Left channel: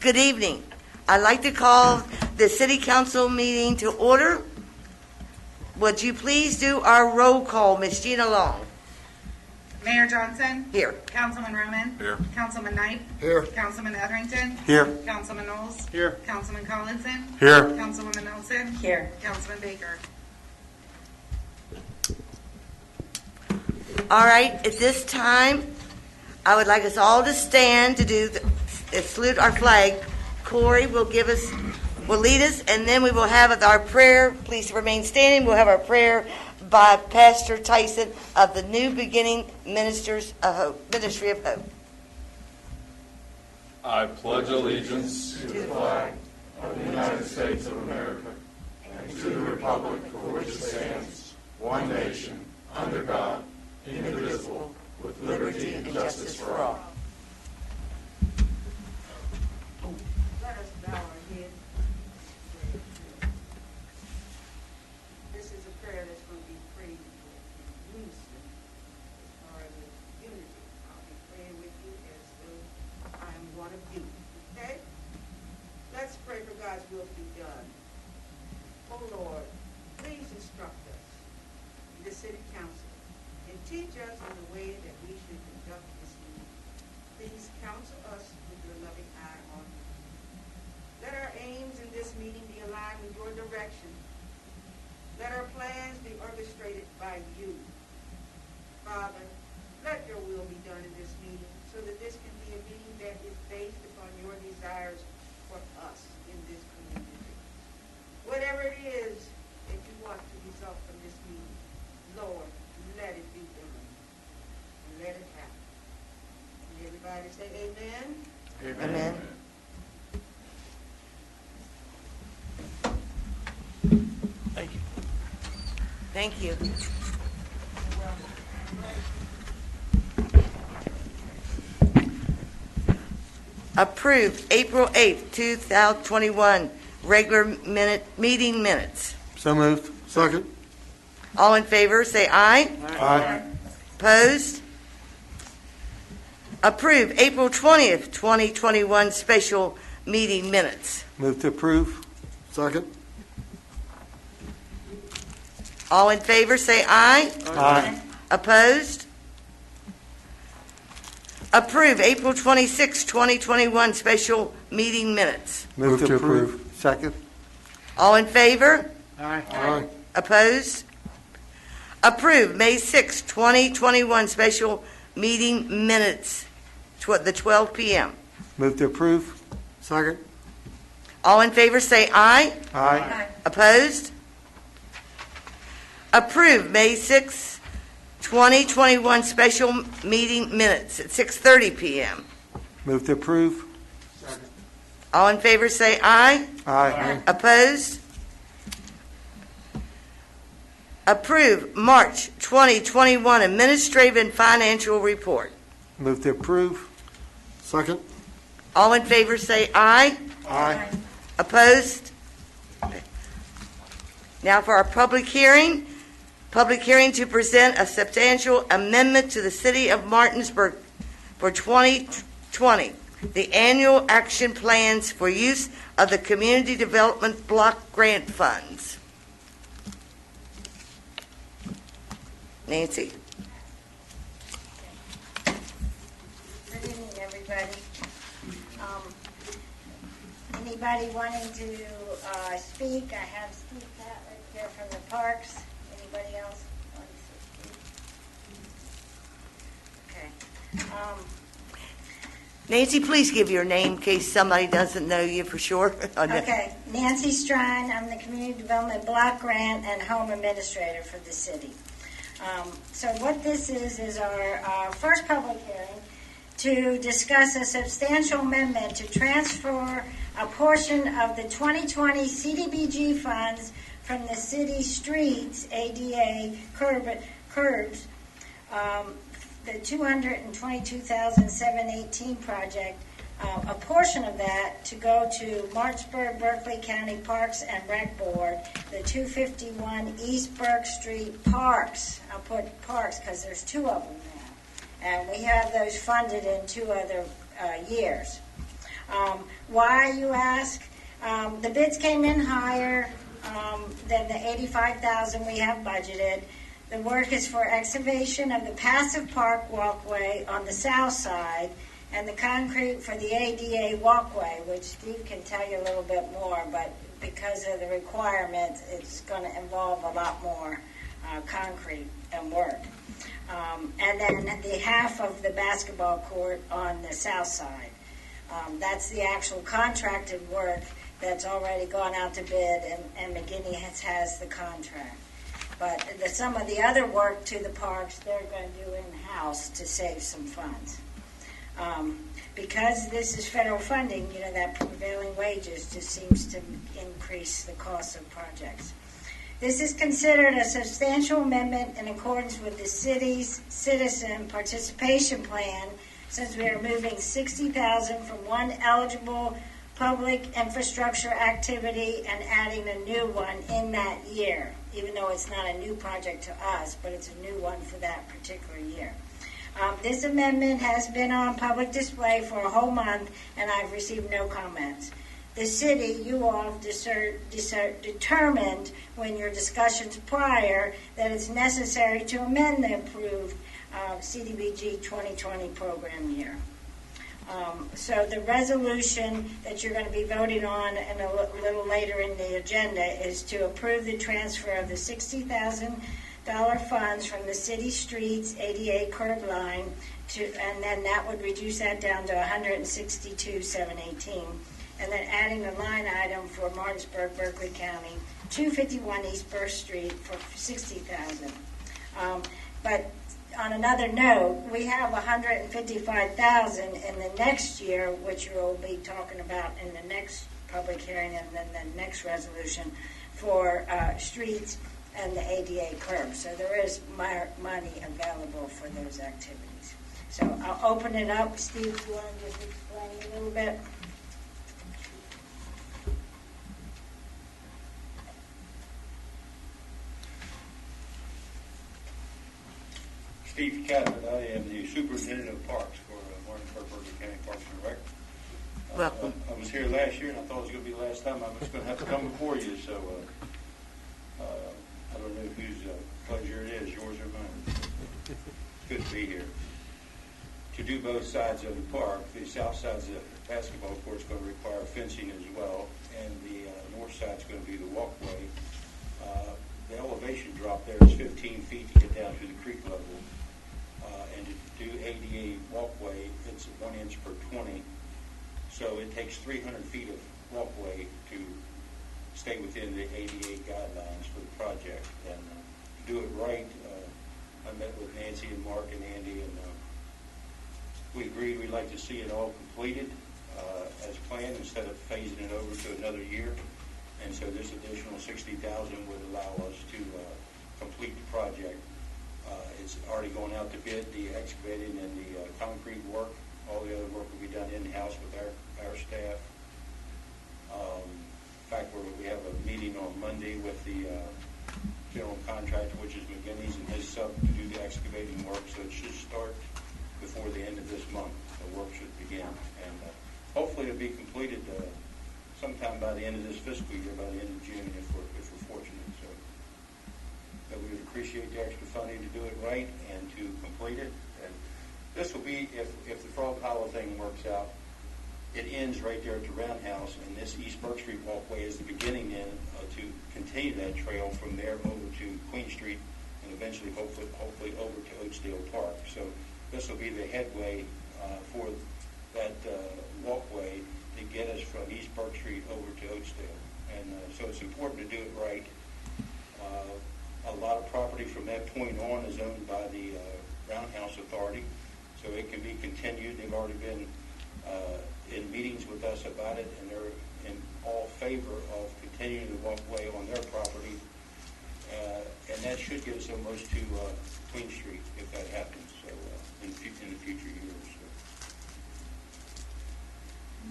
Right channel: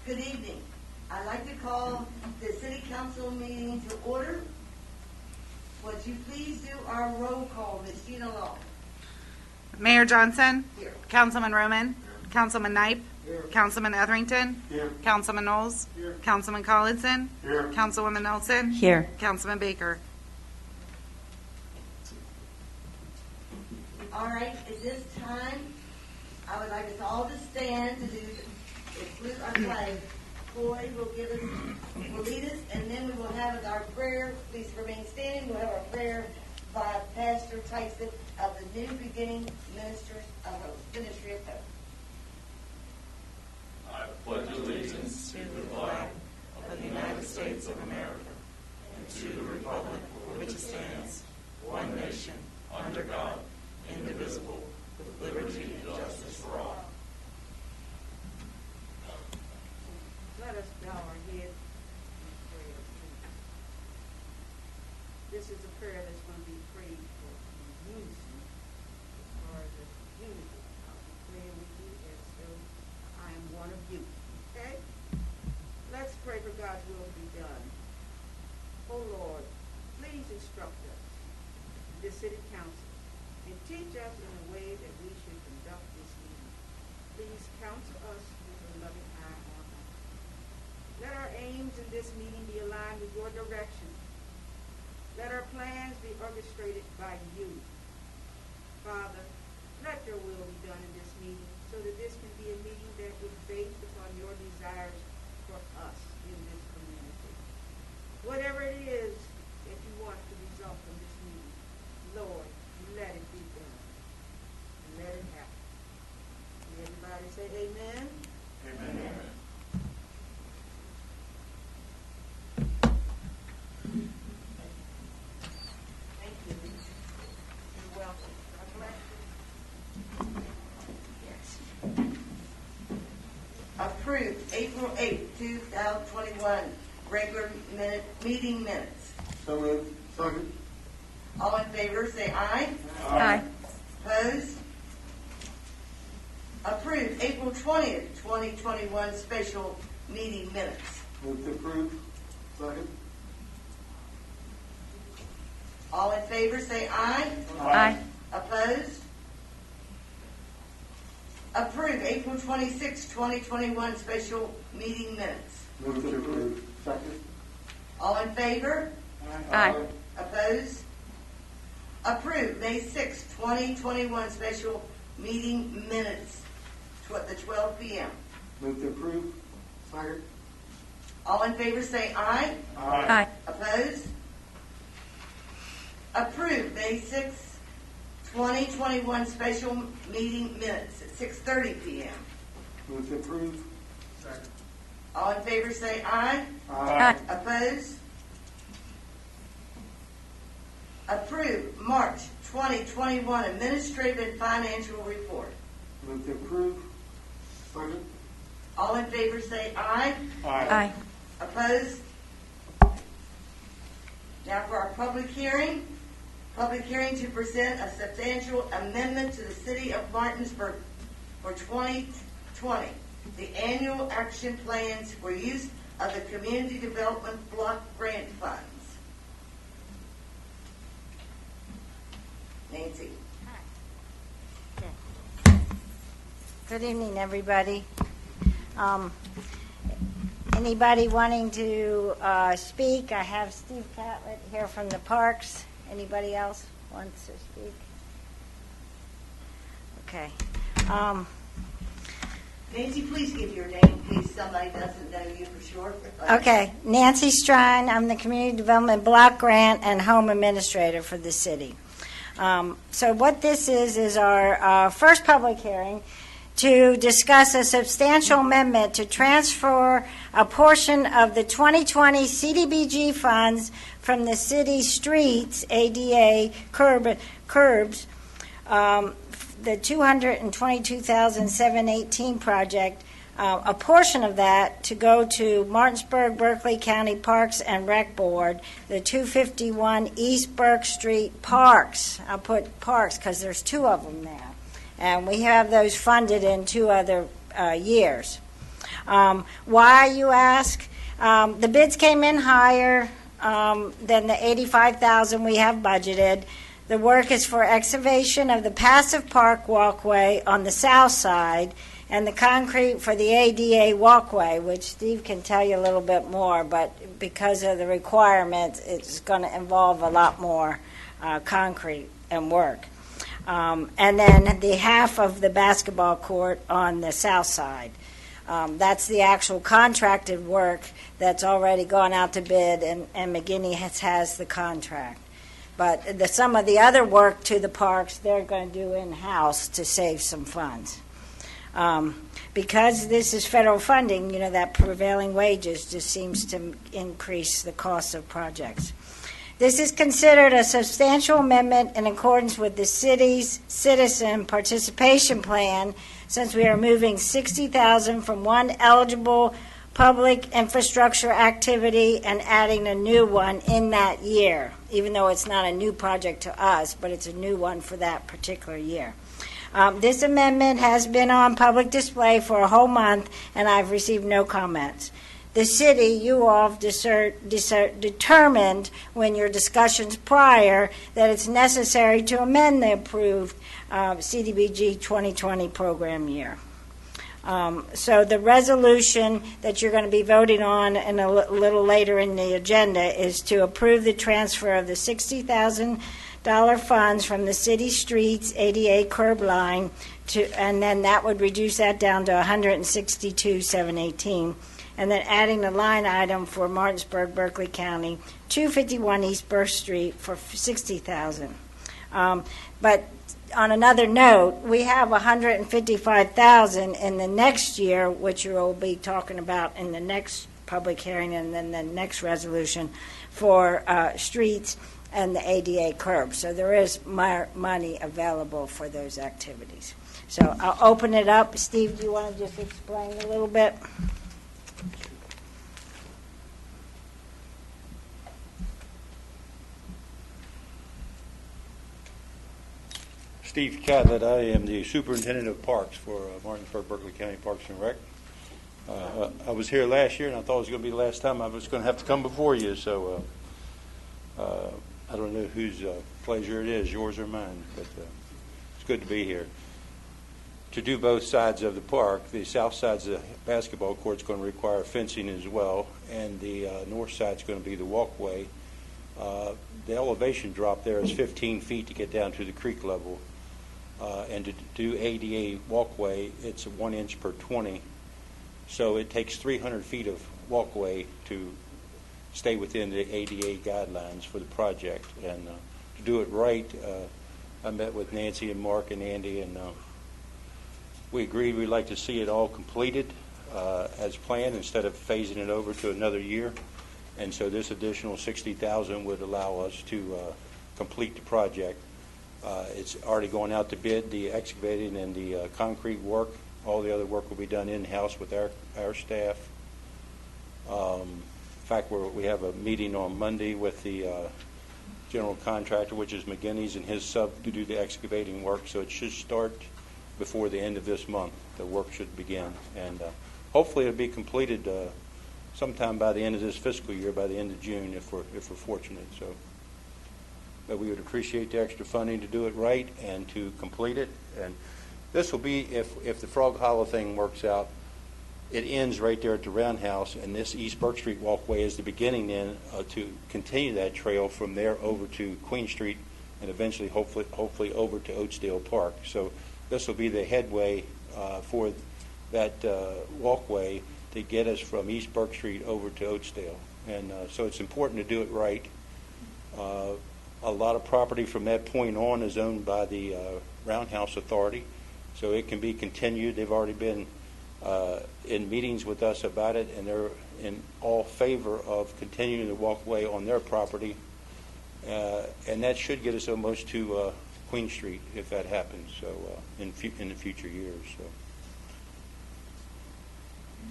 Good evening. I'd like to call the city council meeting to order. Would you please do our roll call, Ms. Gina Long? Mayor Johnson. Here. Councilman Roman. Here. Councilman Knight. Here. Councilman Etherington. Here. Councilman Knowles. Here. Councilman Collinson. Here. Councilwoman Nelson. Here. Councilman Baker. All right, at this time, I would like us all to stand to do salute our flag. Corey will lead us, and then we will have our prayer. Please remain standing. We'll have our prayer by Pastor Tyson of the New Beginning Ministry of Hope. I pledge allegiance to the flag of the United States of America and to the republic for which it stands, one nation, under God, indivisible, with liberty and justice for all. Let us bow our head. This is a prayer that's going to be prayed for in unison as far as the unity. I'll be praying with you as though I am one of you. Okay? Let's pray for God's will to be done. Oh Lord, please instruct us, the city council, and teach us in the way that we should conduct this meeting. Please counsel us with your loving eye on us. Let our aims in this meeting be aligned with your direction. Let our plans be orchestrated by you. Father, let your will be done in this meeting so that this can be a meeting that is based upon your desires for us in this community. Whatever it is that you want to result from this meeting, Lord, let it be done. Let it happen. Everybody say amen. Amen. Thank you. Approved April 8th, 2021, regular meeting minutes. So moved. Second. All in favor, say aye. Aye. Opposed? Approved April 20th, 2021, special meeting minutes. Move to approve. Second. All in favor, say aye. Aye. Opposed? Approve April 26, 2021 special meeting minutes. Move to approve. Second. All in favor? Aye. Opposed? Approve May 6, 2021 special meeting minutes, the 12 p.m. Move to approve. Second. All in favor say aye. Aye. Opposed? Approve May 6, 2021 special meeting minutes at 6:30 p.m. Move to approve. All in favor say aye. Aye. Opposed? Approve March 2021 administrative and financial report. Move to approve. Second. All in favor say aye. Aye. Opposed? Now for our public hearing to present a substantial amendment to the City of Martinsburg for 2020, the annual action plans for use of the Community Development Block Grant Funds. Nancy. Good evening, everybody. Anybody wanting to speak? I have Steve Catlett here from the Parks. Anybody else wants to speak? Okay. Nancy, please give your name in case somebody doesn't know you for sure. Okay, Nancy Strine. I'm the Community Development Block Grant and Home Administrator for the city. So what this is our first public hearing to discuss a substantial amendment to transfer a portion of the 2020 CDBG funds from the city streets, ADA curbs, the 222,718 project, a portion of that to go to Martinsburg, Berkeley County Parks and Rec Board, the 251 East Burke Street Parks. I'll put parks because there's two of them now. And we have those funded in 2 other years. Why, you ask? The bids came in higher than the $85,000 we have budgeted. The work is for excavation of the passive park walkway on the south side and the concrete for the ADA walkway, which Steve can tell you a little bit more, but because of the requirements, it's going to involve a lot more concrete and work. And then the half of the basketball court on the south side. That's the actual contracted work that's already gone out to bid, and McGinney has the contract. But some of the other work to the parks, they're going to do in-house to save some funds. Because this is federal funding, you know, that prevailing wages just seems to increase the cost of projects. This is considered a substantial amendment in accordance with the city's citizen participation plan, since we are moving $60,000 from one eligible public infrastructure activity and adding a new one in that year, even though it's not a new project to us, but it's a new one for that particular year. This amendment has been on public display for a whole month, and I've received no comments. The city, you all have determined when your discussions prior that it's necessary to amend the approved CDBG 2020 program year. So the resolution that you're going to be voting on in a little later in the agenda is to approve the transfer of the $60,000 funds from the city streets ADA curb line and then that would reduce that down to $162,718, and then adding a line item for Martinsburg, Berkeley County, 251 East Burke Street for $60,000. But on another note, we have $155,000 in the next year, which you will be talking about in the next public hearing and then the next resolution for streets and the ADA curb. So there is money available for those activities. So I'll open it up. Steve, do you want to just explain a little bit? Steve Catlett, I am the Superintendent of Parks for Martinsburg, Berkeley County Parks and Rec. I was here last year, and I thought it was going to be the last time I was going to have to come before you, so I don't know whose pleasure it is, yours or mine, but it's good to be here. To do both sides of the park, the south side of the basketball court is going to require fencing as well, and the north side is going to be the walkway. The elevation drop there is 15 feet to get down to the creek level. And to do ADA walkway, it's 1 inch per 20. So it takes 300 feet of walkway to stay within the ADA guidelines for the project. And to do it right, I met with Nancy and Mark and Andy, and we agreed we'd like to see it all completed as planned instead of phasing it over to another year. And so this additional $60,000 would allow us to complete the project. It's already going out to bid, the excavating and the concrete work. All the other work will be done in-house with our staff. In fact, we have a meeting on Monday with the general contractor, which is McGinney's, and his sub to do the excavating work. So it should start before the end of this month. The work should begin. And hopefully it'll be completed sometime by the end of this fiscal year, by the end of June, if we're fortunate. So, but we would appreciate the extra funding to do it right and to complete it. And this will be, if the Frog Hollow thing works out, it ends right there at the Roundhouse, and this East Burke Street walkway is the beginning then to continue that trail from there over to Queen Street, and eventually, hopefully over to Oatsdale Park. So this will be the headway for that walkway to get us from East Burke Street over to Oatsdale. And so it's important to do it right. A lot of property from that point on is owned by the Roundhouse Authority, so it can be continued. They've already been in meetings with us about it, and they're in all favor of continuing the walkway on their property, and that should get us almost to Queen Street if that happens, so in the future years. So.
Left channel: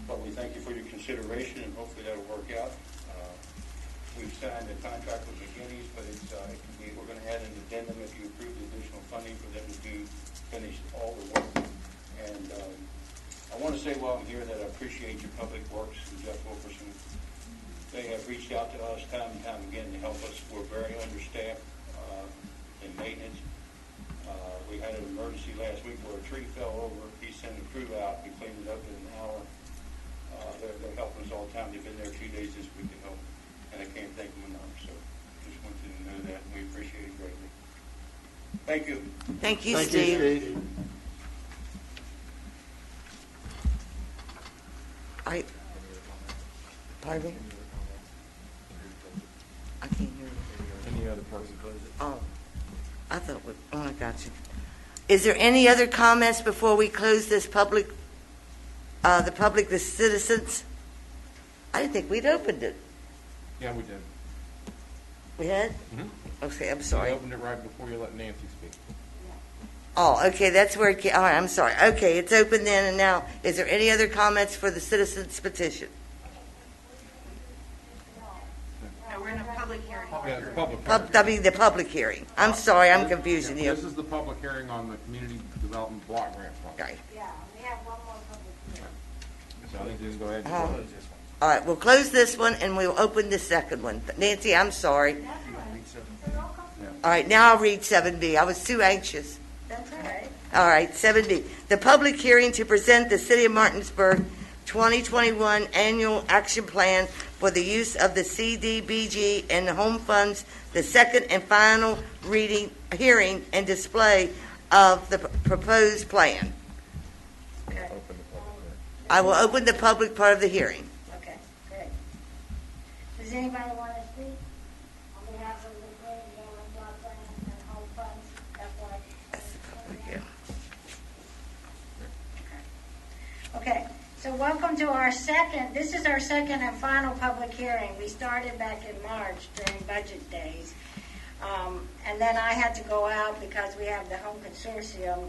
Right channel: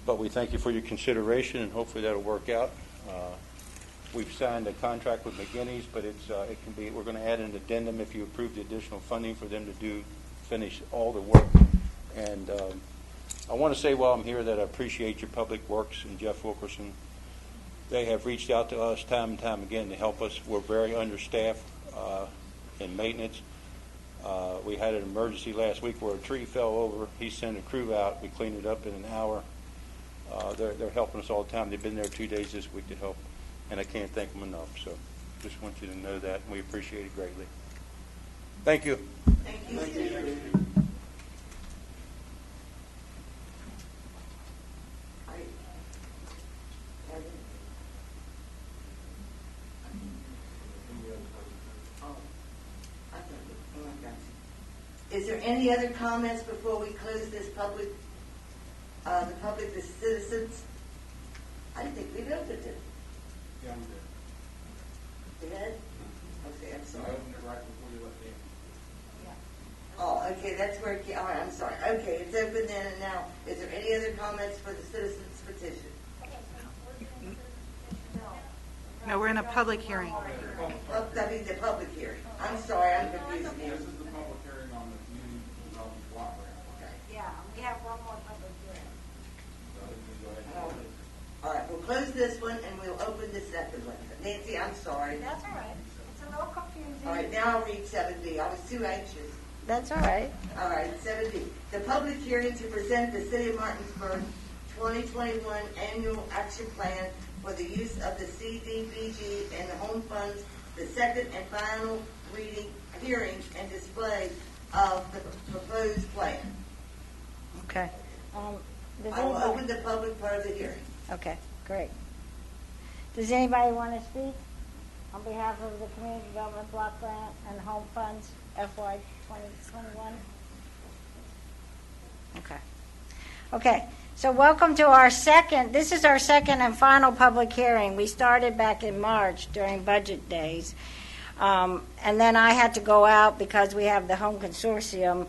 But we thank you for your consideration, and hopefully that'll work out. We've signed a contract with McGinney's, but it can be. We're going to add an addendum if you approve the additional funding for them to finish all the work. And I want to say while I'm here that I appreciate your Public Works and Jeff Wilkerson. They have reached out to us time and time again to help us. We're very understaffed in maintenance. We had an emergency last week where a tree fell over. He sent a crew out. We cleaned it up in an hour. They're helping us all the time. They've been there 2 days this week to help, and I can't thank them enough. So just want you to know that, and we appreciate it greatly. Thank you. Thank you, Thank Steve. you, Steve. Pardon me? I can't hear you. Any other comments? Oh, I thought, I got you. Is there any other comments before we close this public, the citizens? I didn't think we'd opened it. Yeah, we did. We had? Mhm. Okay, I'm We sorry. opened it right before you let Nancy speak. Oh, okay, that's where it came, all right, I'm sorry. Okay, it's open then, and now, is there any other comments for the citizens petition? No, we're in a public hearing. Yeah, it's public. I mean, the public hearing. I'm sorry, I'm confusing you. This is the public hearing on the Community Development Block Grant Fund. Okay. Yeah, we have one more public hearing. So I think you can go ahead and Oh. close this one. All right, we'll close this one, and we'll open the second one. Nancy, I'm sorry. That's all right. It's a little confusing. All right, now I'll read 7B. I was too anxious. That's all right. All right, 7B. The public hearing to present the City of Martinsburg 2021 Annual Action Plan for the use of the CDBG and the home funds, the second and final hearing and display of the proposed plan. Okay. I will open the public part of the hearing. Okay, great. Does anybody want to speak on behalf of the Community Development Block Grant and Home Funds FY 2021? Okay, so welcome to our this is our second and final public hearing. We started back in March during budget days. And then I had to go out because we have the home consortium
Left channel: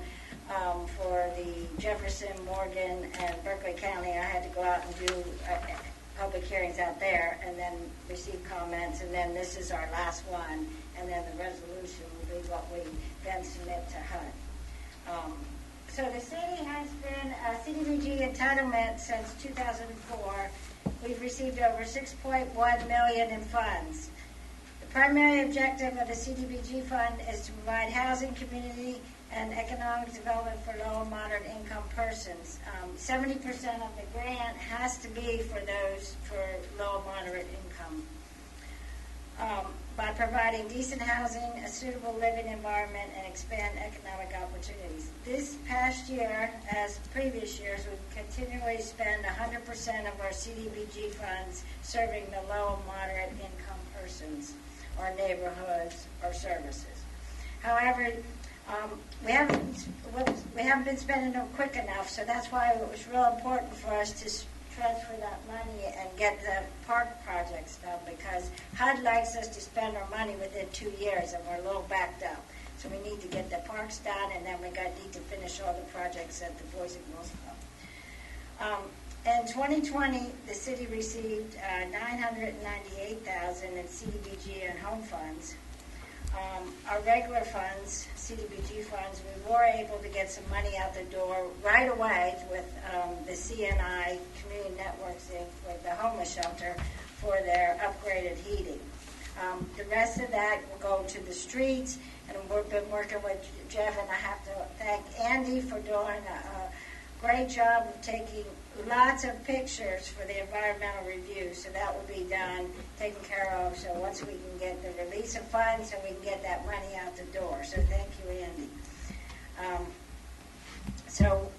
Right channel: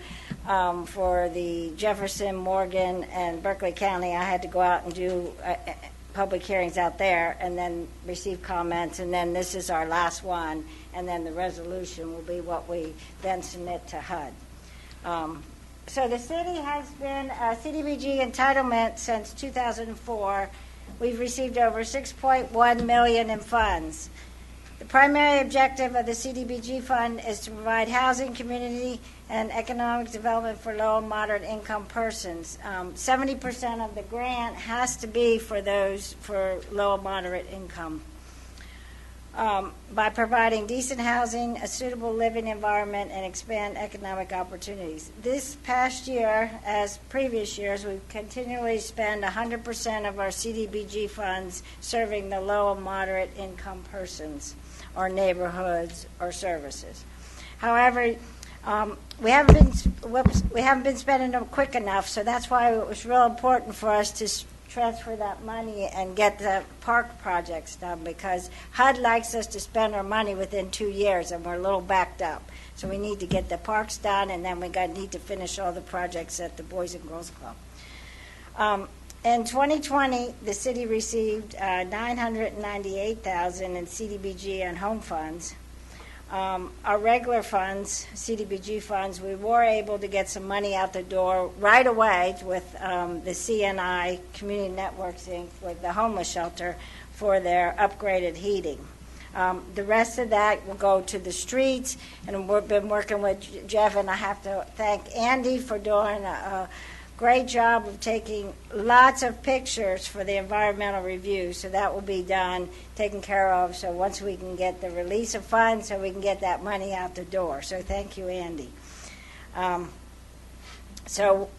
for the Jefferson, Morgan, and Berkeley County. I had to go out and do public hearings out there and then receive comments. And then this is our last one. And then the resolution will be what we then submit to HUD. So the city has been a CDBG entitlement since 2004. We've received over $6.1 million in funds. The primary objective of the CDBG fund is to provide housing, community, and economic development for low and moderate income persons. 70% of the grant has to be for those for low and moderate income. By providing decent housing, a suitable living environment, and expand economic opportunities. This past year, as previous years, we've continually spent 100% of our CDBG funds serving the low and moderate income persons or neighborhoods or services. However, we haven't been spending them quick enough, so that's why it was real important for us to transfer that money and get the park projects done, because HUD likes us to spend our money within 2 years, and we're a little backed up. So we need to get the parks done, and then we need to finish all the projects at the Boys and Girls Club. In 2020, the city received $998,000 in CDBG and home funds. Our regular funds, CDBG funds, we were able to get some money out the door right away with the CNI, Community Networks Inc., with the homeless shelter for their upgraded heating. The rest of that will go to the streets, and we've been working with Jeff, and I have to thank Andy for doing a great job of taking lots of pictures for the environmental review, so that will be done, taken care of, so once we can get the release of funds, so we can get that money out the door. So thank you, Andy. So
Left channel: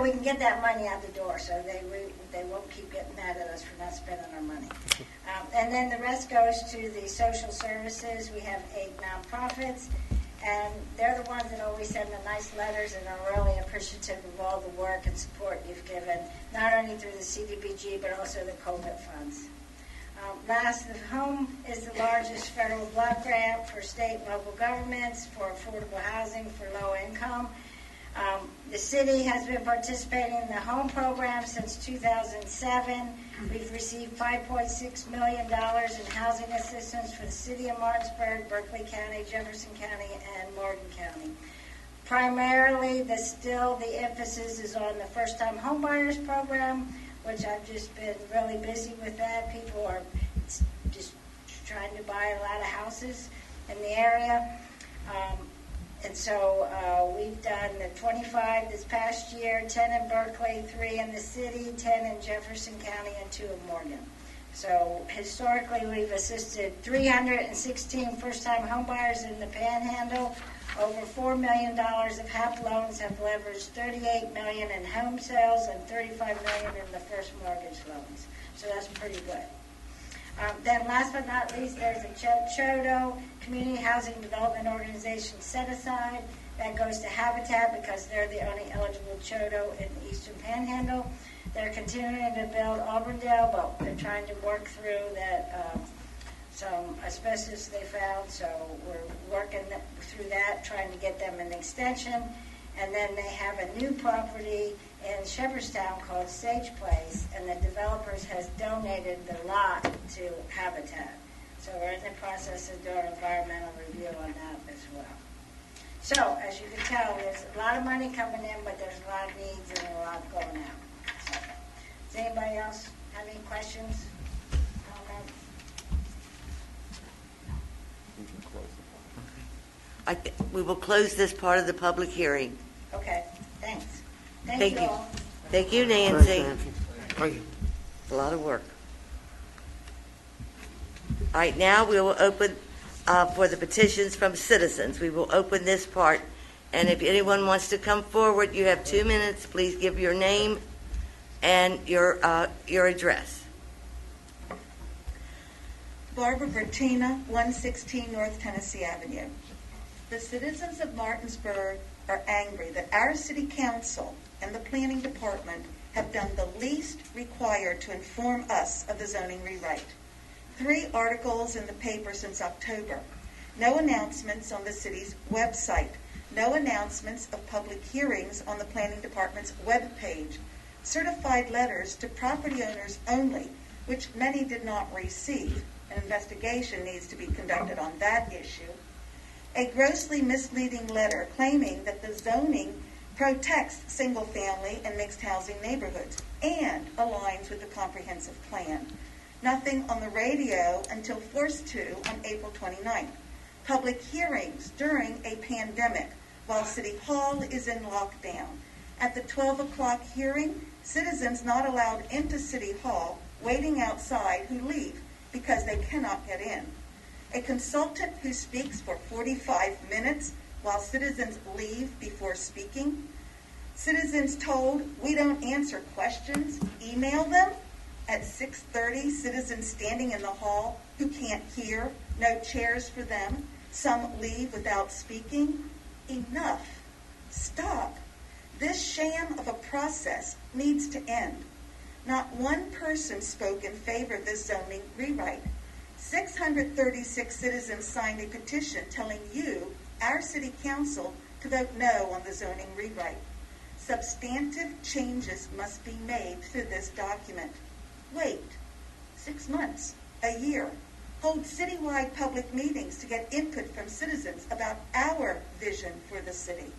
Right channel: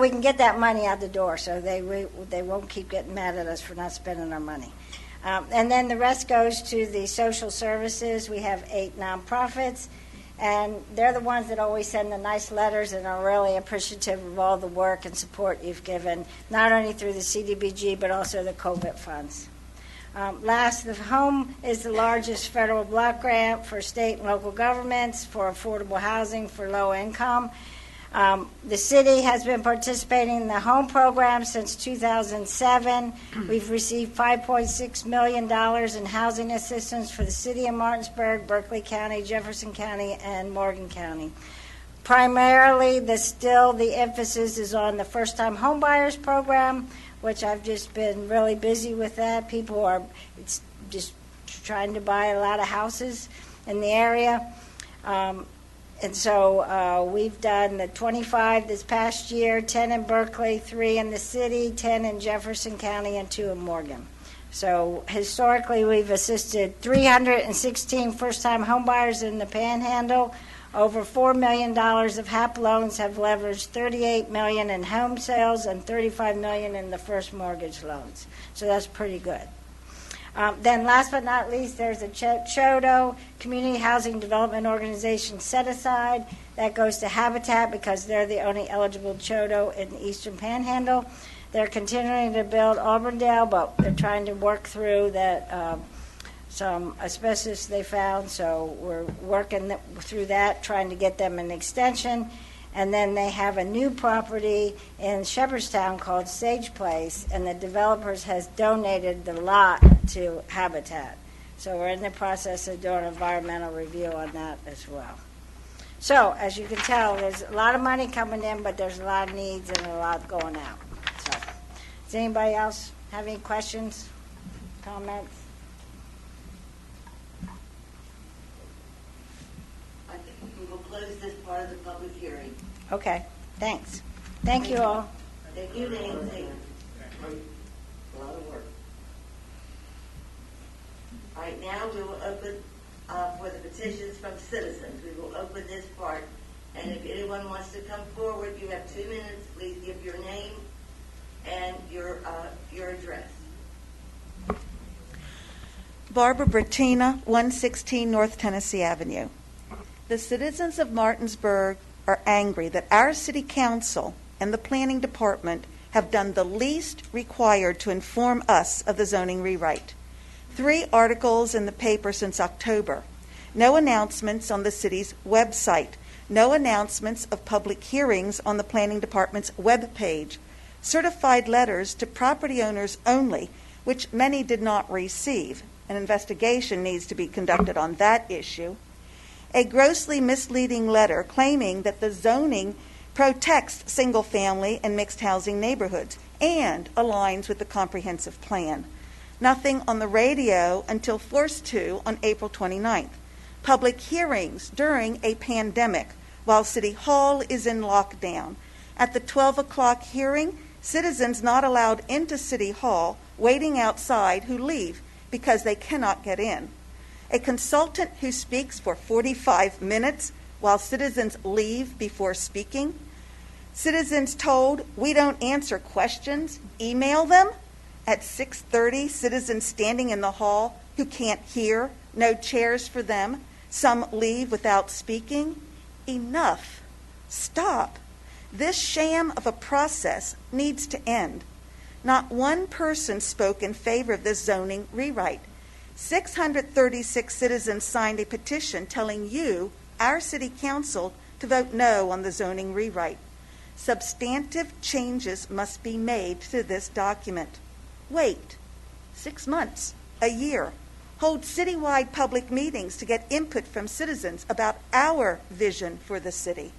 we can get that money out the door, so they won't keep getting mad at us for not spending our money. And then the rest goes to the social services. We have 8 nonprofits. And they're the ones that always send the nice letters and are really appreciative of all the work and support you've given, not only through the CDBG, but also the COVID funds. Last, the home is the largest federal block grant for state and local governments for affordable housing for low income. The city has been participating in the home program since 2007. We've received $5.6 million in housing assistance for the city of Martinsburg, Berkeley County, Jefferson County, and Morgan County. Primarily, the emphasis is on the first-time homebuyers program, which I've just been really busy with that. People are just trying to buy a lot of houses in the area. And so we've done the 25 this past year, 10 in Berkeley, 3 in the city, 10 in Jefferson County, and 2 in Morgan. So historically, we've assisted 316 first-time homebuyers in the Panhandle. Over $4 million of HAP loans have leveraged $38 million in home sales and $35 million in the first mortgage loans. So that's pretty good. Then last but not least, there's a CHODO, Community Housing Development Organization set aside. That goes to Habitat because they're the only eligible CHODO in the Eastern Panhandle. They're continuing to build Auburndale, but they're trying to work through that some asbestos they found, so we're working through that, trying to get them an extension. And then they have a new property in Shepherdstown called Sage Place, and the developers has donated the lot to Habitat. So we're in the process of doing an environmental review on that as well. So, as you can tell, there's a lot of money coming in, but there's a lot of needs and a lot going out. So, does anybody else have any questions, comments? We will close this part of the public hearing. Okay, thanks. Thank you all. Thank you, Thanks, Nancy. Nancy. Thank you. It's a lot of work. All right, now we will open for the petitions from citizens. We will open this part, and if anyone wants to come forward, you have 2 minutes. Please give your name and your address. Barbara Bertina, 116 North Tennessee Avenue. The citizens of Martinsburg are angry that our city council and the planning department have done the least required to inform us of the zoning rewrite. 3 articles in the paper since October. No announcements on the city's website. No announcements of public hearings on the planning department's webpage. Certified letters to property owners only, which many did not receive. An investigation needs to be conducted on that issue. A grossly misleading letter claiming that the zoning protects single-family and mixed housing neighborhoods and aligns with the comprehensive plan. Nothing on the radio until forced to on April 29th. Public hearings during a pandemic while City Hall is in lockdown. At the 12 o'clock hearing, citizens not allowed into City Hall waiting outside who leave because they cannot get in. A consultant who speaks for 45 minutes while citizens leave before speaking. Citizens told, "We don't answer questions, email them." At 6:30, citizens standing in the hall who can't hear, no chairs for them. Some leave without speaking. Enough. Stop. This sham of a process needs to end. Not one person spoke in favor of this zoning rewrite. 636 citizens signed a petition telling you, our city council, to vote no on the zoning rewrite. Substantive changes must be made to this document. Wait 6 months, a year. Hold citywide public meetings to get input from citizens about our vision for the city.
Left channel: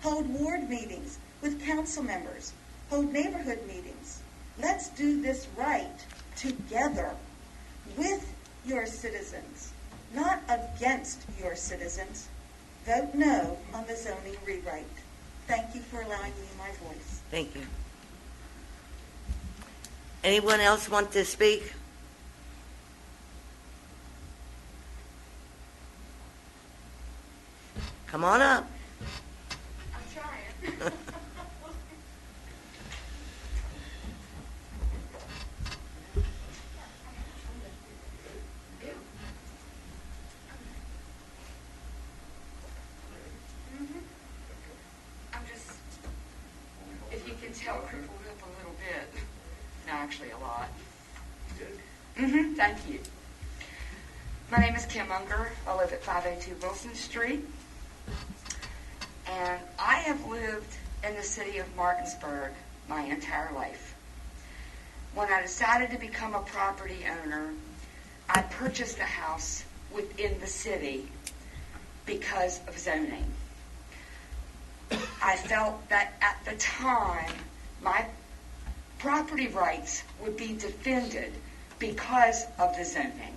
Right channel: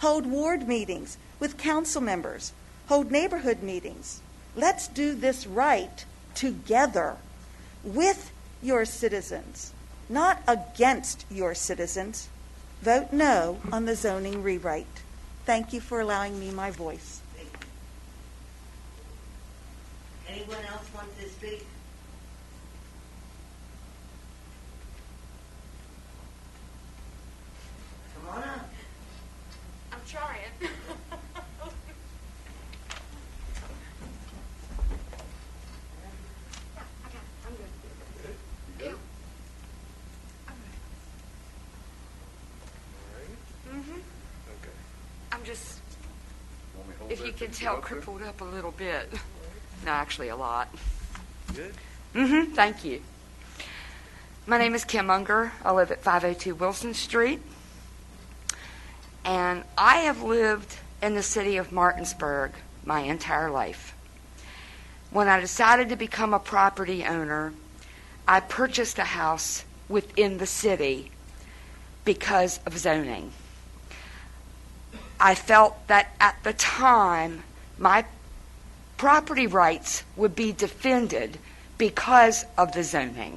Hold ward meetings with council members. Hold neighborhood meetings. Let's do this right together with your citizens, not against your citizens. Vote no on the zoning rewrite. Thank you for allowing me my voice. Thank you. Anyone else want to speak? Come on up. I'm trying. I'm just, if you can tell, crippled up a little bit. No, actually a lot. Good? Thank you. My name is Kim Unger. I live at 502 Wilson Street. And I have lived in the city of Martinsburg my entire life. When I decided to become a property owner, I purchased a house within the city because of zoning. I felt that at the time, my property rights would be defended because of the zoning.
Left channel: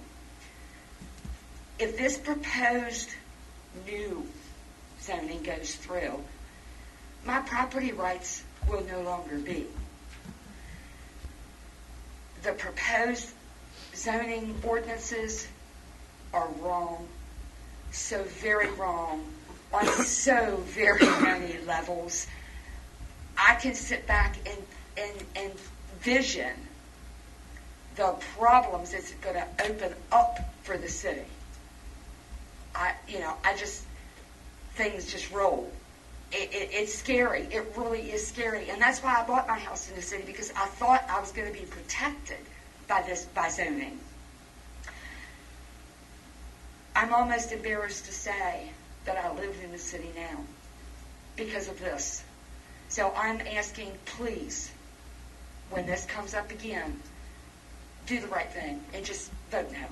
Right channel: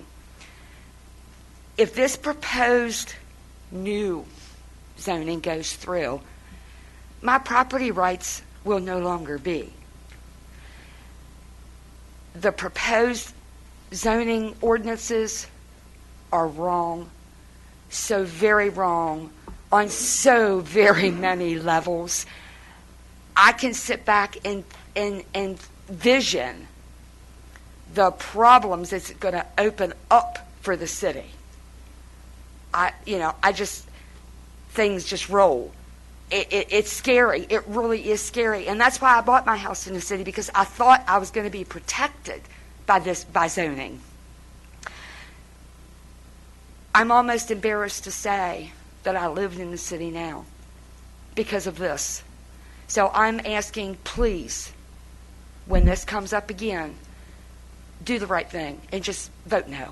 If this proposed new zoning goes through, my property rights will no longer be. The proposed zoning ordinances are wrong, so very wrong, on so very many levels. I can sit back and vision the problems it's going to open up for the city. Things just roll. It's scary. It really is scary. And that's why I bought my house in the city, because I thought I was going to be protected by zoning. I'm almost embarrassed to say that I live in the city now because of this. So I'm asking, please, when this comes up again, do the right thing and just vote no.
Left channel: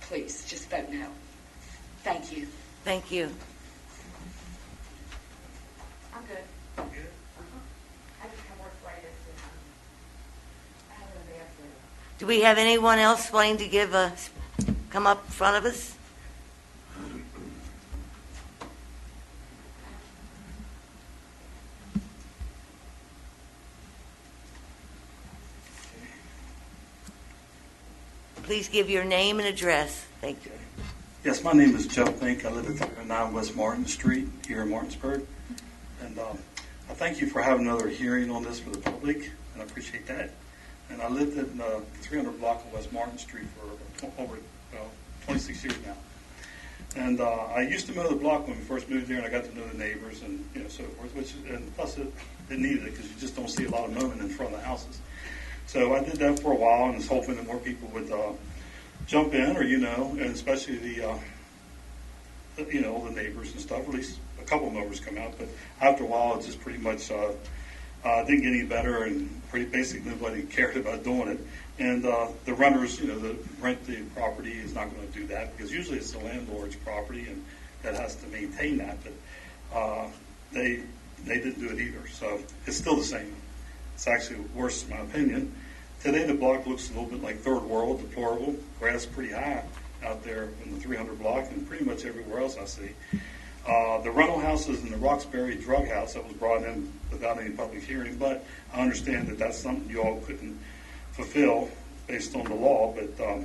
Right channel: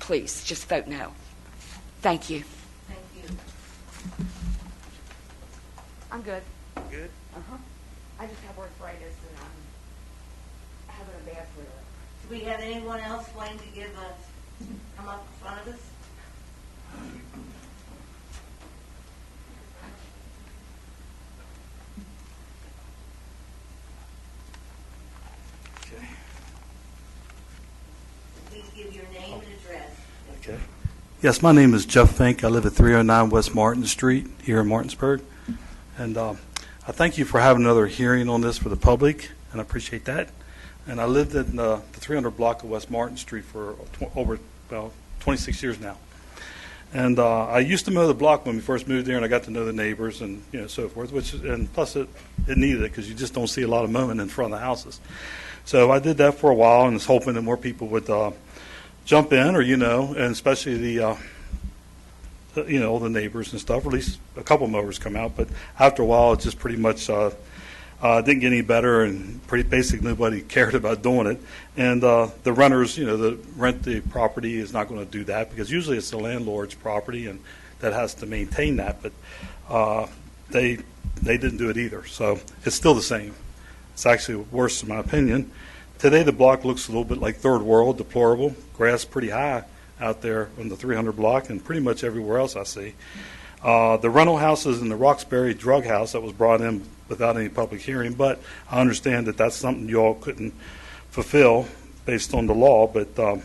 Please, just vote no. Thank you. Thank you. I'm good. Good. I just have arthritis and I'm having a bad flu. Do we have anyone else wanting to come up in front of us? Please give your name and address. Thank you. Okay. Yes, my name is Jeff Fink. I live at 309 West Martin Street here in Martinsburg. And I thank you for having another hearing on this for the public, and I appreciate that. And I lived in the 300 block of West Martin Street for over 26 years now. And I used to mow the block when we first moved there, and I got to know the neighbors and so forth. And plus it needed it, because you just don't see a lot of mowing in front of the houses. So I did that for a while, and was hoping that more people would jump in, or and especially the the neighbors and stuff. Or at least a couple mowers come out, but after a while, it just pretty much didn't get any better, and basically nobody cared about doing it. And the renters, that rent the property, is not going to do that, because usually it's the landlord's property, and that has to maintain that. But they didn't do it either, so it's still the same. It's actually worse, in my opinion. Today, the block looks a little bit like third world, deplorable. Grass pretty high out there on the 300 block, and pretty much everywhere else I see. The rental houses in the Roxbury drug house that was brought in without any public hearing, but I understand that that's something you all couldn't fulfill based on the law, but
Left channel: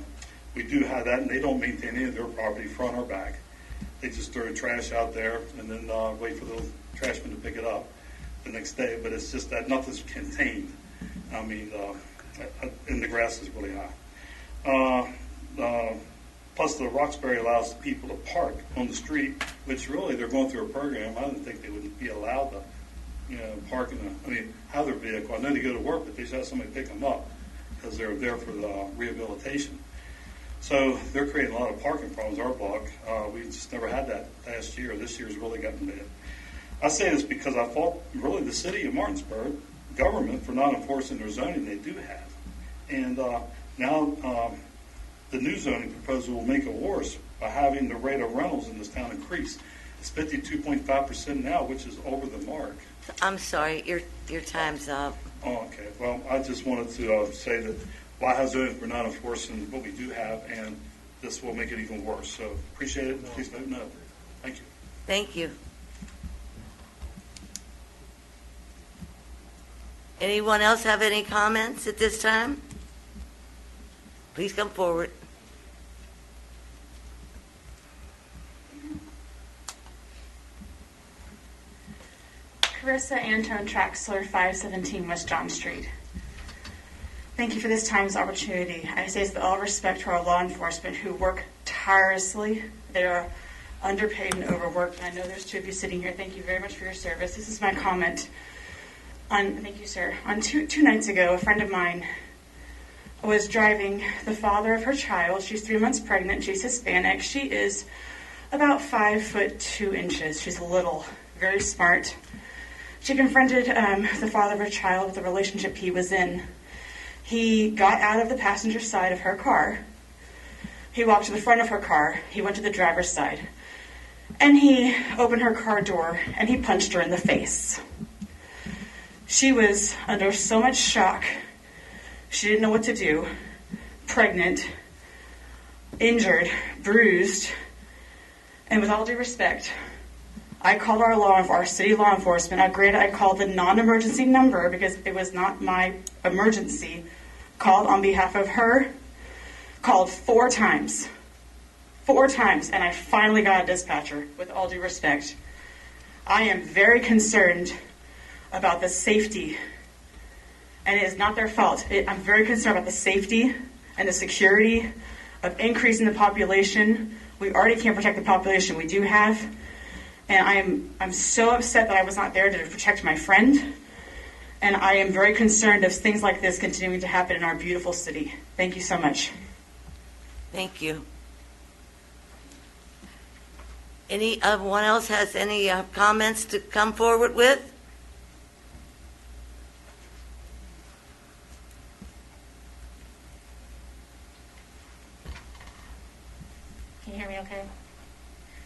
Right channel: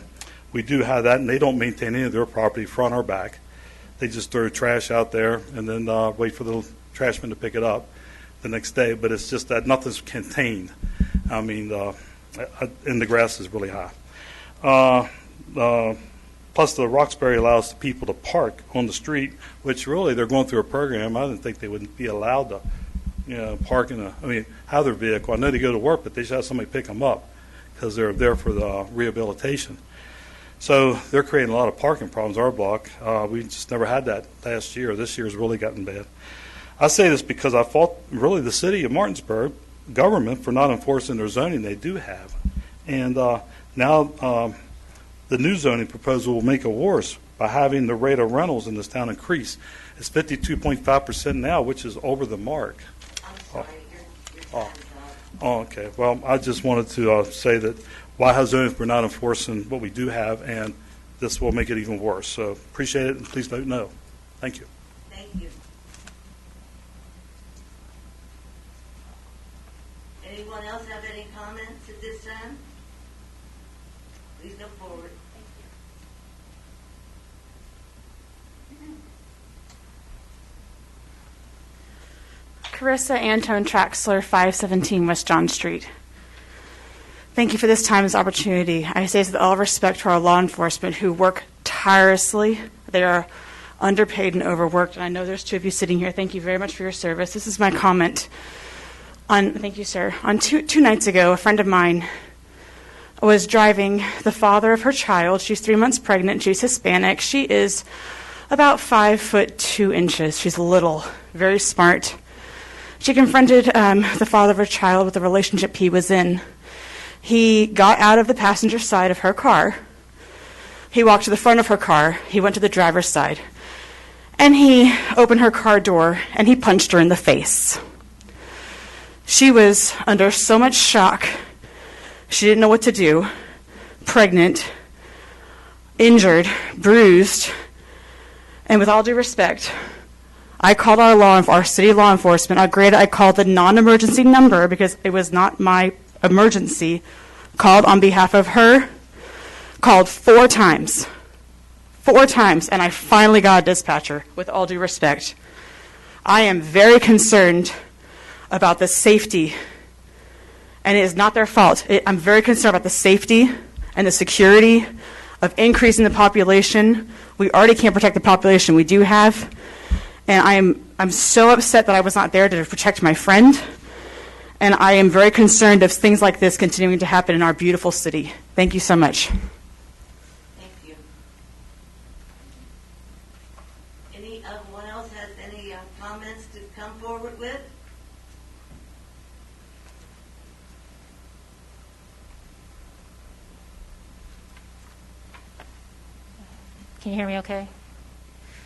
we do have that, and they don't maintain any of their property, front or back. They just throw trash out there and then wait for the trashman to pick it up the next day, but it's just that nothing's contained. I mean, and the grass is really high. Plus, the Roxbury allows the people to park on the street, which really they're going through a program. I didn't think they would be allowed to, park have their vehicle. I know they go to work, but they should have somebody pick them up, because they're there for the rehabilitation. So they're creating a lot of parking problems in our block. We just never had that last year. This year's really gotten bad. I say this because I fault really the city of Martinsburg government for not enforcing their zoning they do have. And now the new zoning proposal will make it worse by having the rate of rentals in this town increase. It's 52.5% now, which is over the mark. I'm sorry, your time's up. Oh, okay. Well, I just wanted to say that why have zoning if we're not enforcing what we do have, and this will make it even worse. So appreciate it, and please vote no. Thank you. Thank you. Anyone else have any comments at this time? Please come forward. Carissa Antone Traxler, 517 West John Street. Thank you for this time, this opportunity. I say this with all respect to our law enforcement who work tirelessly. They are underpaid and overworked. And I know there's two of you sitting here. Thank you very much for your service. This is my comment. Thank you, sir. On two nights ago, a friend of mine was driving the father of her child. She's 3 months pregnant. She's Hispanic. She is about 5'2". She's little, very smart. She confronted the father of her child with the relationship he was in. He got out of the passenger side of her car. He walked to the front of her car. He went to the driver's side. And he opened her car door and he punched her in the face. She was under so much shock. She didn't know what to do. Pregnant, injured, bruised. And with all due respect, I called our city law enforcement. I called the non-emergency number because it was not my emergency. Called on behalf of her. Called 4 times. 4 times, and I finally got a dispatcher, with all due respect. I am very concerned about the safety, and it is not their fault. I'm very concerned about the safety and the security of increasing the population. We already can't protect the population we do have, and I'm so upset that I was not there to protect my friend, and I am very concerned of things like this continuing to happen in our beautiful city. Thank you so much. Thank you. Anyone else has any comments to come forward with? Can you hear me okay?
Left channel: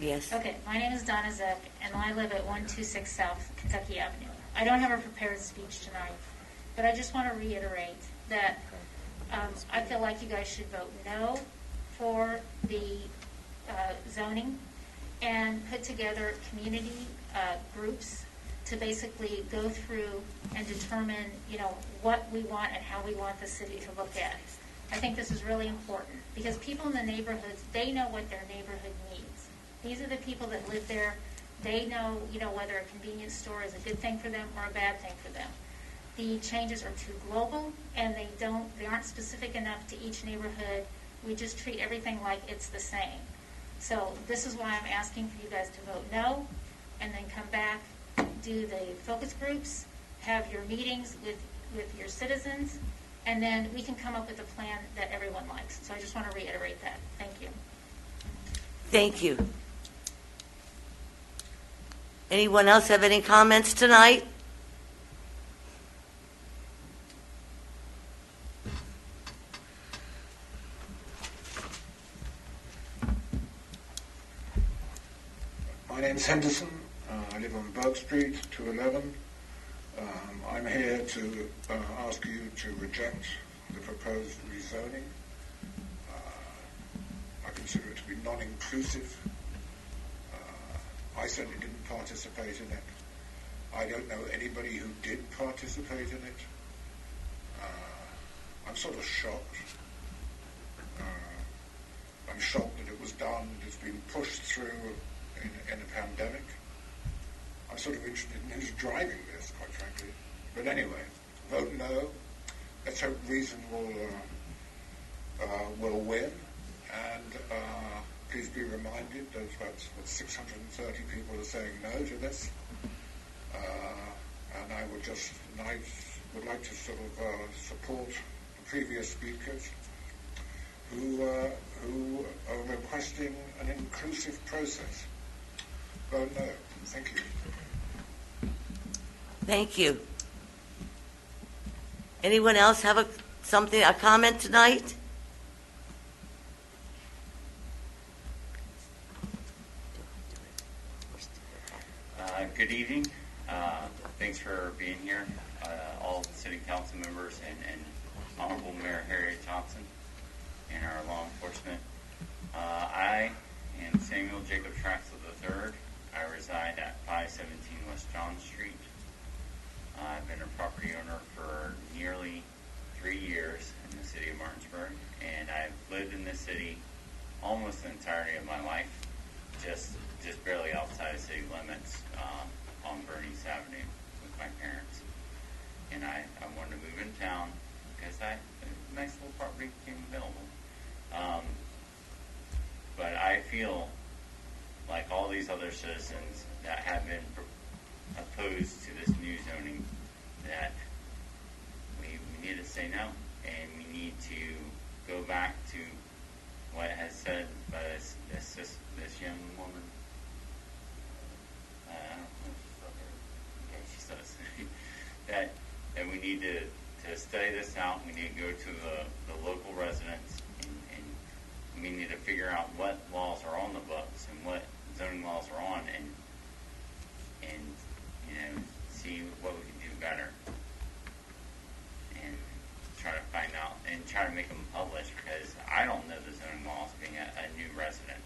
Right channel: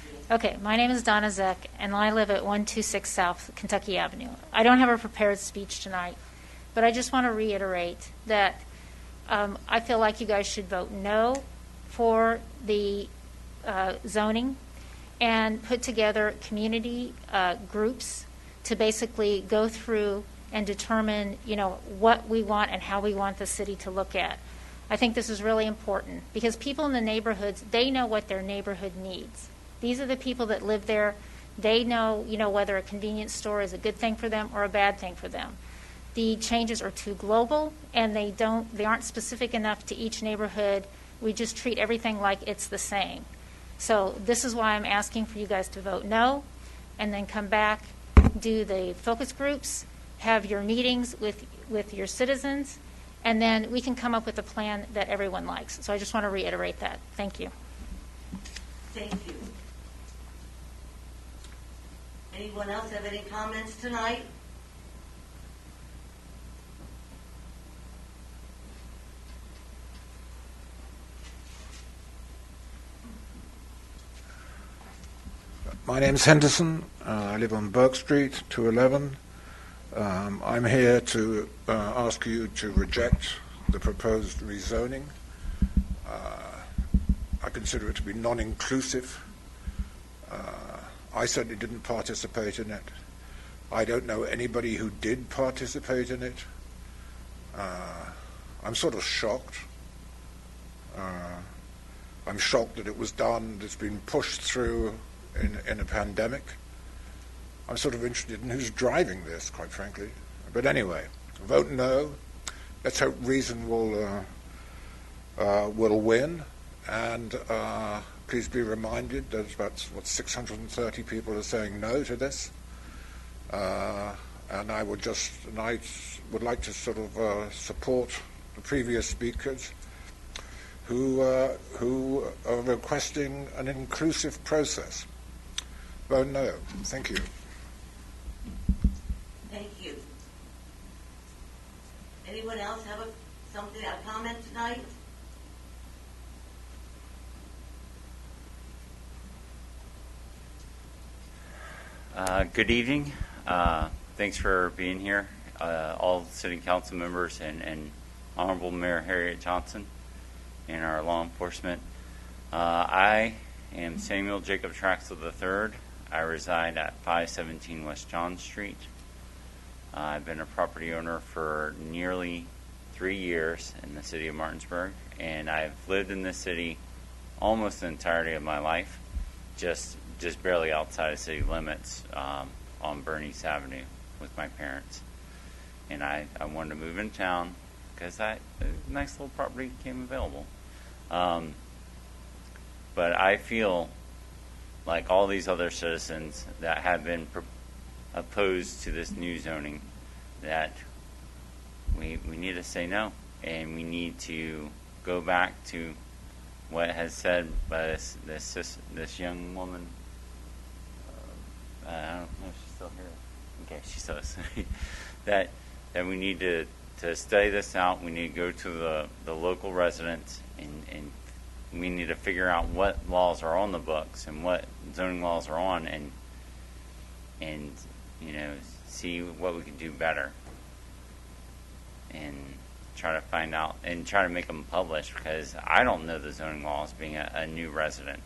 Yes. Okay, my name is Donna Zeck, and I live at 126 South Kentucky Avenue. I don't have a prepared speech tonight, but I just want to reiterate that I feel like you guys should vote no for the zoning and put together community groups to basically go through and determine, what we want and how we want the city to look at. I think this is really important because people in the neighborhoods, they know what their neighborhood needs. These are the people that live there. They know, whether a convenience store is a good thing for them or a bad thing for them. The changes are too global and they aren't specific enough to each neighborhood. We just treat everything like it's the same. So this is why I'm asking for you guys to vote no, and then come back, do the focus groups, have your meetings with your citizens, and then we can come up with a plan that everyone likes. So I just want to reiterate that. Thank you. Thank you. Anyone else have any comments tonight? My name's Henderson. I live on Burke Street, 211. I'm here to ask you to reject the proposed rezoning. I consider it to be non-inclusive. I certainly didn't participate in it. I don't know anybody who did participate in it. I'm sort of shocked. I'm shocked that it was done, it's been pushed through in a pandemic. I'm sort of interested in who's driving this, quite frankly. But anyway, vote no. Let's hope reason will win. And please be reminded that about 630 people are saying no to this. And I would like to sort of support the previous speakers who are requesting an inclusive process. Vote no. Thank you. Thank you. Anyone else have a comment tonight? Good evening. Thanks for being here, all city council members and Honorable Mayor Harriet Johnson and our law enforcement. I am Samuel Jacob Traxel III. I reside at 517 West John Street. I've been a property owner for nearly 3 years in the city of Martinsburg, and I've lived in this city almost the entirety of my life, just barely outside of city limits on Bernice Avenue with my parents. And I wanted to move in town because a nice little property became available. But I feel like all these other citizens that have been opposed to this new zoning, that we need to say no, and we need to go back to what has said by this young woman. I don't know if she's still here. Okay, she says that we need to study this out. We need to go to the local residents and we need to figure out what laws are on the books and what zoning laws are on and you know, see what we can do better and try to find out and try to make them published, because I don't know the zoning laws being a new resident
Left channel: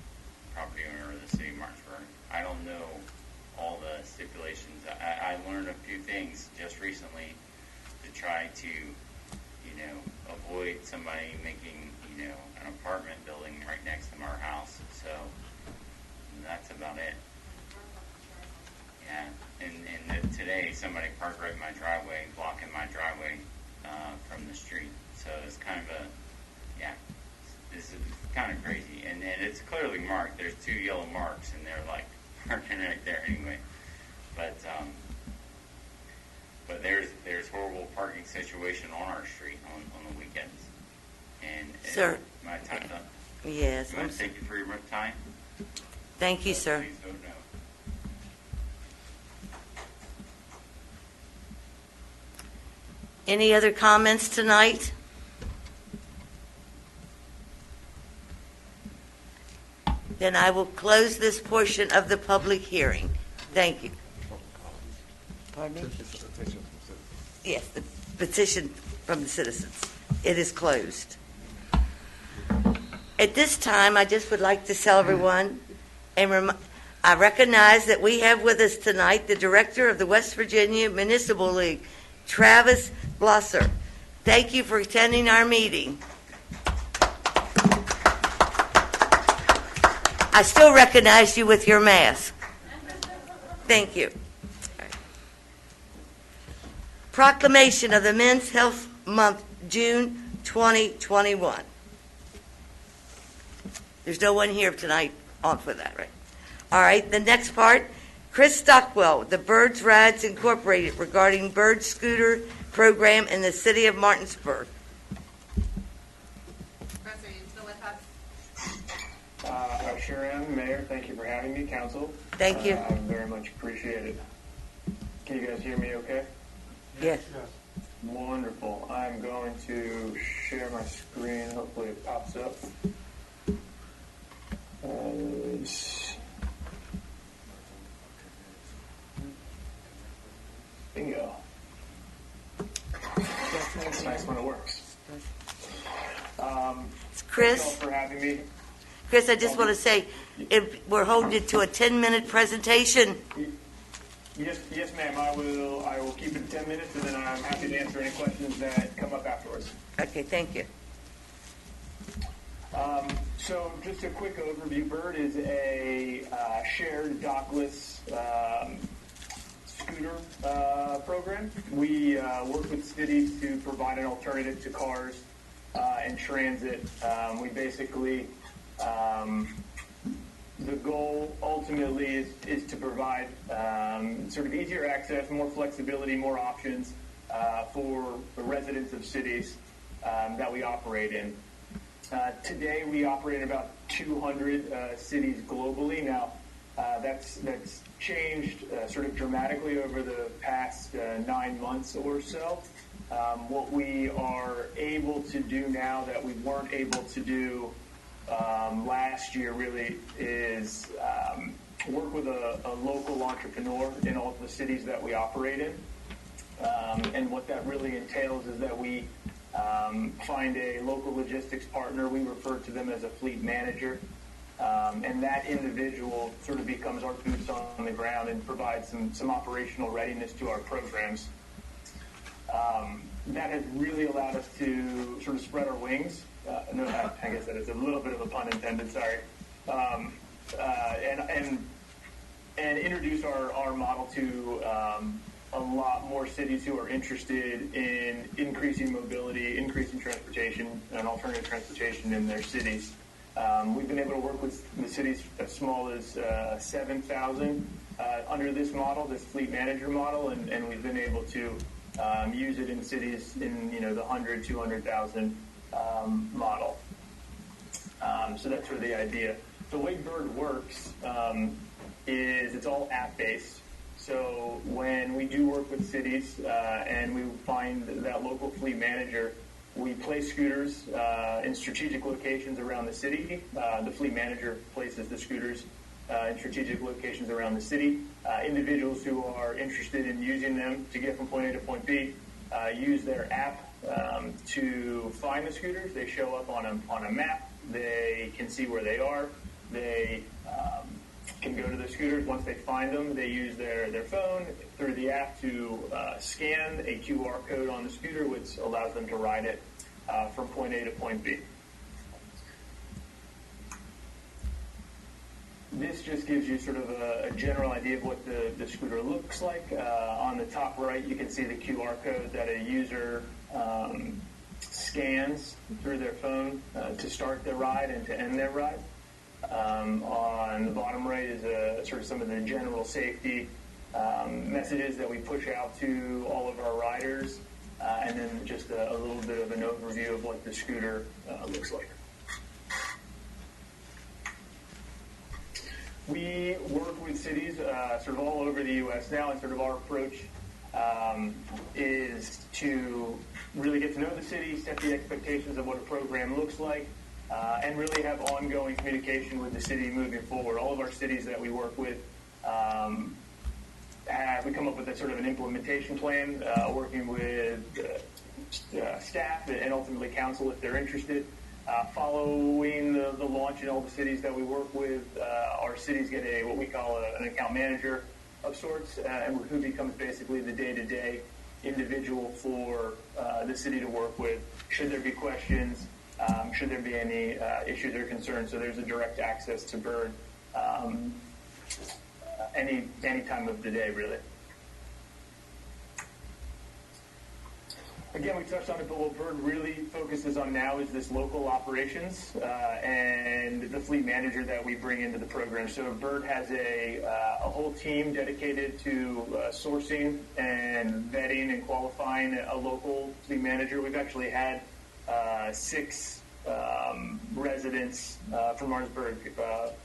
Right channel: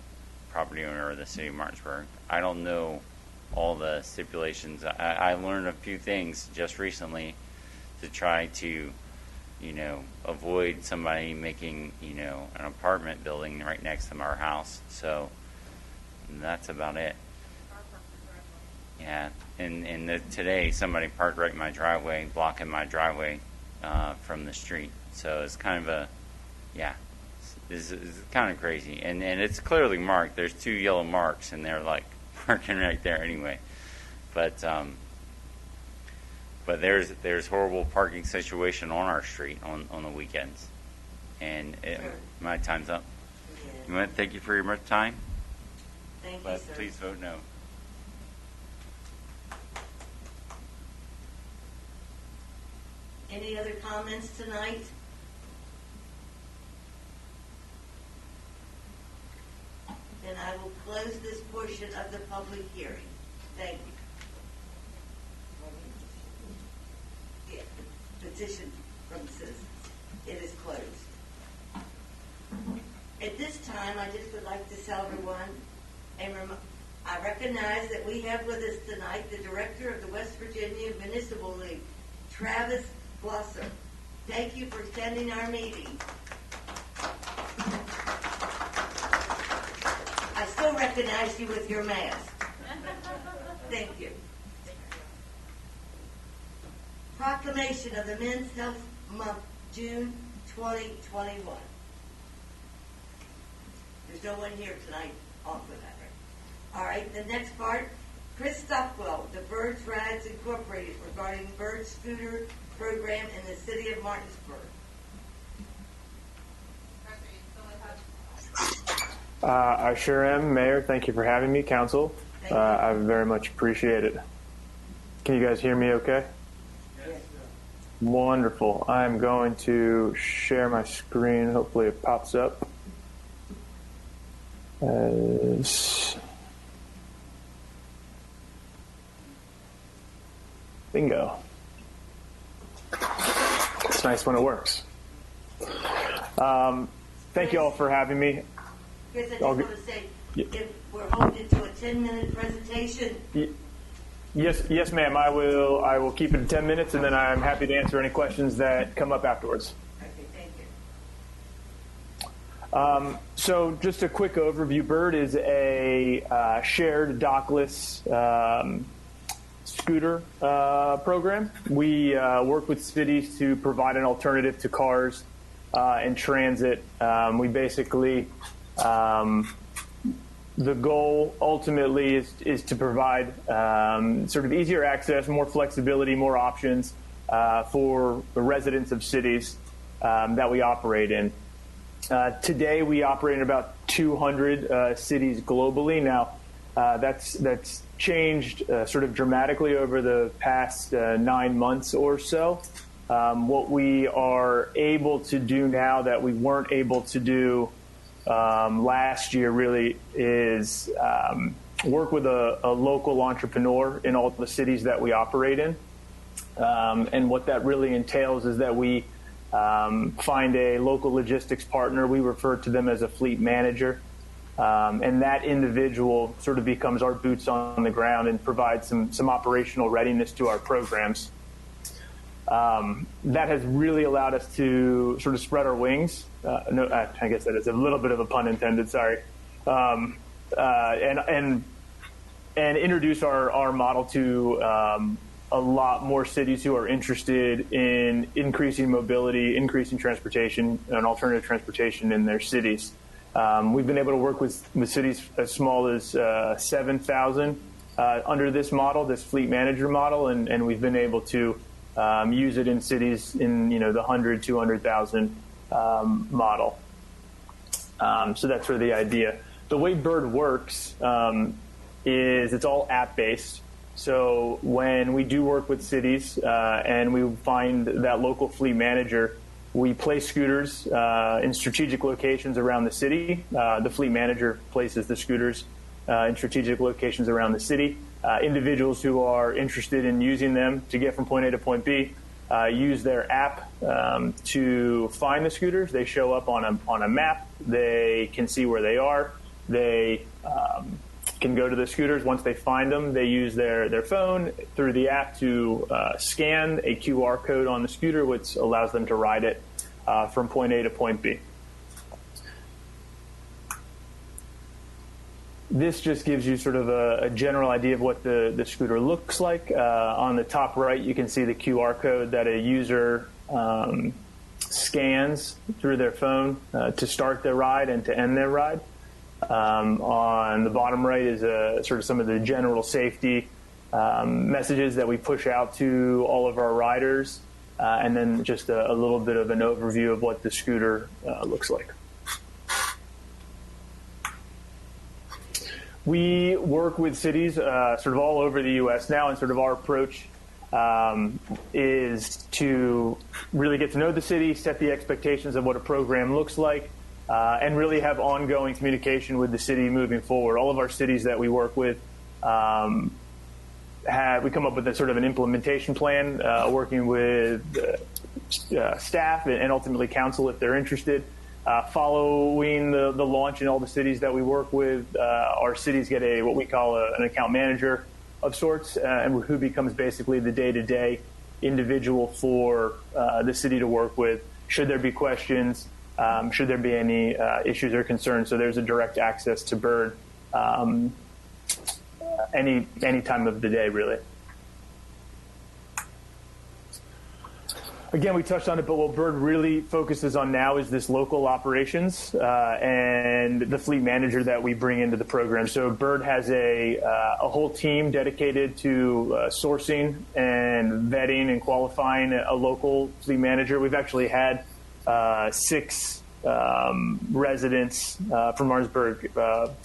property owner of the city of Martinsburg. I don't know all the stipulations. I learned a few things just recently to try to, you know, avoid somebody making, you know, an apartment building right next to our house. So that's about it. Yeah, and today somebody parked right in my driveway, blocking my driveway from the street. So it's kind of a, yeah, this is kind of crazy. And it's clearly marked. There's 2 yellow marks, and they're like parking right there anyway. But there's horrible parking situation on our street on the weekends. And Sir. My time's up. Yes. I want to thank you for your time. Thank you, sir. Please vote no. Any other comments tonight? Then I will close this portion of the public hearing. Thank you. Pardon me? Yes, the petition from the citizens. It is closed. At this time, I just would like to tell everyone, and I recognize that we have with us tonight the director of the West Virginia Municipal League, Travis Blosser. Thank you for attending our meeting. I still recognize you with your mask. Thank you. Proclamation of the Men's Health Month, June 2021. There's no one here tonight on for that, right? All right, the next part, Chris Stockwell, the Birds Rides Incorporated, regarding bird scooter program in the city of Martinsburg. I sure am, Mayor. Thank you for having me, Council. Thank you. I very much appreciate it. Can you guys hear me okay? Yes. Wonderful. I'm going to share my screen. Hopefully it pops up. Bingo. It's nice when it works. Thank Chris? you all for having me. Chris, I just want to say, if we're holding it to a 10-minute presentation. Yes, ma'am. I will keep it 10 minutes, and then I'm happy to answer any questions that come up afterwards. Okay, thank you. So just a quick overview. Bird is a shared dockless scooter program. We work with cities to provide an alternative to cars and transit. We basically, the goal ultimately is to provide sort of easier access, more flexibility, more options for the residents of cities that we operate in. Today, we operate in about 200 cities globally. Now, that's changed sort of dramatically over the past 9 months or so. What we are able to do now that we weren't able to do last year really is work with a local entrepreneur in all the cities that we operate in. And what that really entails is that we find a local logistics partner. We refer to them as a fleet manager. And that individual sort of becomes our boots on the ground and provides some operational readiness to our programs. That has really allowed us to sort of spread our wings. I guess that is a little bit of a pun intended, sorry. And introduce our model to a lot more cities who are interested in increasing mobility, increasing transportation, and alternative transportation in their cities. We've been able to work with cities as small as 7,000 under this model, this fleet manager model, and we've been able to use it in cities in the 100, 200,000 model. So that's sort of the idea. The way Bird works is it's all app-based. So when we do work with cities and we find that local fleet manager, we place scooters in strategic locations around the city. The fleet manager places the scooters in strategic locations around the city. Individuals who are interested in using them to get from point A to point B use their app to find the scooters. They show up on a map. They can see where they are. They can go to the scooters. Once they find them, they use their phone through the app to scan a QR code on the scooter, which allows them to ride it from point A to point B. This just gives you sort of a general idea of what the scooter looks like. On the top right, you can see the QR code that a user scans through their phone to start their ride and to end their ride. On the bottom right is sort of some of the general safety messages that we push out to all of our riders, and then just a little bit of an overview of what the scooter looks like. We work with cities sort of all over the U.S. now, and sort of our approach is to really get to know the city, set the expectations of what a program looks like, and really have ongoing communication with the city moving forward. All of our cities that we work with we come up with a sort of an implementation plan, working with staff and ultimately council if they're interested. Following the launch in all the cities that we work with, our cities get what we call an account manager of sorts, and who becomes basically the day-to-day individual for the city to work with. Should there be questions, should there be any issues or concerns, so there's a direct access to Bird any time of the day, really. Again, we touched on it, but what Bird really focuses on now is this local operations and the fleet manager that we bring into the program. So Bird has a whole team dedicated to sourcing and vetting and qualifying a local fleet manager. We've actually had 6 residents from Martinsburg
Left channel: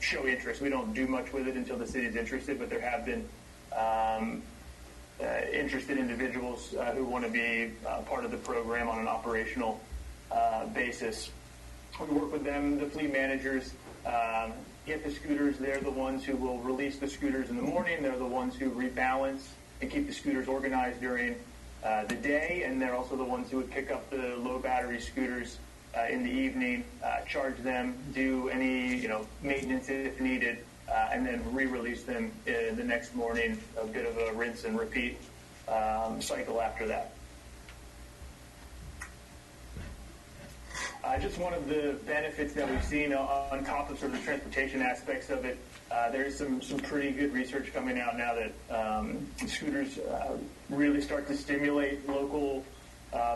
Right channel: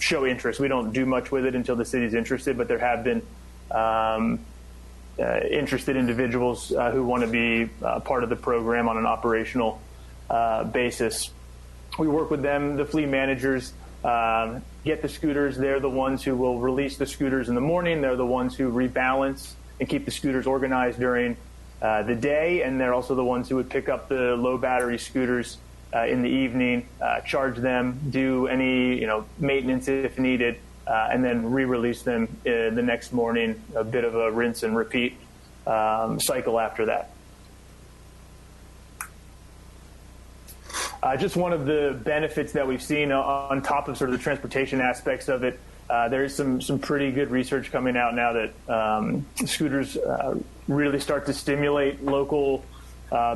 show interest. We don't do much with it until the city's interested, but there have been interested individuals who want to be part of the program on an operational basis. We work with them, the fleet managers get the scooters. They're the ones who will release the scooters in the morning. They're the ones who rebalance and keep the scooters organized during the day, and they're also the ones who would pick up the low battery scooters in the evening, charge them, do any maintenance if needed, and then re-release them the next morning, a bit of a rinse and repeat cycle after that. Just one of the benefits that we've seen on top of sort of the transportation aspects of it, there is some pretty good research coming out now that scooters really start to stimulate local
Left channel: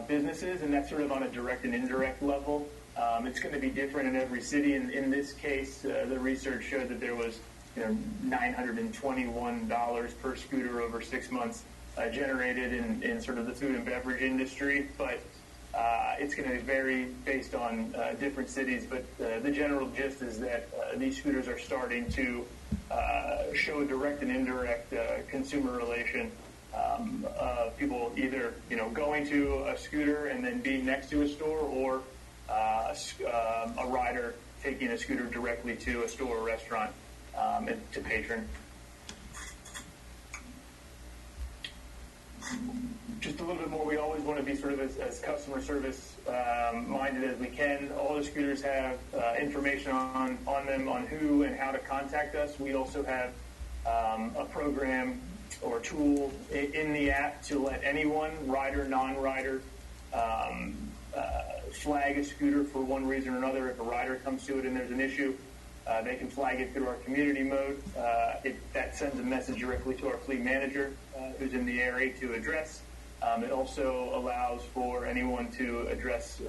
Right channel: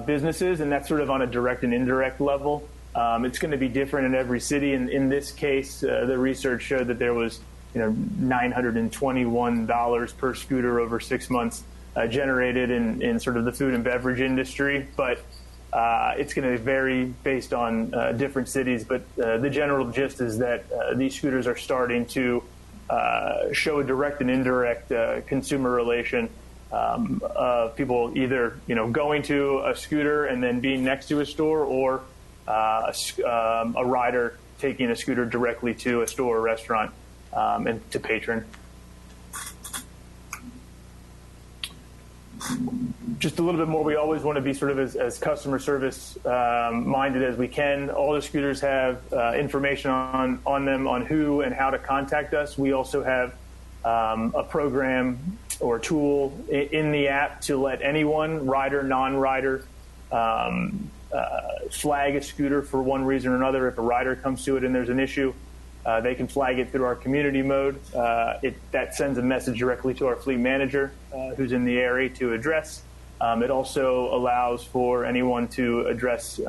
businesses, and that's sort of on a direct and indirect level. It's going to be different in every city. In this case, the research showed that there was $921 per scooter over 6 months generated in sort of the food and beverage industry, but it's going to vary based on different cities. But the general gist is that these scooters are starting to show a direct and indirect consumer relation of people either going to a scooter and then being next to a store, or a rider taking a scooter directly to a store or restaurant and to patron. Just a little bit more, we always want to be sort of as customer service minded as we can. All the scooters have information on them on who and how to contact us. We also have a program or tool in the app to let anyone, rider, non-rider, flag a scooter for one reason or another. If a rider comes to it and there's an issue, they can flag it through our community mode. That sends a message directly to our fleet manager who's in the area to address. It also allows for anyone to address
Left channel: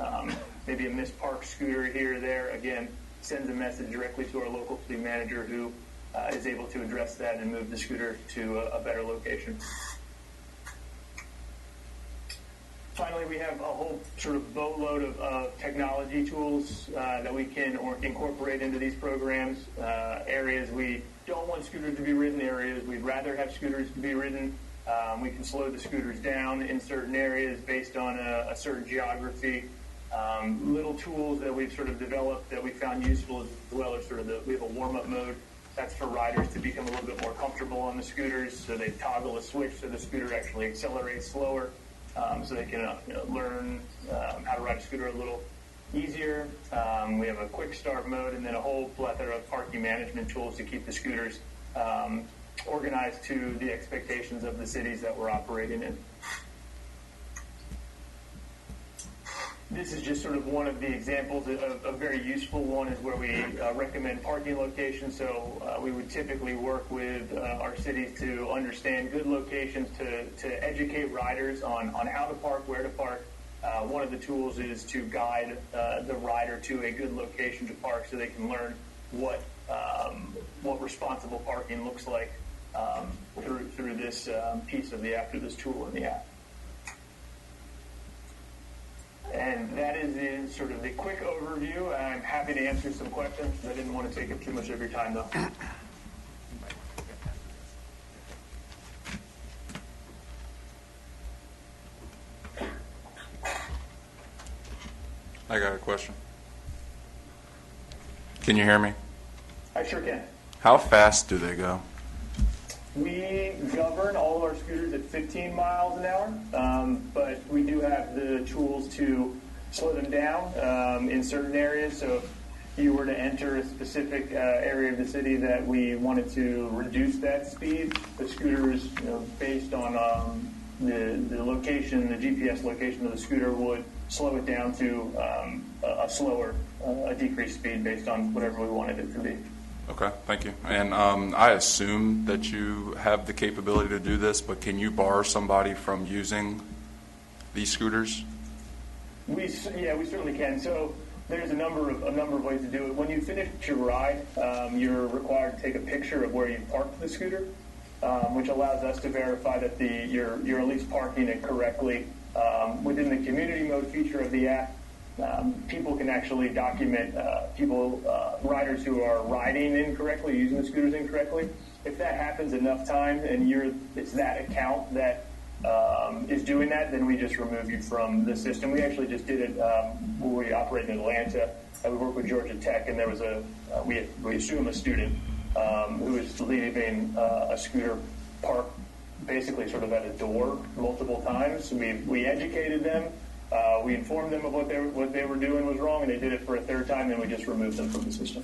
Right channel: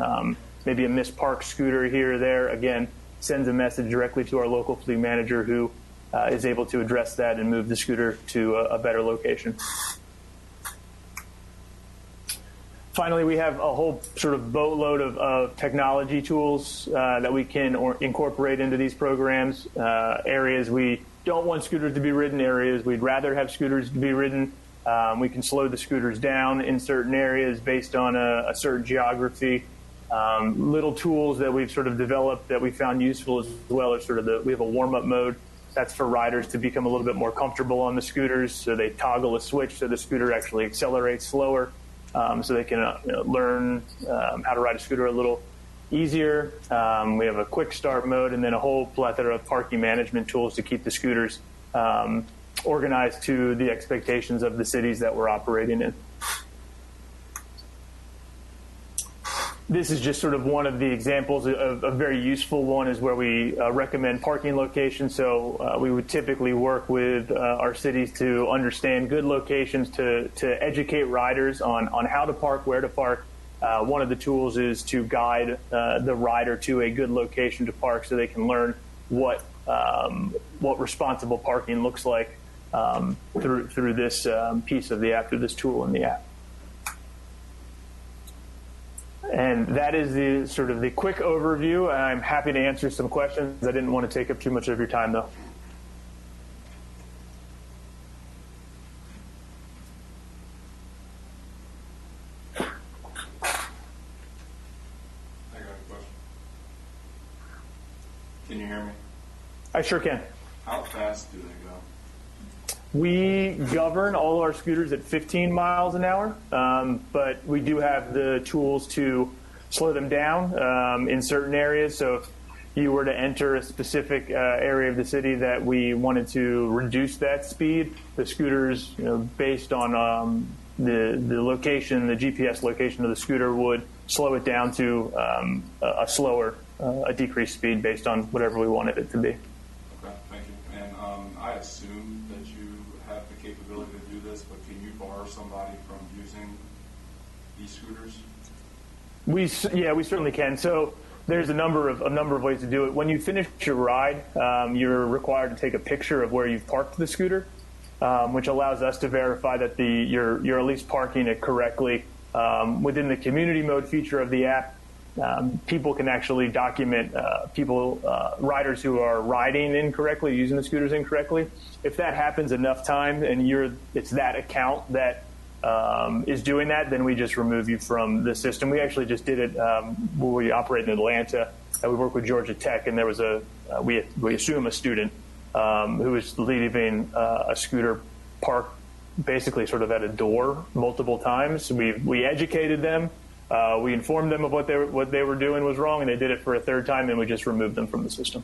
maybe a misparked scooter here or there. Again, sends a message directly to our local fleet manager who is able to address that and move the scooter to a better location. Finally, we have a whole sort of boatload of technology tools that we can incorporate into these programs. Areas we don't want scooters to be ridden, areas we'd rather have scooters to be ridden. We can slow the scooters down in certain areas based on a certain geography. Little tools that we've sort of developed that we found useful as well are sort of we have a warm-up mode That's for riders to become a little bit more comfortable on the scooters, so they toggle a switch so the scooter actually accelerates slower, so they can learn how to ride a scooter a little easier. We have a quick start mode and then a whole plethora of parking management tools to keep the scooters organized to the expectations of the cities that we're operating in. This is just sort of one of the examples. A very useful one is where we recommend parking locations. So we would typically work with our cities to understand good locations to educate riders on how to park, where to park. One of the tools is to guide the rider to a good location to park so they can learn what responsible parking looks like through this piece of the app, through this tool in the app. And that is the sort of the quick overview. I'm happy to answer some questions. I didn't want to take up too much of your time, though. I got a question. Can you hear me? I sure can. How fast do they go? We govern all of our scooters at 15 miles an hour, but we do have the tools to slow them down in certain areas. So if you were to enter a specific area of the city that we wanted to reduce that speed, the scooters, based on the location, the GPS location of the scooter, would slow it down to a decreased speed based on whatever we wanted it to be. Okay, thank you. And I assume that you have the capability to do this, but can you bar somebody from using these scooters? We certainly can. So there's a number of ways to do it. When you finish your ride, you're required to take a picture of where you've parked the scooter, which allows us to verify that you're at least parking it correctly. Within the community mode feature of the app, people can actually document riders who are riding incorrectly, using the scooters incorrectly. If that happens enough times and it's that account that is doing that, then we just remove you from the system. We actually just did it when we operate in Atlanta, and we work with Georgia Tech, and there was we assume a student who was leaving a scooter parked basically sort of at a door multiple times. We educated them. We informed them of what they were doing was wrong, and they did it for a third time, and we just removed them from the system.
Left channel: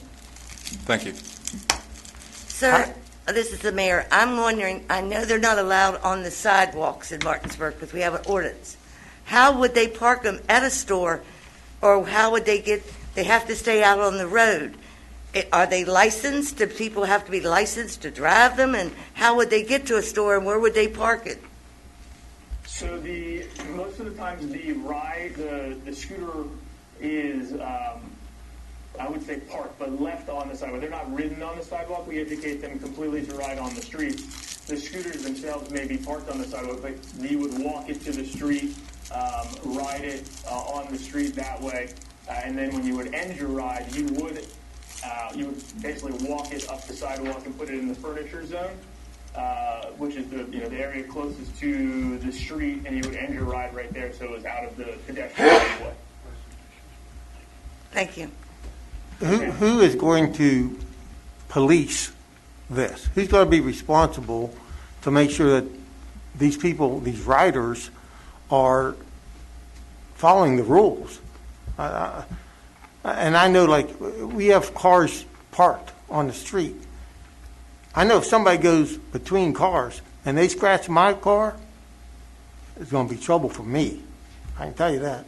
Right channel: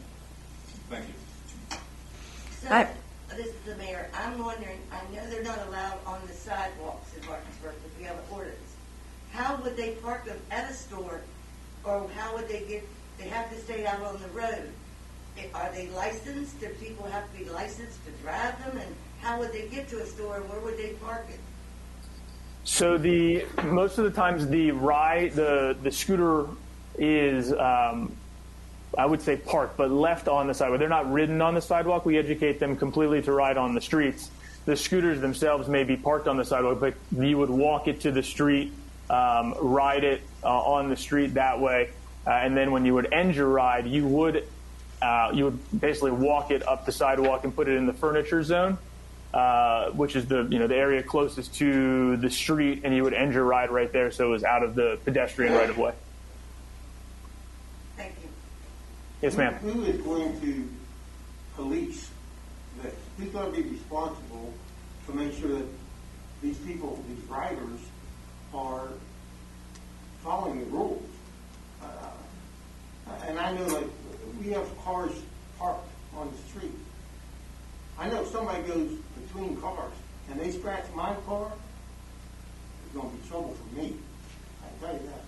Thank you. Sir, this is the mayor. I'm wondering, I know they're not allowed on the sidewalks in Martinsburg because we have an ordinance. How would they park them at a store, or how would they have to stay out on the road? Are they licensed? Do people have to be licensed to drive them? And how would they get to a store, and where would they park it? So most of the times the scooter is, I would say parked, but left on the sidewalk. They're not ridden on the sidewalk. We educate them completely to ride on the streets. The scooters themselves may be parked on the sidewalk, but you would walk it to the street, ride it on the street that way, and then when you would end your ride, you would basically walk it up the sidewalk and put it in the furniture zone. Which is the area closest to the street, and you would end your ride right there, so it was out of the pedestrian right of way. Thank you. Yes, ma'am. Who is going to police this? Who's going to be responsible to make sure that these people, these riders, are following the rules? And I know, like, we have cars parked on the street. I know if somebody goes between cars and they scratch my car, it's going to be trouble for me. I can tell you that.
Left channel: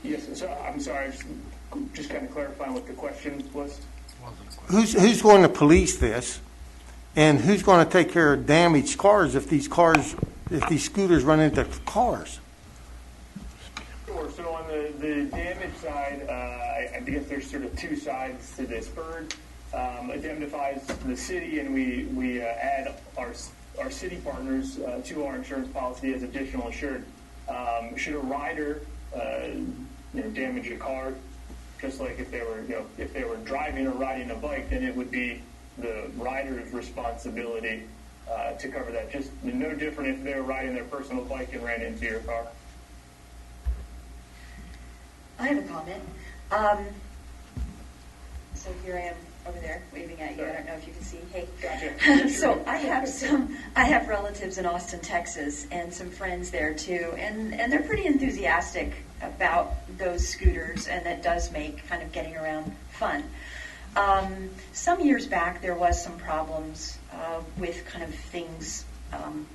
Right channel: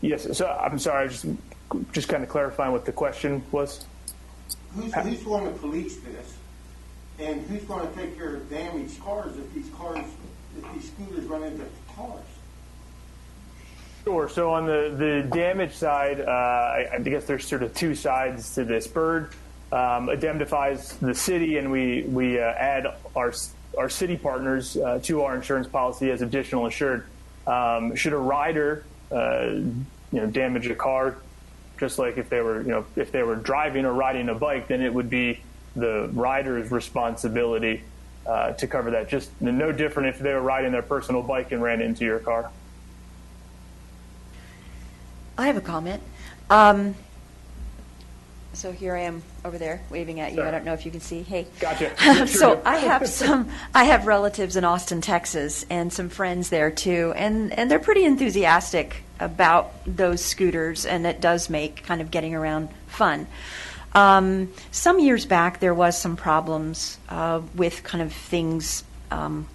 Yes, so I'm sorry, just kind of clarifying what the question was. Who's going to police this, and who's going to take care of damaged cars if these scooters run into cars? Sure. So on the damage side, I guess there's sort of two sides to this. Bird indemnifies the city, and we add our city partners to our insurance policy as additional insured. Should a rider damage a car, just like if they were driving or riding a bike, then it would be the rider's responsibility to cover that. Just no different if they were riding their personal bike and ran into your car. I have a comment. So here I am over there waving at you. I don't know if you can see. Hey. Gotcha. So I have relatives in Austin, Texas, and some friends there too, and they're pretty enthusiastic about those scooters, and it does make kind of getting around fun. Some years back, there was some problems with kind of things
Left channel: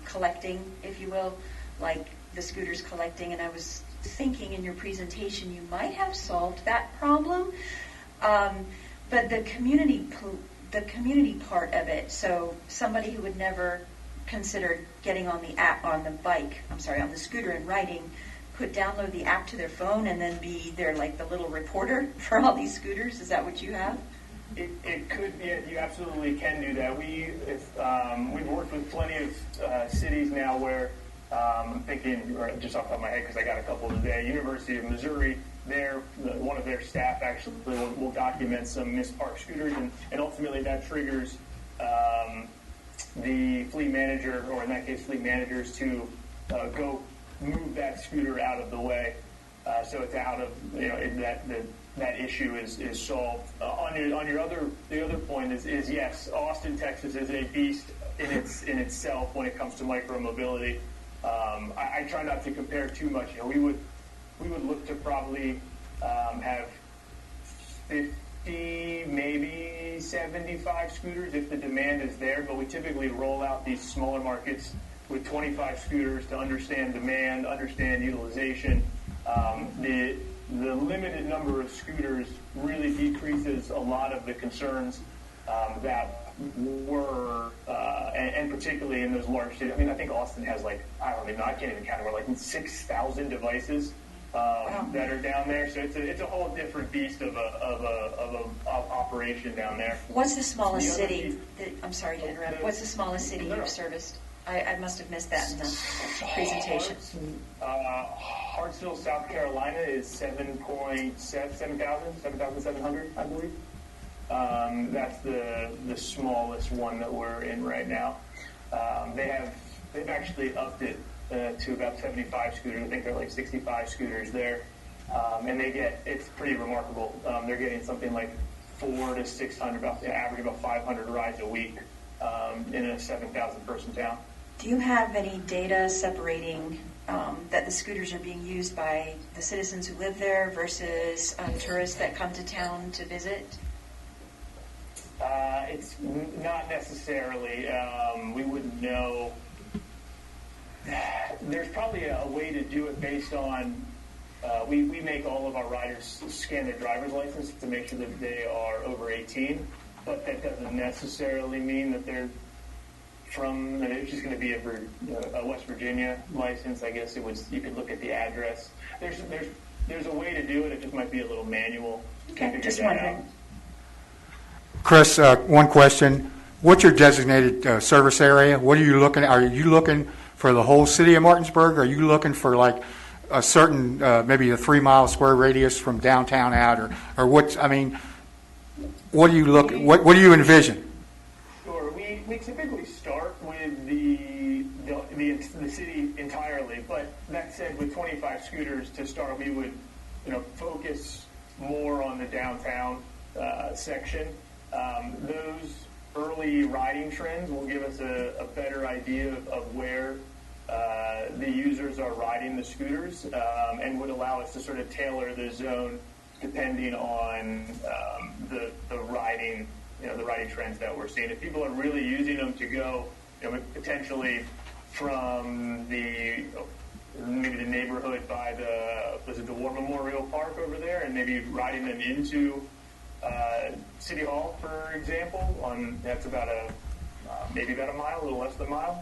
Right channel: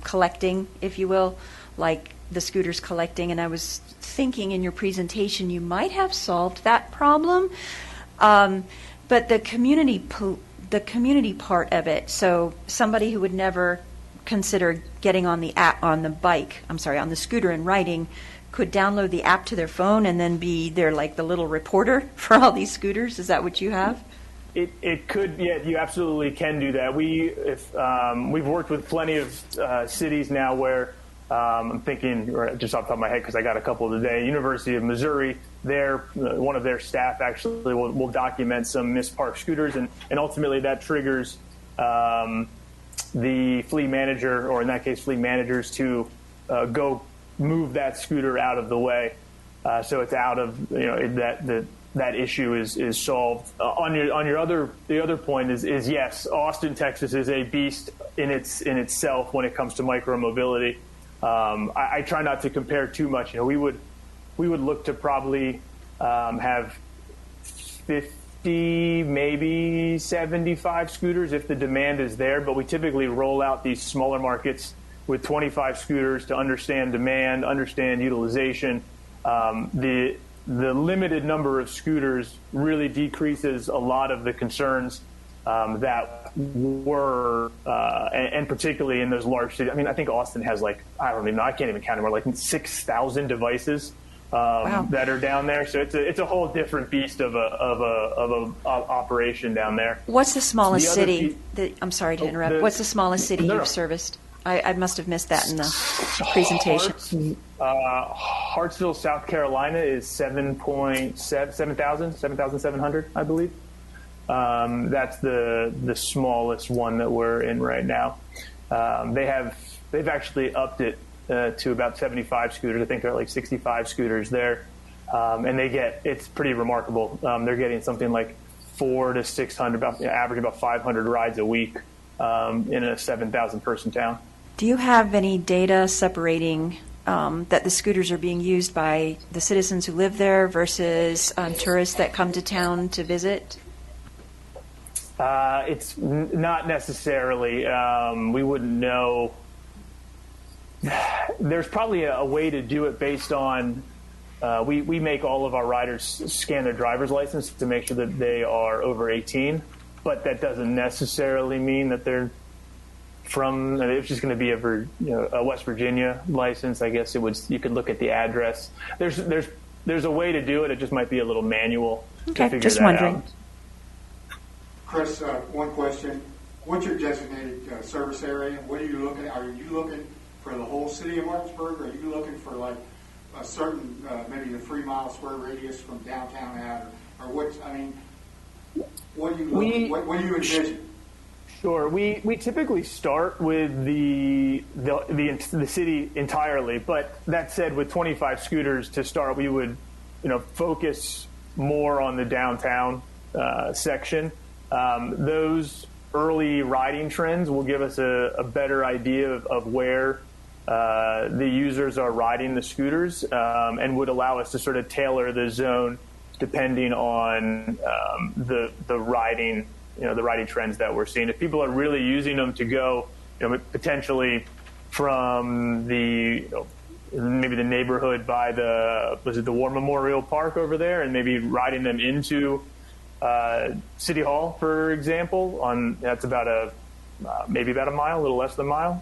collecting, if you will, like the scooters collecting, and I was thinking in your presentation you might have solved that problem. But the community part of it, so somebody who would never consider getting on the scooter and riding, could download the app to their phone and then be their like the little reporter for all these scooters. Is that what you have? It could, yeah, you absolutely can do that. We've worked with plenty of cities now where I'm thinking, or just off the top of my head, because I got a couple today. University of Missouri, one of their staff actually will document some misparked scooters, and ultimately that triggers the fleet manager, or in that case, fleet managers, to go move that scooter out of the way, so it's out of that issue is solved. The other point is yes, Austin, Texas is a beast in itself when it comes to micromobility. I try not to compare too much. We would look to probably have 50, maybe 75 scooters if the demand is there, but we typically roll out these smaller markets with 25 scooters to understand demand, understand utilization. The limited number of scooters really decreases a lot of the concerns that were, and particularly in those large cities. I mean, I think Austin has I can't even count anymore, 6,000 devices that are down there. So it's a whole different beast of a operation down there. What's the smallest city? I'm sorry to interrupt. What's the smallest city you've serviced? I must have missed that in the presentation. Hartsville, South Carolina is 7,700, I believe. That's the smallest one that we're in right now. They've actually upped it to about 75 scooters. I think there are 65 scooters there, and it's pretty remarkable. They're getting something like 400 to 600, average about 500 rides a week in a 7,000 person town. Do you have any data separating that the scooters are being used by the citizens who live there versus tourists that come to town to visit? It's not necessarily. We wouldn't know. There's probably a way to do it based on, we make all of our riders scan their driver's license to make sure that they are over 18, but that doesn't necessarily mean that they're from, it's just going to be a West Virginia license. I guess you could look at the address. There's a way to do it. It just might be a little manual to figure just that wondering. out. Chris, one question. What's your designated service area? What are you looking at? Are you looking for the whole city of Martinsburg? Or are you looking for a certain, maybe a 3 mile square radius from downtown out? Or what do you envision? Sure. We typically start with the city entirely, but that said, with 25 scooters to start, we would focus more on the downtown section. Those early riding trends will give us a better idea of where the users are riding the scooters, and would allow us to sort of tailor the zone depending on the riding trends that we're seeing. If people are really using them to go, potentially from maybe the neighborhood by the War Memorial Park over there, and maybe riding them into City Hall, for example, that's about maybe about a mile, a little less than a mile,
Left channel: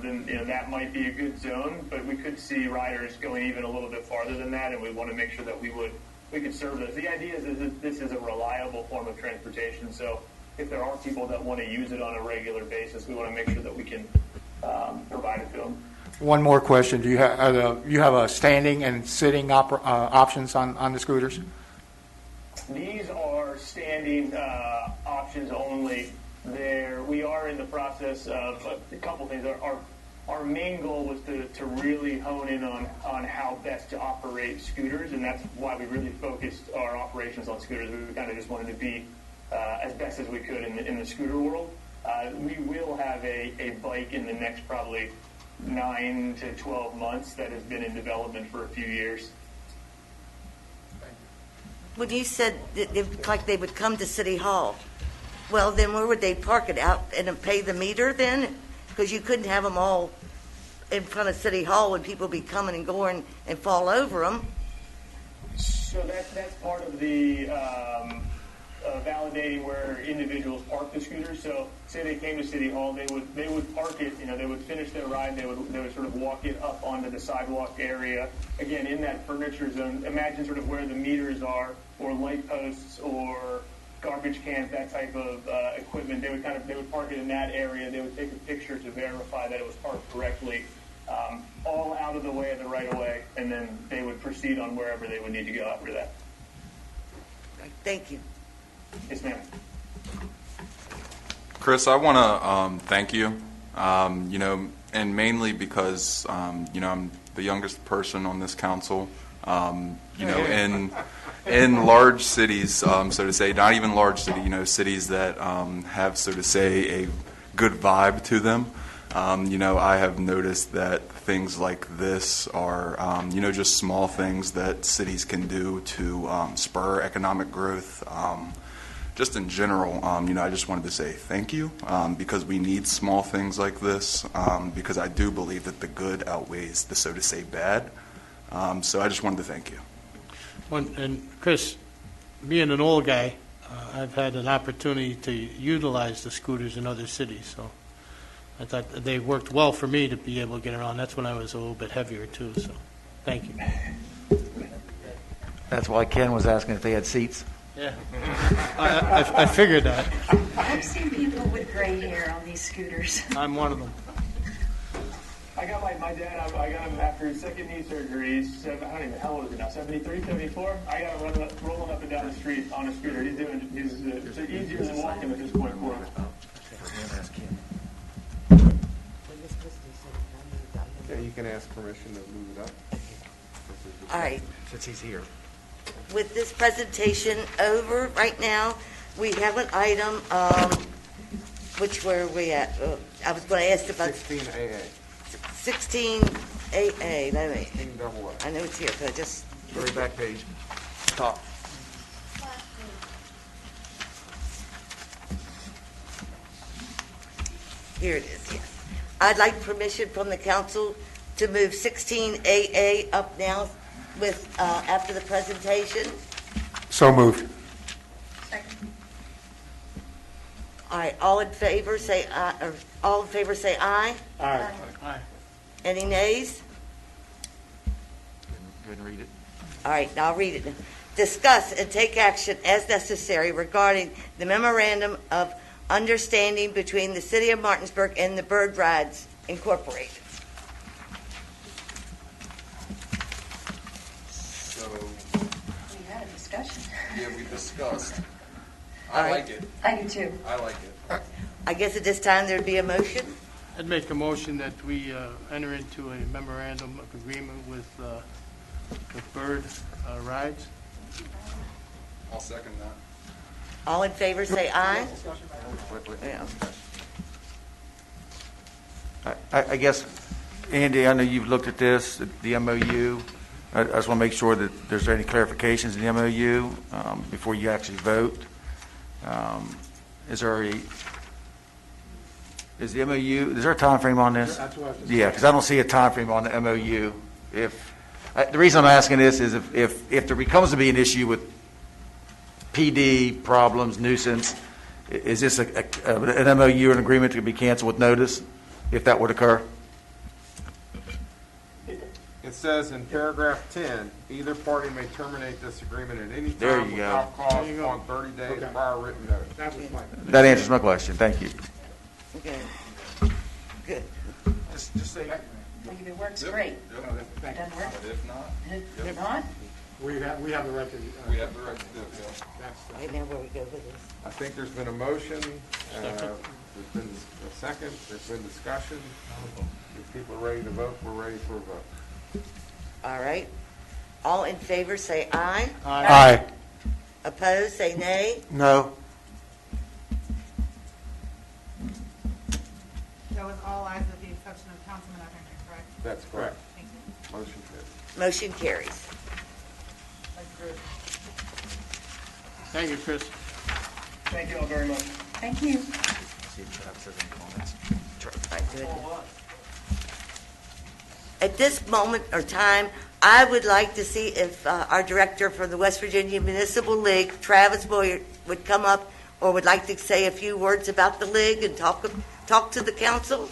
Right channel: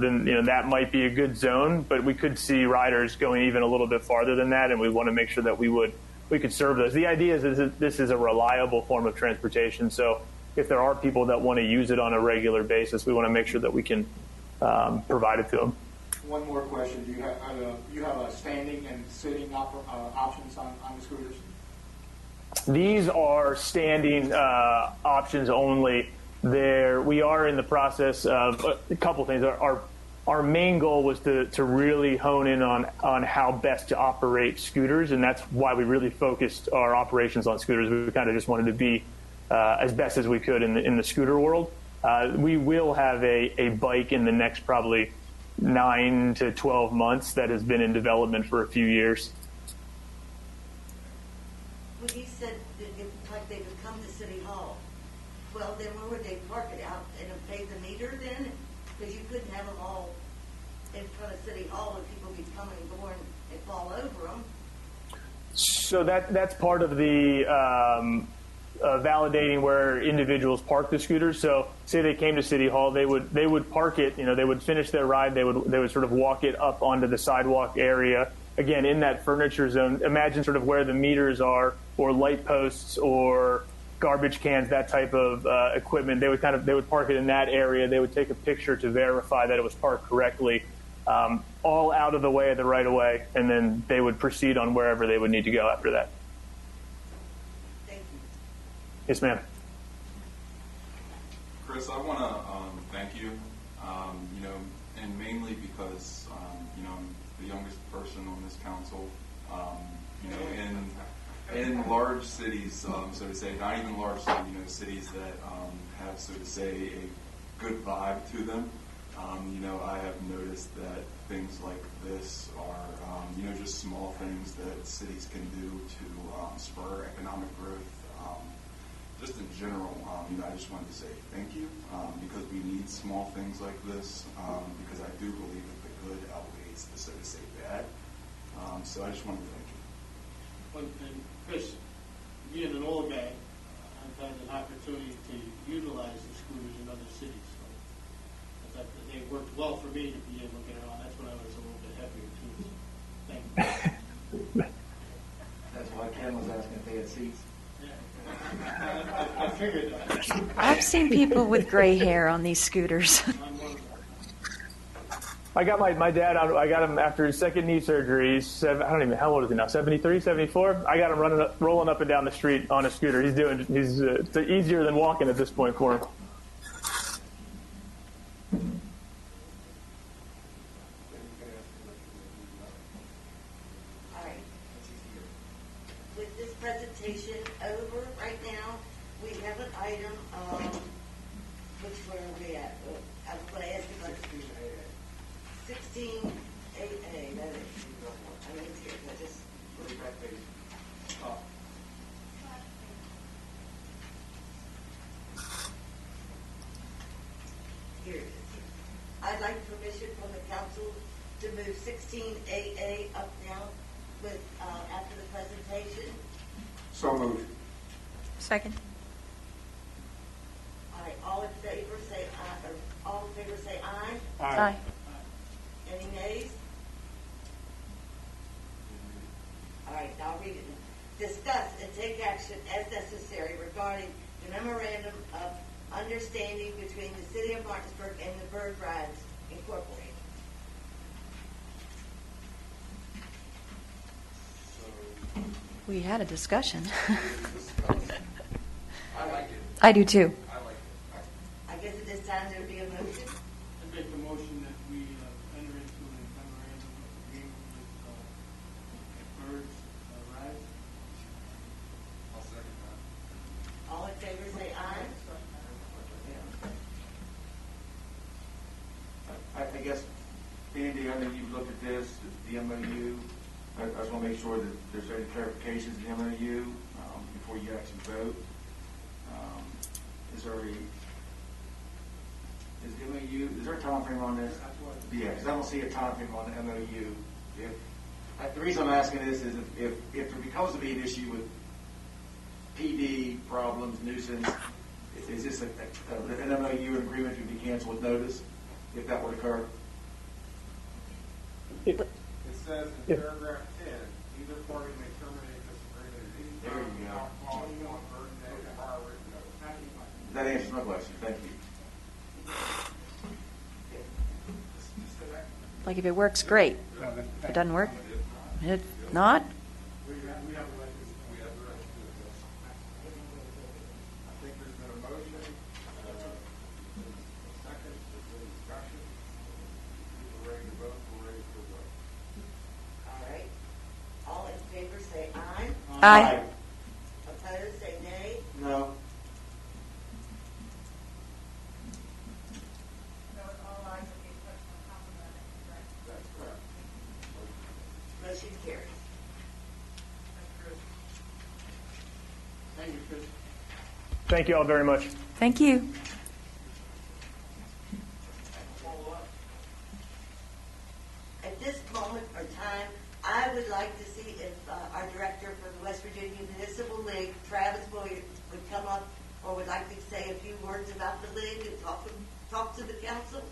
then that might be a good zone. But we could see riders going even a little bit farther than that, and we want to make sure that we could serve those. The idea is that this is a reliable form of transportation, so if there are people that want to use it on a regular basis, we want to make sure that we can provide it to them. One more question. Do you have a standing and sitting options on the scooters? These are standing options only. We are in the process of a couple things. Our main goal was to really hone in on how best to operate scooters, and that's why we really focused our operations on scooters. We kind of just wanted to be as best as we could in the scooter world. We will have a bike in the next probably 9 to 12 months that has been in development for a few years. When you said that it looked like they would come to City Hall, well, then where would they park it out and then pay the meter then? Because you couldn't have them all in front of City Hall when people be coming and going and fall over them. So that's part of the validating where individuals park the scooters. So say they came to City Hall, they would park it. They would finish their ride. They would sort of walk it up onto the sidewalk area. Again, in that furniture zone. Imagine sort of where the meters are, or light posts, or garbage cans, that type of equipment. They would park it in that area. They would take a picture to verify that it was parked correctly. All out of the way of the right of way, and then they would proceed on wherever they would need to go after that. Thank you. Yes, ma'am. Chris, I want to thank you, and mainly because, I'm the youngest person on this council, in large cities, so to say, not even large city, cities that have, so to say, a good vibe to them. I have noticed that things like this are, just small things that cities can do to spur economic growth. Just in general, I just wanted to say thank you because we need small things like this because I do believe that the good outweighs the, so to say, bad. So I just wanted to thank you. And Chris, being an old guy, I've had an opportunity to utilize the scooters in other cities, so I thought that they worked well for me to be able to get around. That's when I was a little bit heavier too, so thank you. That's why Ken was asking if they had seats. Yeah, I figured that. I've seen people with gray hair on these scooters. I'm one of them. I got my dad out. I got him after his second knee surgery. I don't even, how old is he now? 73, 74? I got him rolling up and down the street on a scooter. He's it's easier than walking at this point for him. Yeah, you can ask permission to move it up. All right. Since he's here. With this presentation over right now, we have an item, which were we at? I was going to ask about 16AA. 16AA. Let me. 16AA. I know it's here, so I just. Very back page. Top. Here it is, yes. I'd like permission from the council to move 16AA up now with, after the presentation. So moved. Second. All right, all in favor, say aye, or all in favor, say aye. Aye. Any nays? Go ahead and read it. All right, now I'll read it. Discuss and take action as necessary regarding the memorandum of understanding between the City of Martinsburg and the Bird Rides Incorporated. So, We had a discussion. we discussed. All I right. like it. I do too. I like it. I guess at this time there'd be a motion. I'd make a motion that we enter into a memorandum of agreement with Bird Rides. I'll second that. All in favor, say aye. Yeah. I guess, Andy, I know you've looked at this, the MOU. I just want to make sure that there's any clarifications in the MOU before you actually vote. Is the MOU, is there a time frame on this? Yeah, because I don't see a time frame on the MOU. The reason I'm asking this is if there becomes to be an issue with PD problems, nuisance, is this an MOU or an agreement to be canceled with notice if that would occur? It says in paragraph 10, either party may terminate this agreement at any There time you go. without cause upon 30 days prior written notice. That answers my question. Thank you. Okay. Good. Just say that. Like if it works, great. If it doesn't work, if not, We have the right to. We have the right to do it, That's- Right now, where we go with this. I think there's been a motion, there's been a second, there's been discussion. If people are ready to vote, we're ready for a vote. All right. All in favor, say aye. Aye. Opposed, say nay. No. That's correct. Motion carries. Motion carries. Thank you, Chris. Thank you all very much. Thank you. At this moment or time, I would like to see if our director for the West Virginia Municipal League, Travis Boyer, would come up or would like to say a few words about the league and talk to the council.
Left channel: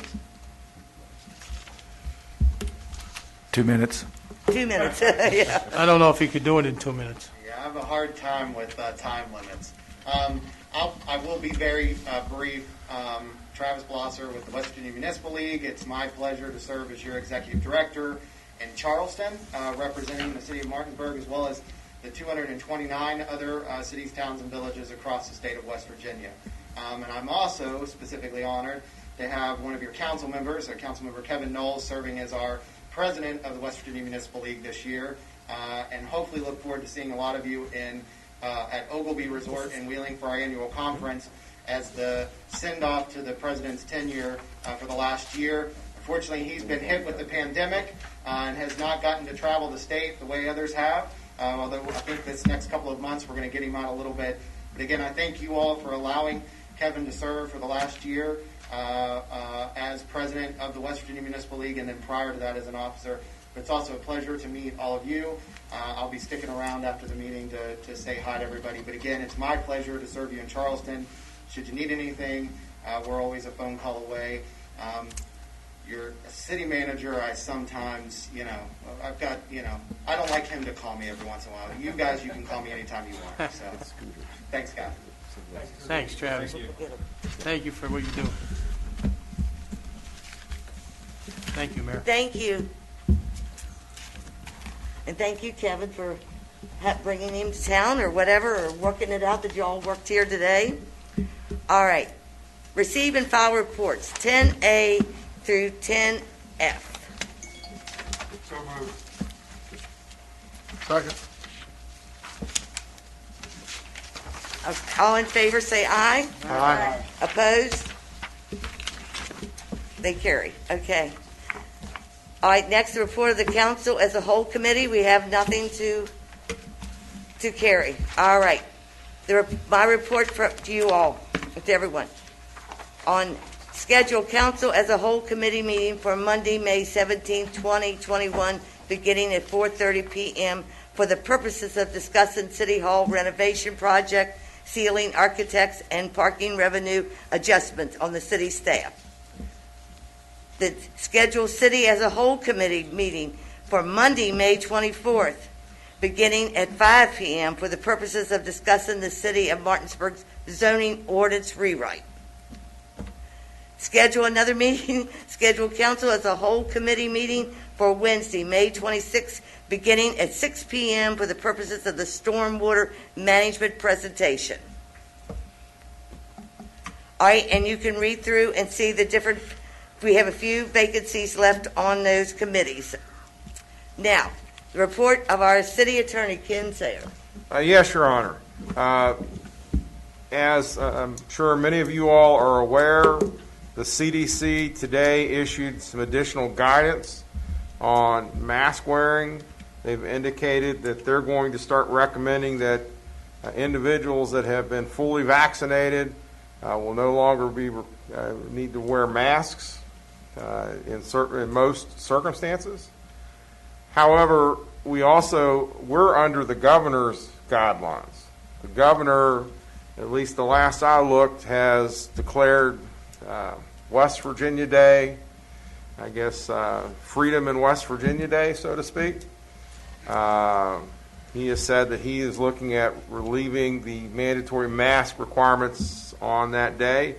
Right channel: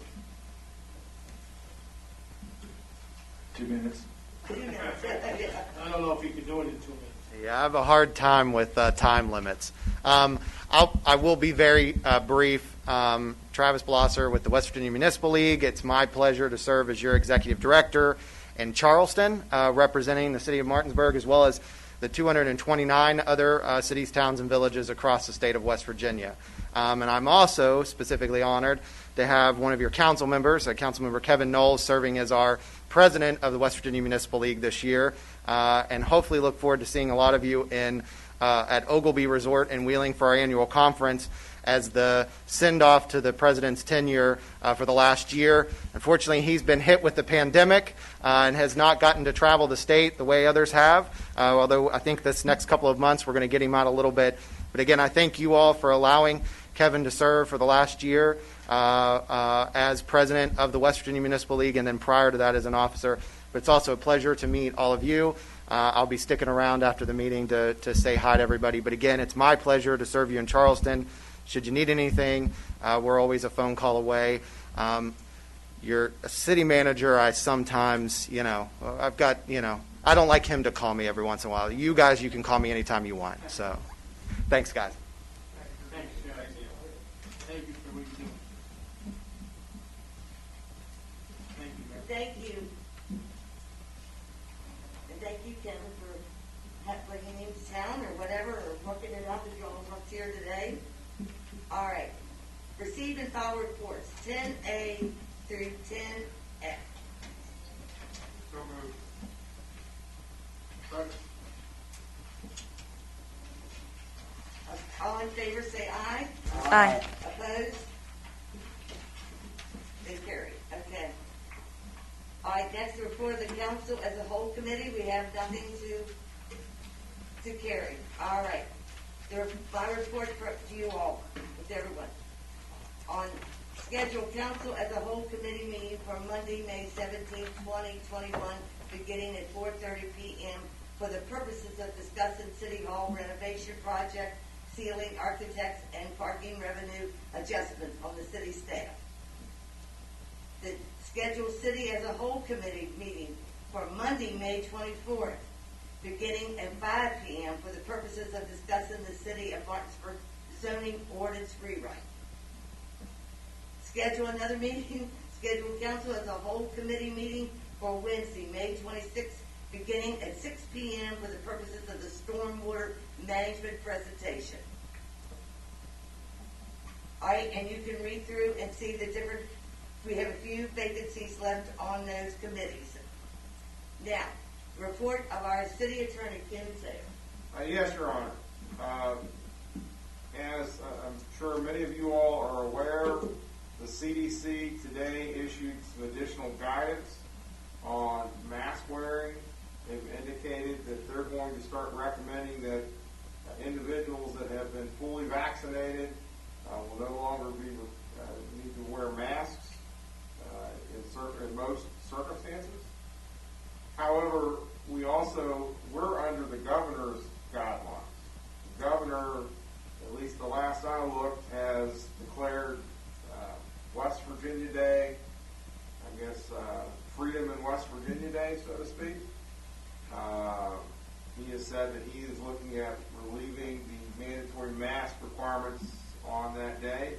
2 minutes. 2 minutes, yeah. I don't know if he could do it in 2 minutes. Yeah, I have a hard time with time limits. I will be very brief. Travis Blosser with the West Virginia Municipal League. It's my pleasure to serve as your executive director in Charleston, representing the city of Martinsburg, as well as the 229 other cities, towns, and villages across the state of West Virginia. And I'm also specifically honored to have one of your council members, Councilmember Kevin Knowles, serving as our president of the West Virginia Municipal League this year, and hopefully look forward to seeing a lot of you at Ogilvie Resort in Wheeling for our annual conference as the send-off to the president's tenure for the last year. Unfortunately, he's been hit with the pandemic and has not gotten to travel the state the way others have, although I think this next couple of months we're going to get him out a little bit. But again, I thank you all for allowing Kevin to serve for the last year as president of the West Virginia Municipal League, and then prior to that as an officer. But it's also a pleasure to meet all of you. I'll be sticking around after the meeting to say hi to everybody. But again, it's my pleasure to serve you in Charleston. Should you need anything, we're always a phone call away. Your city manager, I sometimes, I've got, I don't like him to call me every once in a while. You guys, you can call me anytime you want. So, thanks, guys. Thanks, Travis. Thank you for what you do. Thank you, Mayor. Thank you. And thank you, Kevin, for bringing him to town or whatever, or working it out that you all worked here today. All right. Receive and file reports, 10A through 10F. So moved. Second. All in favor, say aye. Aye. Opposed? They carry. Okay. All right, next, the report of the council as a whole committee. We have nothing to carry. All right. My report to you all, to everyone, on scheduled council as a whole committee meeting for Monday, May 17, 2021, beginning at 4:30 p.m. for the purposes of discussing City Hall renovation project, ceiling, architects, and parking revenue adjustments on the city staff. The scheduled city as a whole committee meeting for Monday, May 24th, beginning at 5 p.m. for the purposes of discussing the city of Martinsburg's zoning ordinance rewrite. Schedule another meeting, scheduled council as a whole committee meeting for Wednesday, May 26th, beginning at 6 p.m. for the purposes of the stormwater management presentation. All right, and you can read through and see the different, we have a few vacancies left on those committees. Now, the report of our city attorney, Ken Sayer. Yes, Your Honor. As I'm sure many of you all are aware, the CDC today issued some additional guidance on mask wearing. They've indicated that they're going to start recommending that individuals that have been fully vaccinated will no longer be need to wear masks in most circumstances. However, we're under the governor's guidelines. The governor, at least the last I looked, has declared West Virginia Day, I guess Freedom in West Virginia Day, so to speak. He has said that he is looking at relieving the mandatory mask requirements on that day.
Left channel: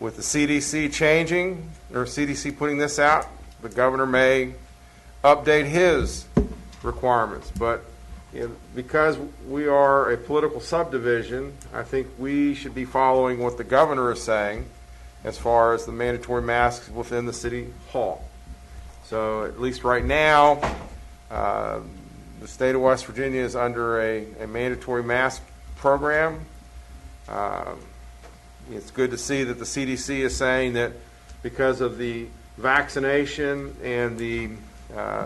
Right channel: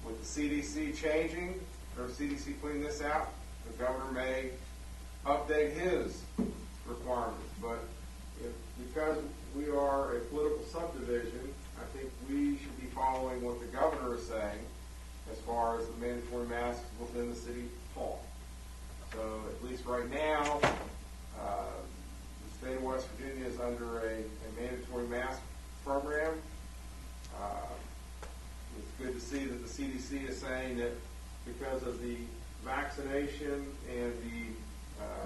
With the CDC changing, or CDC putting this out, the governor may update his requirements. But because we are a political subdivision, I think we should be following what the governor is saying as far as the mandatory masks within the city hall. So at least right now, the state of West Virginia is under a mandatory mask program. It's good to see that the CDC is saying that because of the vaccination and the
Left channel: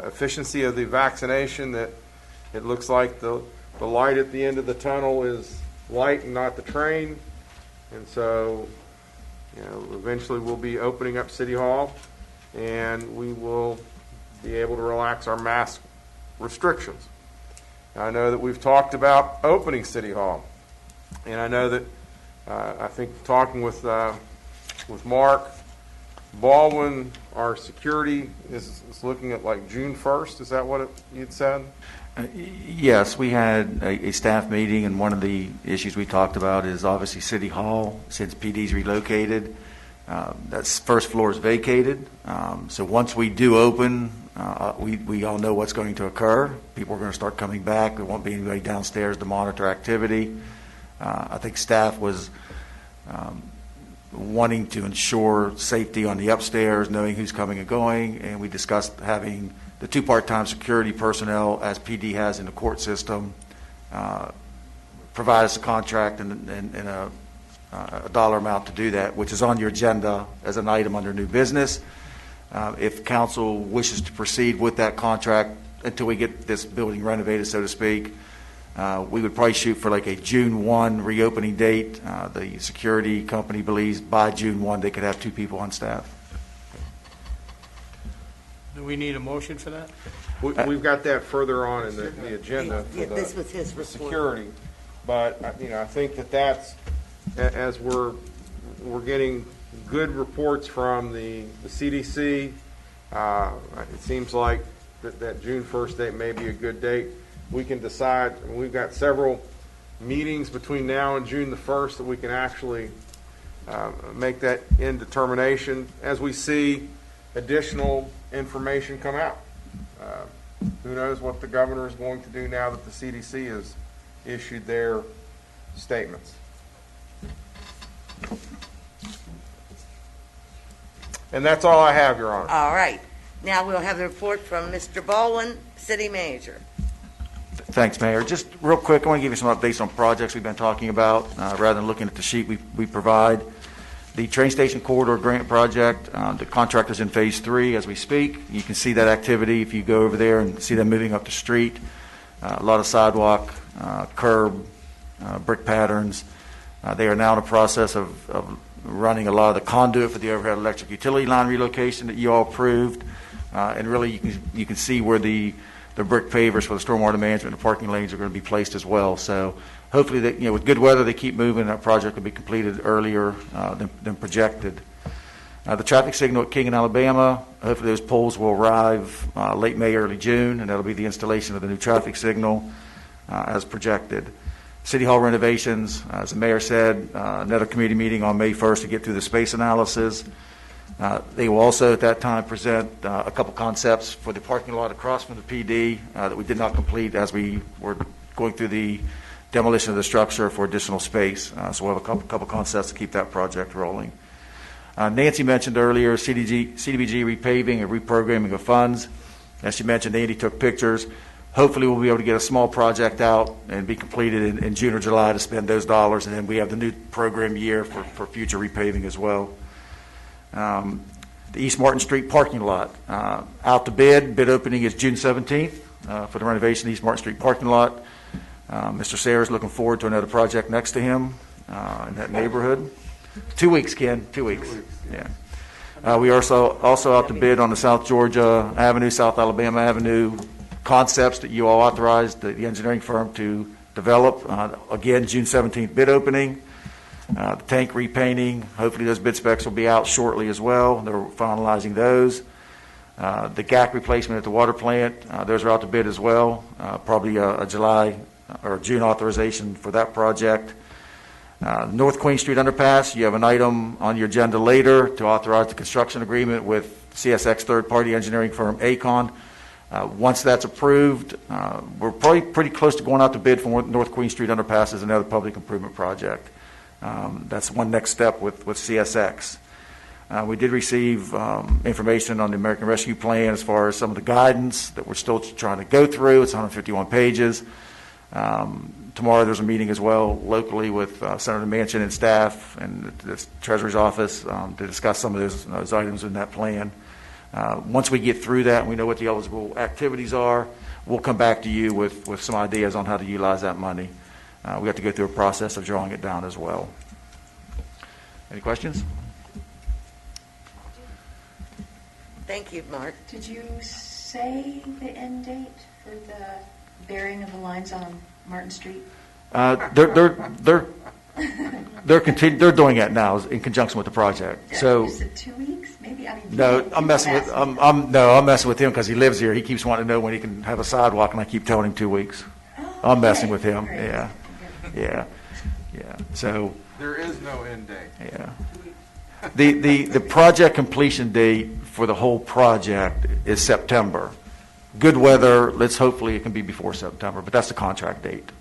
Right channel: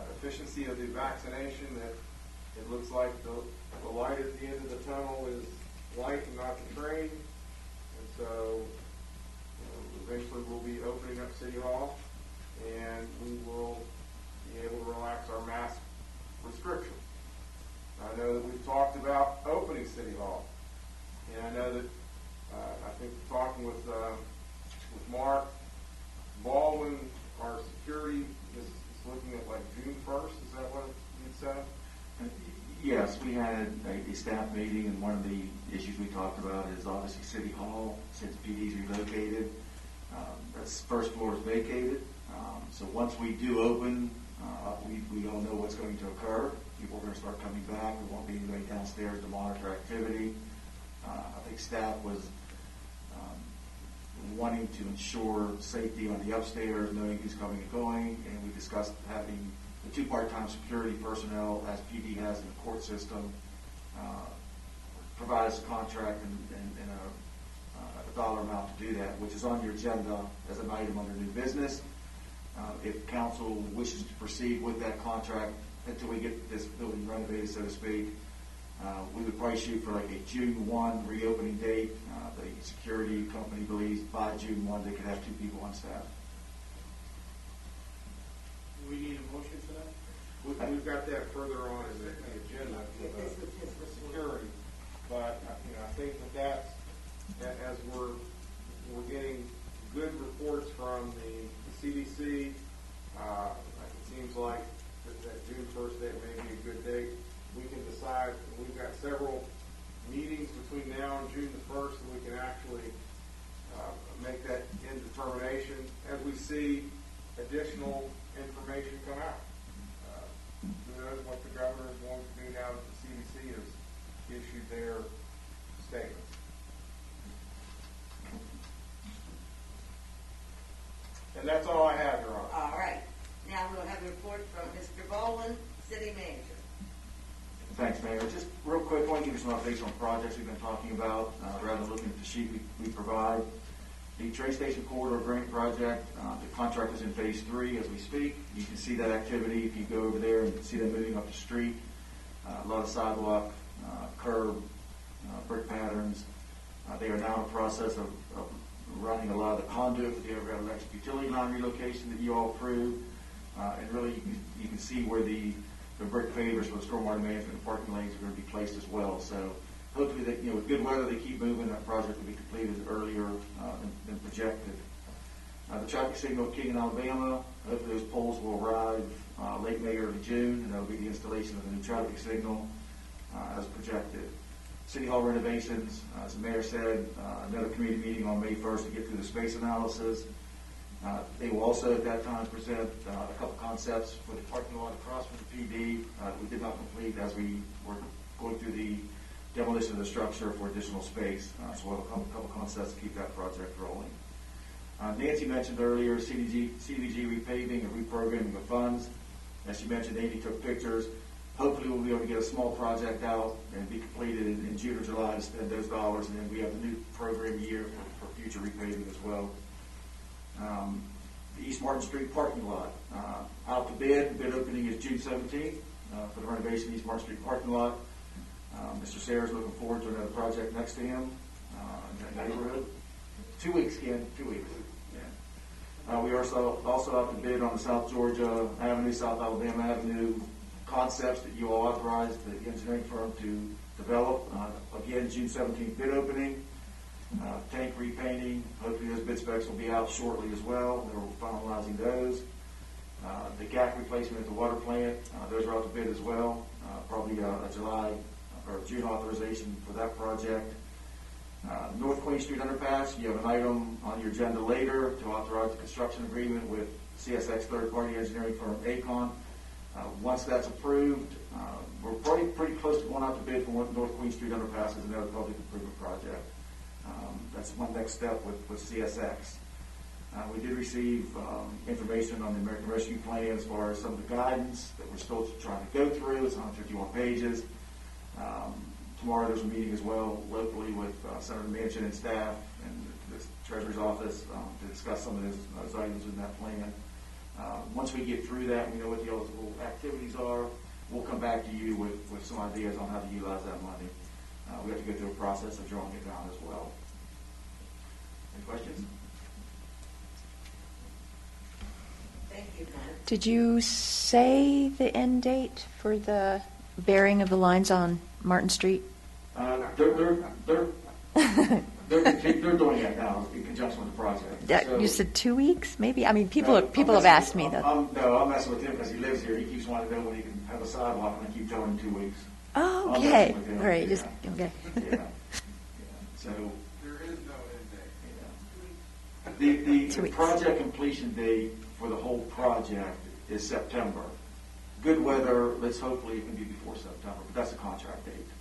efficiency of the vaccination, that it looks like the light at the end of the tunnel is light and not the train. And so, eventually we'll be opening up City Hall, and we will be able to relax our mask restrictions. I know that we've talked about opening City Hall, and I know that I think talking with Mark Baldwin, our security is looking at like June 1st. Is that what you'd said? Yes, we had a staff meeting, and one of the issues we talked about is obviously City Hall, since PD's relocated. That first floor is vacated. So once we do open, we all know what's going to occur. People are going to start coming back. There won't be anybody downstairs to monitor activity. I think staff was wanting to ensure safety on the upstairs, knowing who's coming and going, and we discussed having the 2 part-time security personnel, as PD has in the court system, provide us a contract and a dollar amount to do that, which is on your agenda as an item under new business. If council wishes to proceed with that contract until we get this building renovated, so to speak, we would probably shoot for like a June 1 reopening date. The security company believes by June 1 they could have 2 people on staff. Do we need a motion for that? We've got that further on in the agenda for This was his the report. security. But, I think that's, as we're getting good reports from the CDC, it seems like that June 1st date may be a good date. We can decide, we've got several meetings between now and June the 1st that we can actually make that indetermination as we see additional information come out. Who knows what the governor is going to do now that the CDC has issued their statements. And that's all I have, Your Honor. All right. Now we'll have the report from Mr. Baldwin, City Manager. Thanks, Mayor. Just real quick, I want to give you some updates on projects we've been talking about, rather than looking at the sheet we provide. The train station corridor grant project, the contractor's in phase 3 as we speak. You can see that activity if you go over there and see them moving up the street. A lot of sidewalk, curb, brick patterns. They are now in the process of running a lot of the conduit for the overhead electric utility line relocation that you all approved. And really you can see where the brick pavers for the stormwater management and parking lanes are going to be placed as well. So hopefully, with good weather, they keep moving. That project will be completed earlier than projected. The traffic signal at King and Alabama, hopefully those poles will arrive late May, early June, and that'll be the installation of the new traffic signal as projected. City Hall renovations, as the mayor said, another committee meeting on May 1st to get through the space analysis. They will also at that time present a couple concepts for the parking lot across from the PD that we did not complete as we were going through the demolition of the structure for additional space. So we'll have a couple concepts to keep that project rolling. Nancy mentioned earlier CDBG repaving and reprogramming of funds. As she mentioned, Andy took pictures. Hopefully we'll be able to get a small project out and be completed in June or July to spend those dollars, and then we have the new program year for future repaving as well. The East Martin Street parking lot, out to bid opening is June 17th for the renovation of the East Martin Street parking lot. Mr. Sayers looking forward to another project next to him in that neighborhood. 2 weeks, Ken, 2 weeks. Yeah. We are also out to bid on the South Georgia Avenue, South Alabama Avenue concepts that you all authorized the engineering firm to develop. Again, June 17th bid opening. The tank repainting, hopefully those bid specs will be out shortly as well. They're finalizing those. The GAC replacement at the water plant, those are out to bid as well. Probably a July or June authorization for that project. North Queen Street underpass, you have an item on your agenda later to authorize the construction agreement with CSX third-party engineering firm ACON. Once that's approved, we're probably pretty close to going out to bid for North Queen Street underpass as another public improvement project. That's one next step with CSX. We did receive information on the American Rescue Plan as far as some of the guidance that we're still trying to go through. It's 151 pages. Tomorrow there's a meeting as well locally with Senator Manchin and staff and the Treasury's office to discuss some of those items in that plan. Once we get through that, and we know what the eligible activities are, we'll come back to you with some ideas on how to utilize that money. We have to go through a process of drawing it down as well. Any questions? Thank you, Mark. Did you say the end date for the burying of the lines on Martin Street? They're doing that now in conjunction with the project. So You said 2 weeks, maybe? I mean, no, people have asked me that. I'm messing with him because he lives here. He keeps wanting to know when he can have a sidewalk, and I keep telling him 2 weeks. Oh, I'm messing okay. with him. All right. Yeah, Okay. yeah. So There is no end date. yeah, the project completion date for the whole project is September. Good weather. Hopefully it can be before September, but that's the contract date.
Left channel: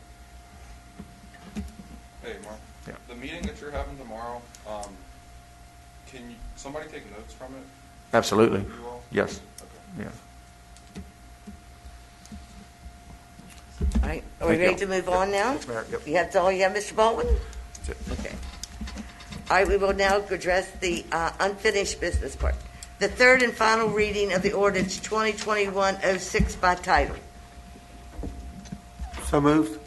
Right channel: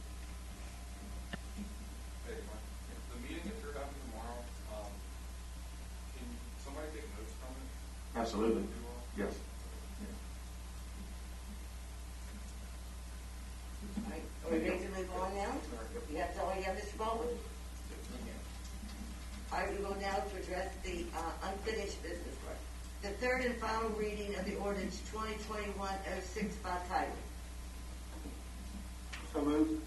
Hey, Mark. Yeah. The meeting that you're having tomorrow, can somebody take notes from it? Absolutely. You all? Yes. Yeah. All right, are we Thank you. ready to move on now? Yes, Mayor. Yep. You have all you have, Mr. Baldwin? That's it. Okay. All right, we will now address the unfinished business part. The third and final reading of the ordinance 2021-06 by title. So moved.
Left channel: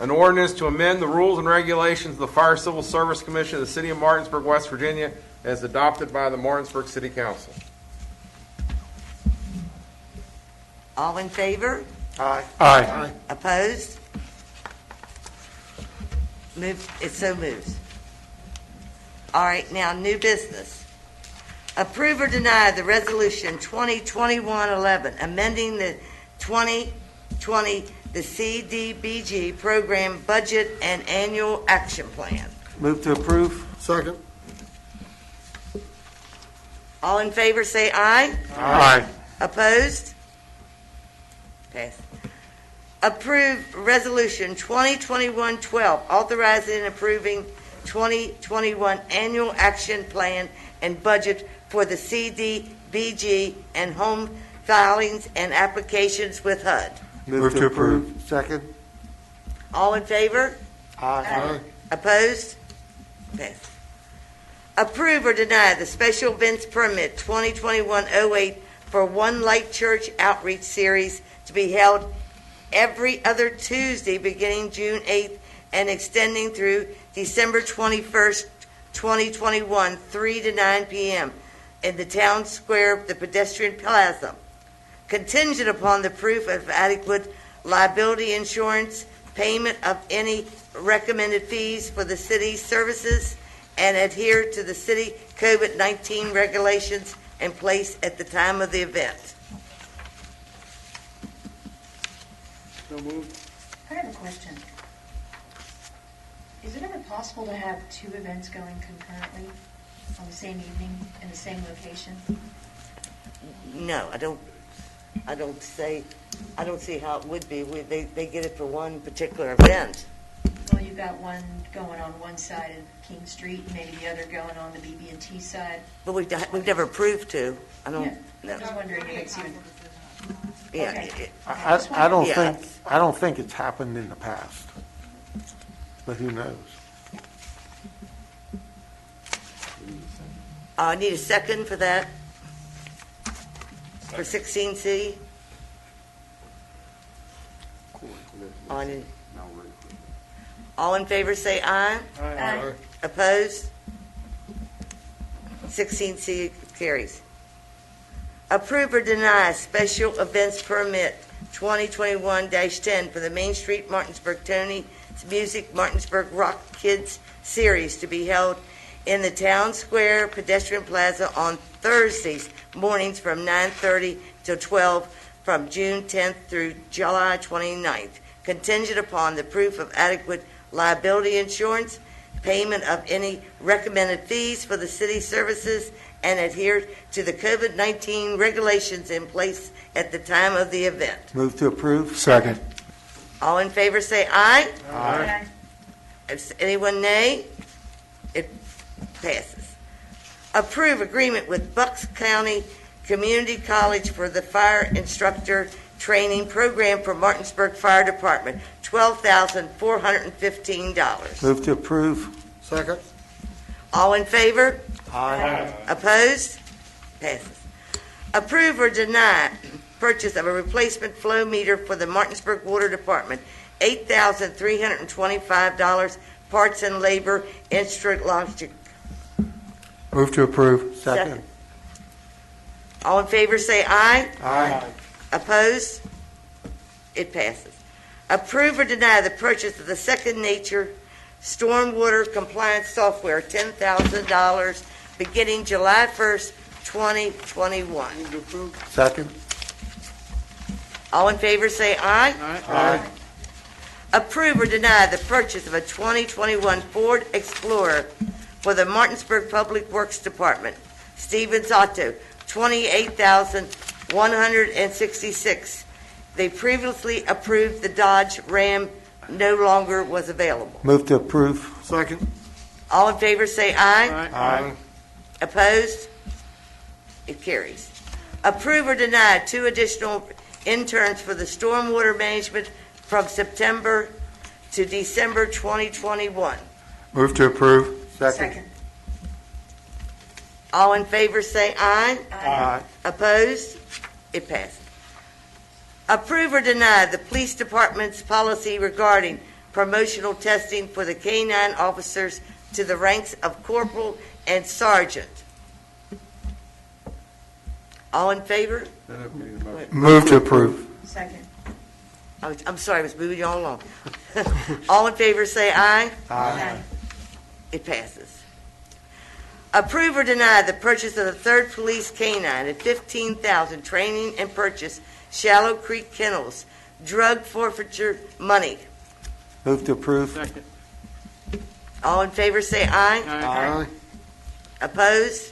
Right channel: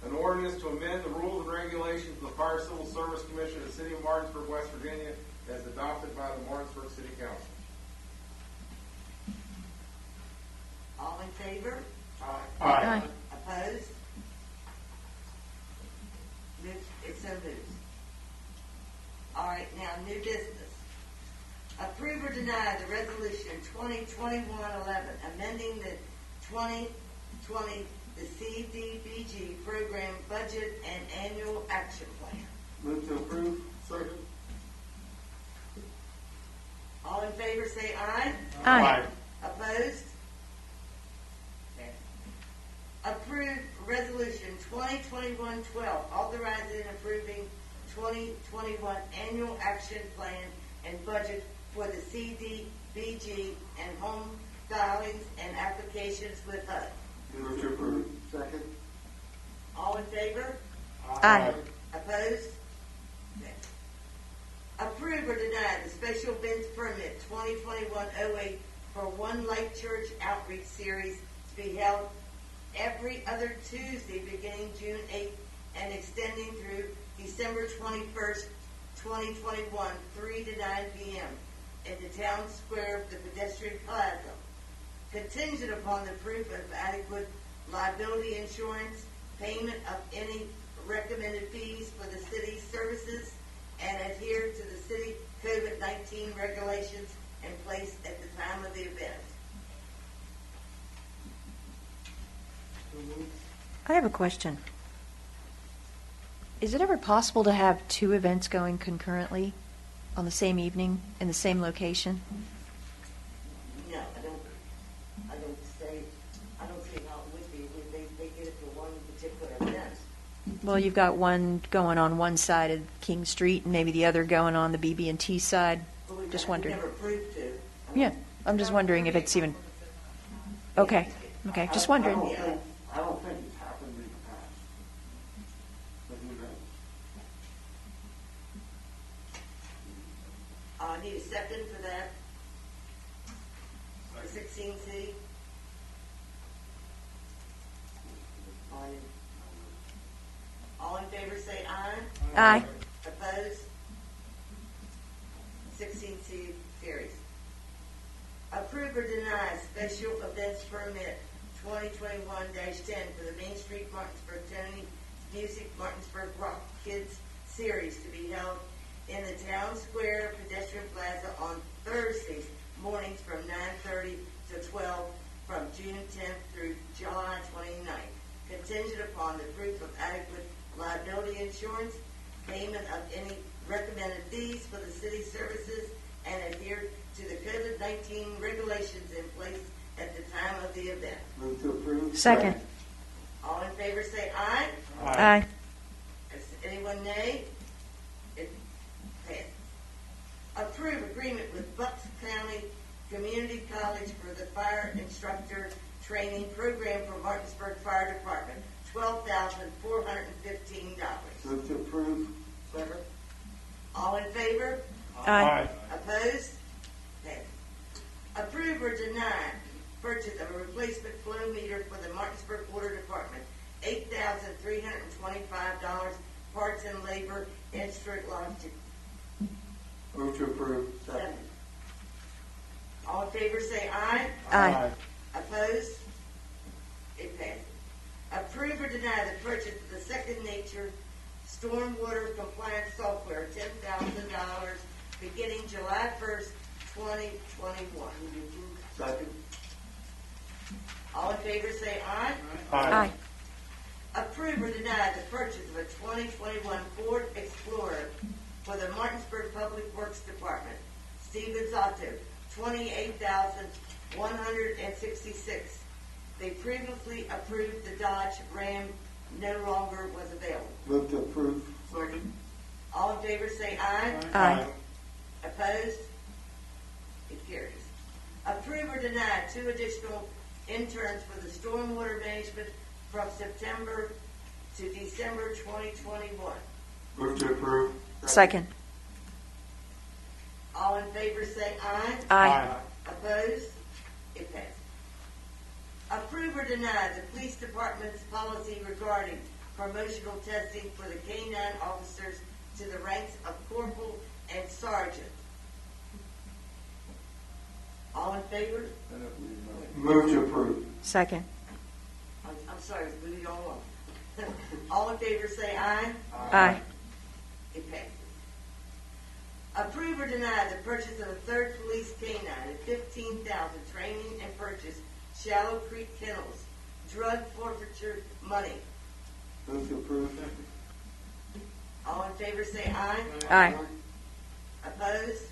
An ordinance to amend the rules and regulations of the Fire Civil Service Commission of the City of Martinsburg, West Virginia, as adopted by the Martinsburg City Council. All in favor? Aye. Opposed? It so moves. All right, now, new business. Approve or deny the resolution 2021-11, amending the 2020, the CDBG program budget and annual action plan. Move to approve. Second. All in favor, say aye. Aye. Opposed? Pass. Approve Resolution 2021-12, authorizing and approving 2021 Annual Action Plan and Budget for the CDBG and home filings and applications with HUD. Move to approve. Second. All in favor? Aye. Opposed? Pass. Approve or deny the special events permit 2021-08 for One Light Church Outreach Series to be held every other Tuesday beginning June 8th and extending through December 21st, 2021, 3 to 9 p.m. in the town square, the pedestrian plaza. Contingent upon the proof of adequate liability insurance, payment of any recommended fees for the city's services, and adhere to the city COVID-19 regulations in place at the time of the event. I have a question. Is it ever possible to have two events going concurrently on the same evening in the same location? No, I don't see how it would be. They get it for one particular event. Well, you've got one going on one side of King Street and maybe the other going on the BB&T side. But we've Just wondering. never proved to. Yeah, I'm just wondering if it's even, Yeah, okay, okay, I just wondering. I don't think it's happened in the past, but who knows? I need a second for that. For 16C. All in favor, say aye. Aye. Opposed? 16C carries. Approve or deny special events permit 2021-10 for the Main Street Martinsburg Tony's Music Martinsburg Rock Kids Series to be held in the Town Square Pedestrian Plaza on Thursdays mornings from 9:30 till 12 from June 10th through July 29th, contingent upon the proof of adequate liability insurance, payment of any recommended fees for the city services, and adhere to the COVID-19 regulations in place at the time of the event. Move to approve. Second. All in favor say aye. Aye. If anyone nay, it passes. Approve agreement with Bucks County Community College for the Fire Instructor Training Program for Martinsburg Fire Department, $12,415. Move to approve. Second. All in favor? Aye. Opposed? Passes. Approve or deny purchase of a replacement flow meter for the Martinsburg Water Department, $8,325, parts and labor, Instruct Logic. Move to approve. Second. All in favor say aye. Aye. Opposed? It passes. Approve or deny the purchase of the Second Nature Stormwater Compliance Software, $10,000, beginning July 1st, 2021. Second. All in favor say aye. Aye. Approve or deny the purchase of a 2021 Ford Explorer for the Martinsburg Public Works Department. Stevens Auto, $28,166. They previously approved the Dodge Ram, no longer was available. Move to approve. Second. All in favor say aye. Aye. Opposed? It carries. Approve or deny 2 additional interns for the stormwater management from September to December 2021. Move to approve. Second. All in favor say aye. Aye. Opposed? It passes. Approve or deny the police department's policy regarding promotional testing for the K-9 officers to the ranks of corporal and sergeant. All in favor? Move to approve. Second. I'm sorry, I was moving you all along. All in favor say aye. Aye. It passes. Approve or deny the purchase of the 3rd Police K-9 at $15,000, training and purchase Shallow Creek Kennels, drug forfeiture money. Move to approve. Second. All in favor say aye. Aye. Opposed?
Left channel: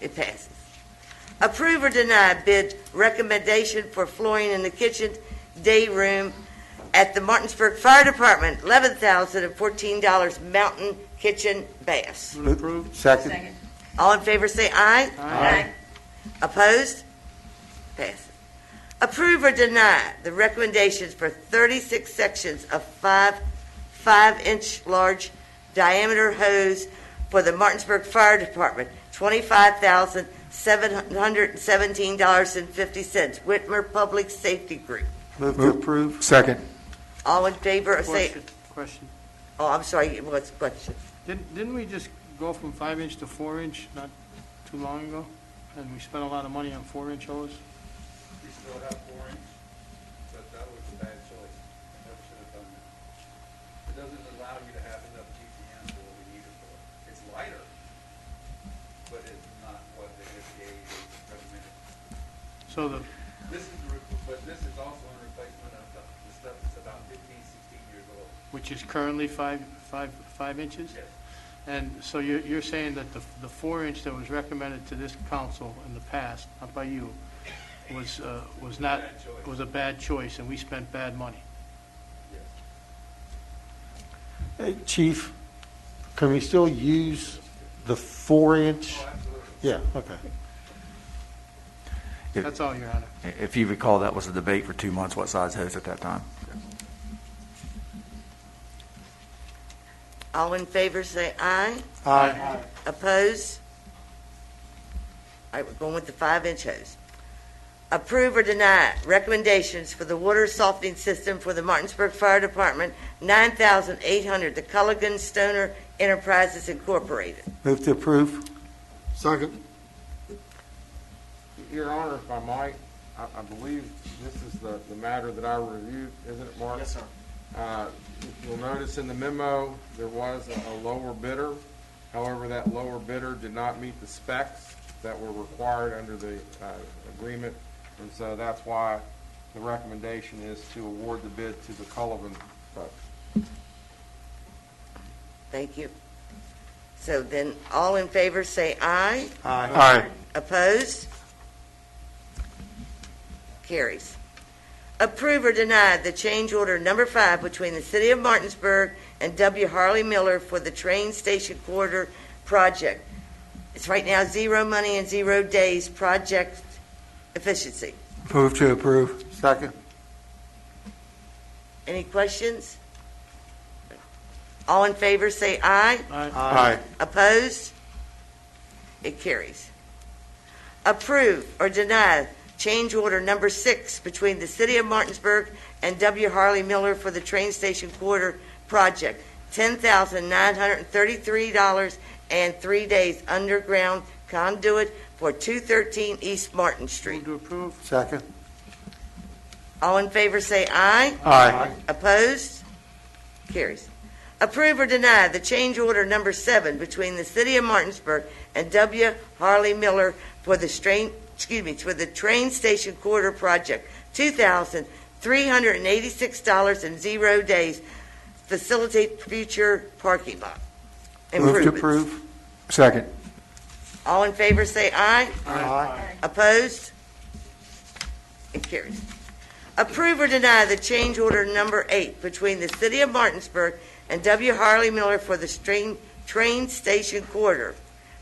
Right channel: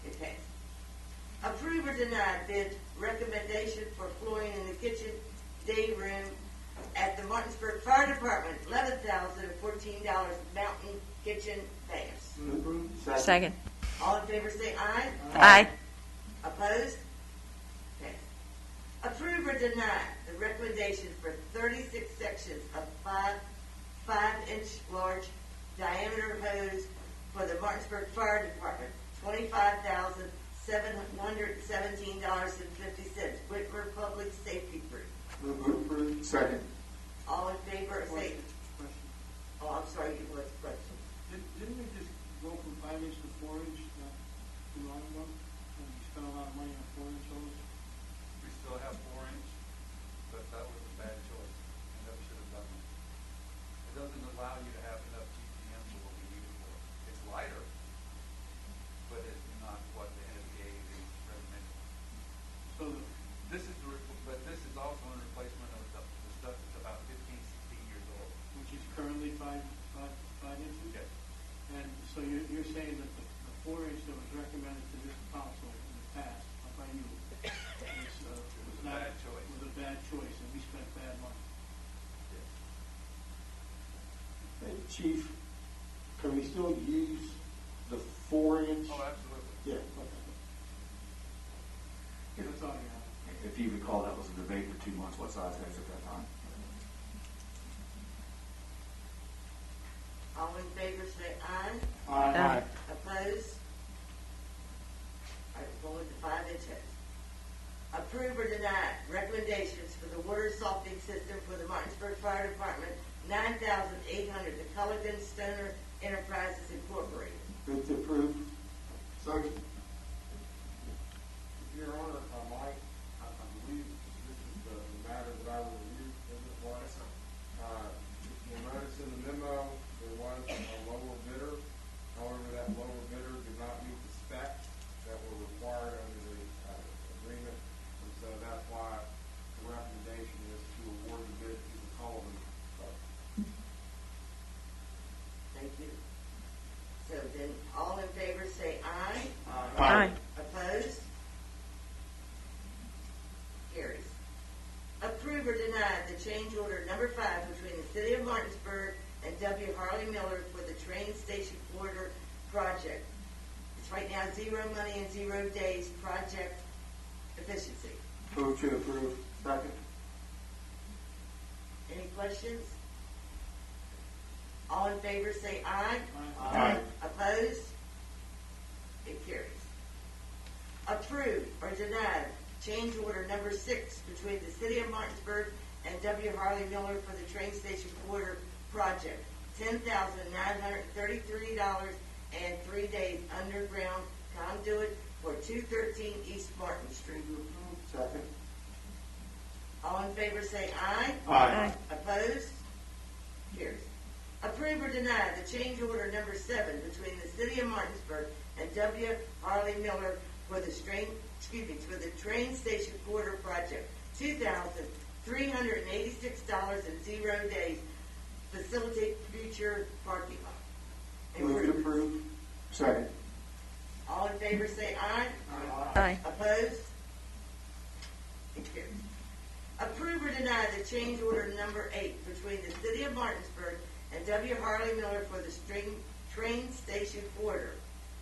It passes. Approve or deny bid recommendation for flooring in the kitchen day room at the Martinsburg Fire Department, $11,014, Mountain Kitchen Baths. Move to approve. Second. Second. All in favor say aye. Aye. Opposed? Passes. Approve or deny the recommendations for 36 sections of 5-inch large diameter hose for the Martinsburg Fire Department, $25,717.50, Whitmer Public Safety Group. Move to approve. Second. All in favor of say, Question. oh, I'm sorry, what's the question? Didn't we just go from 5-inch to 4-inch not too long ago? And we spent a lot of money on 4-inch hose? We still have 4-inch, but that was a bad choice. I never should have done that. It doesn't allow you to have enough GPM for what we need it for. It's lighter, but it's not what the FDA recommended. So the, But this is also in replacement of the stuff that's about 15, 16 years old. which is currently 5 inches? Yes. And so you're saying that the 4-inch that was recommended to this council in the past, not by you, was not, Bad choice. was a bad choice, and we spent bad money? Hey, Chief, can we still use the 4-inch? Oh, absolutely. Yeah, okay. That's all, Your Honor. If you recall, that was a debate for 2 months, what size hose at that time. All in favor say aye. Aye. Opposed? All right, we're going with the 5-inch hose. Approve or deny recommendations for the water softening system for the Martinsburg Fire Department, $9,800, the Culligan Stoner Enterprises Incorporated. Move to approve. Second. Your Honor, if I might, I believe this is the matter that I reviewed, isn't it, Mark? Yes, sir. You'll notice in the memo, there was a lower bidder. However, that lower bidder did not meet the specs that were required under the agreement. And so that's why the recommendation is to award the bid to the Cullivan folks. Thank you. So then, all in favor say aye. Aye. Opposed? Carries. Approve or deny the change order number 5 between the City of Martinsburg and W. Harley Miller for the train station corridor project. It's right now 0 money and 0 days project efficiency. Move to approve. Second. Any questions? All in favor, say aye. Aye. Opposed? It carries. Approve or deny change order number 6 between the City of Martinsburg and W. Harley Miller for the train station quarter project, $10,933 and 3 days underground conduit for 213 East Martin Street. To approve. Second. All in favor say aye. Aye. Opposed? Carries. Approve or deny the change order number 7 between the City of Martinsburg and W. Harley Miller for the for the train station quarter project, $2,386 and 0 days. Facilitate future parking lot Move to improvements. approve. Second. All in favor say aye. Aye. Opposed? It carries. Approve or deny the change order number 8 between the City of Martinsburg and W. Harley Miller for the train station quarter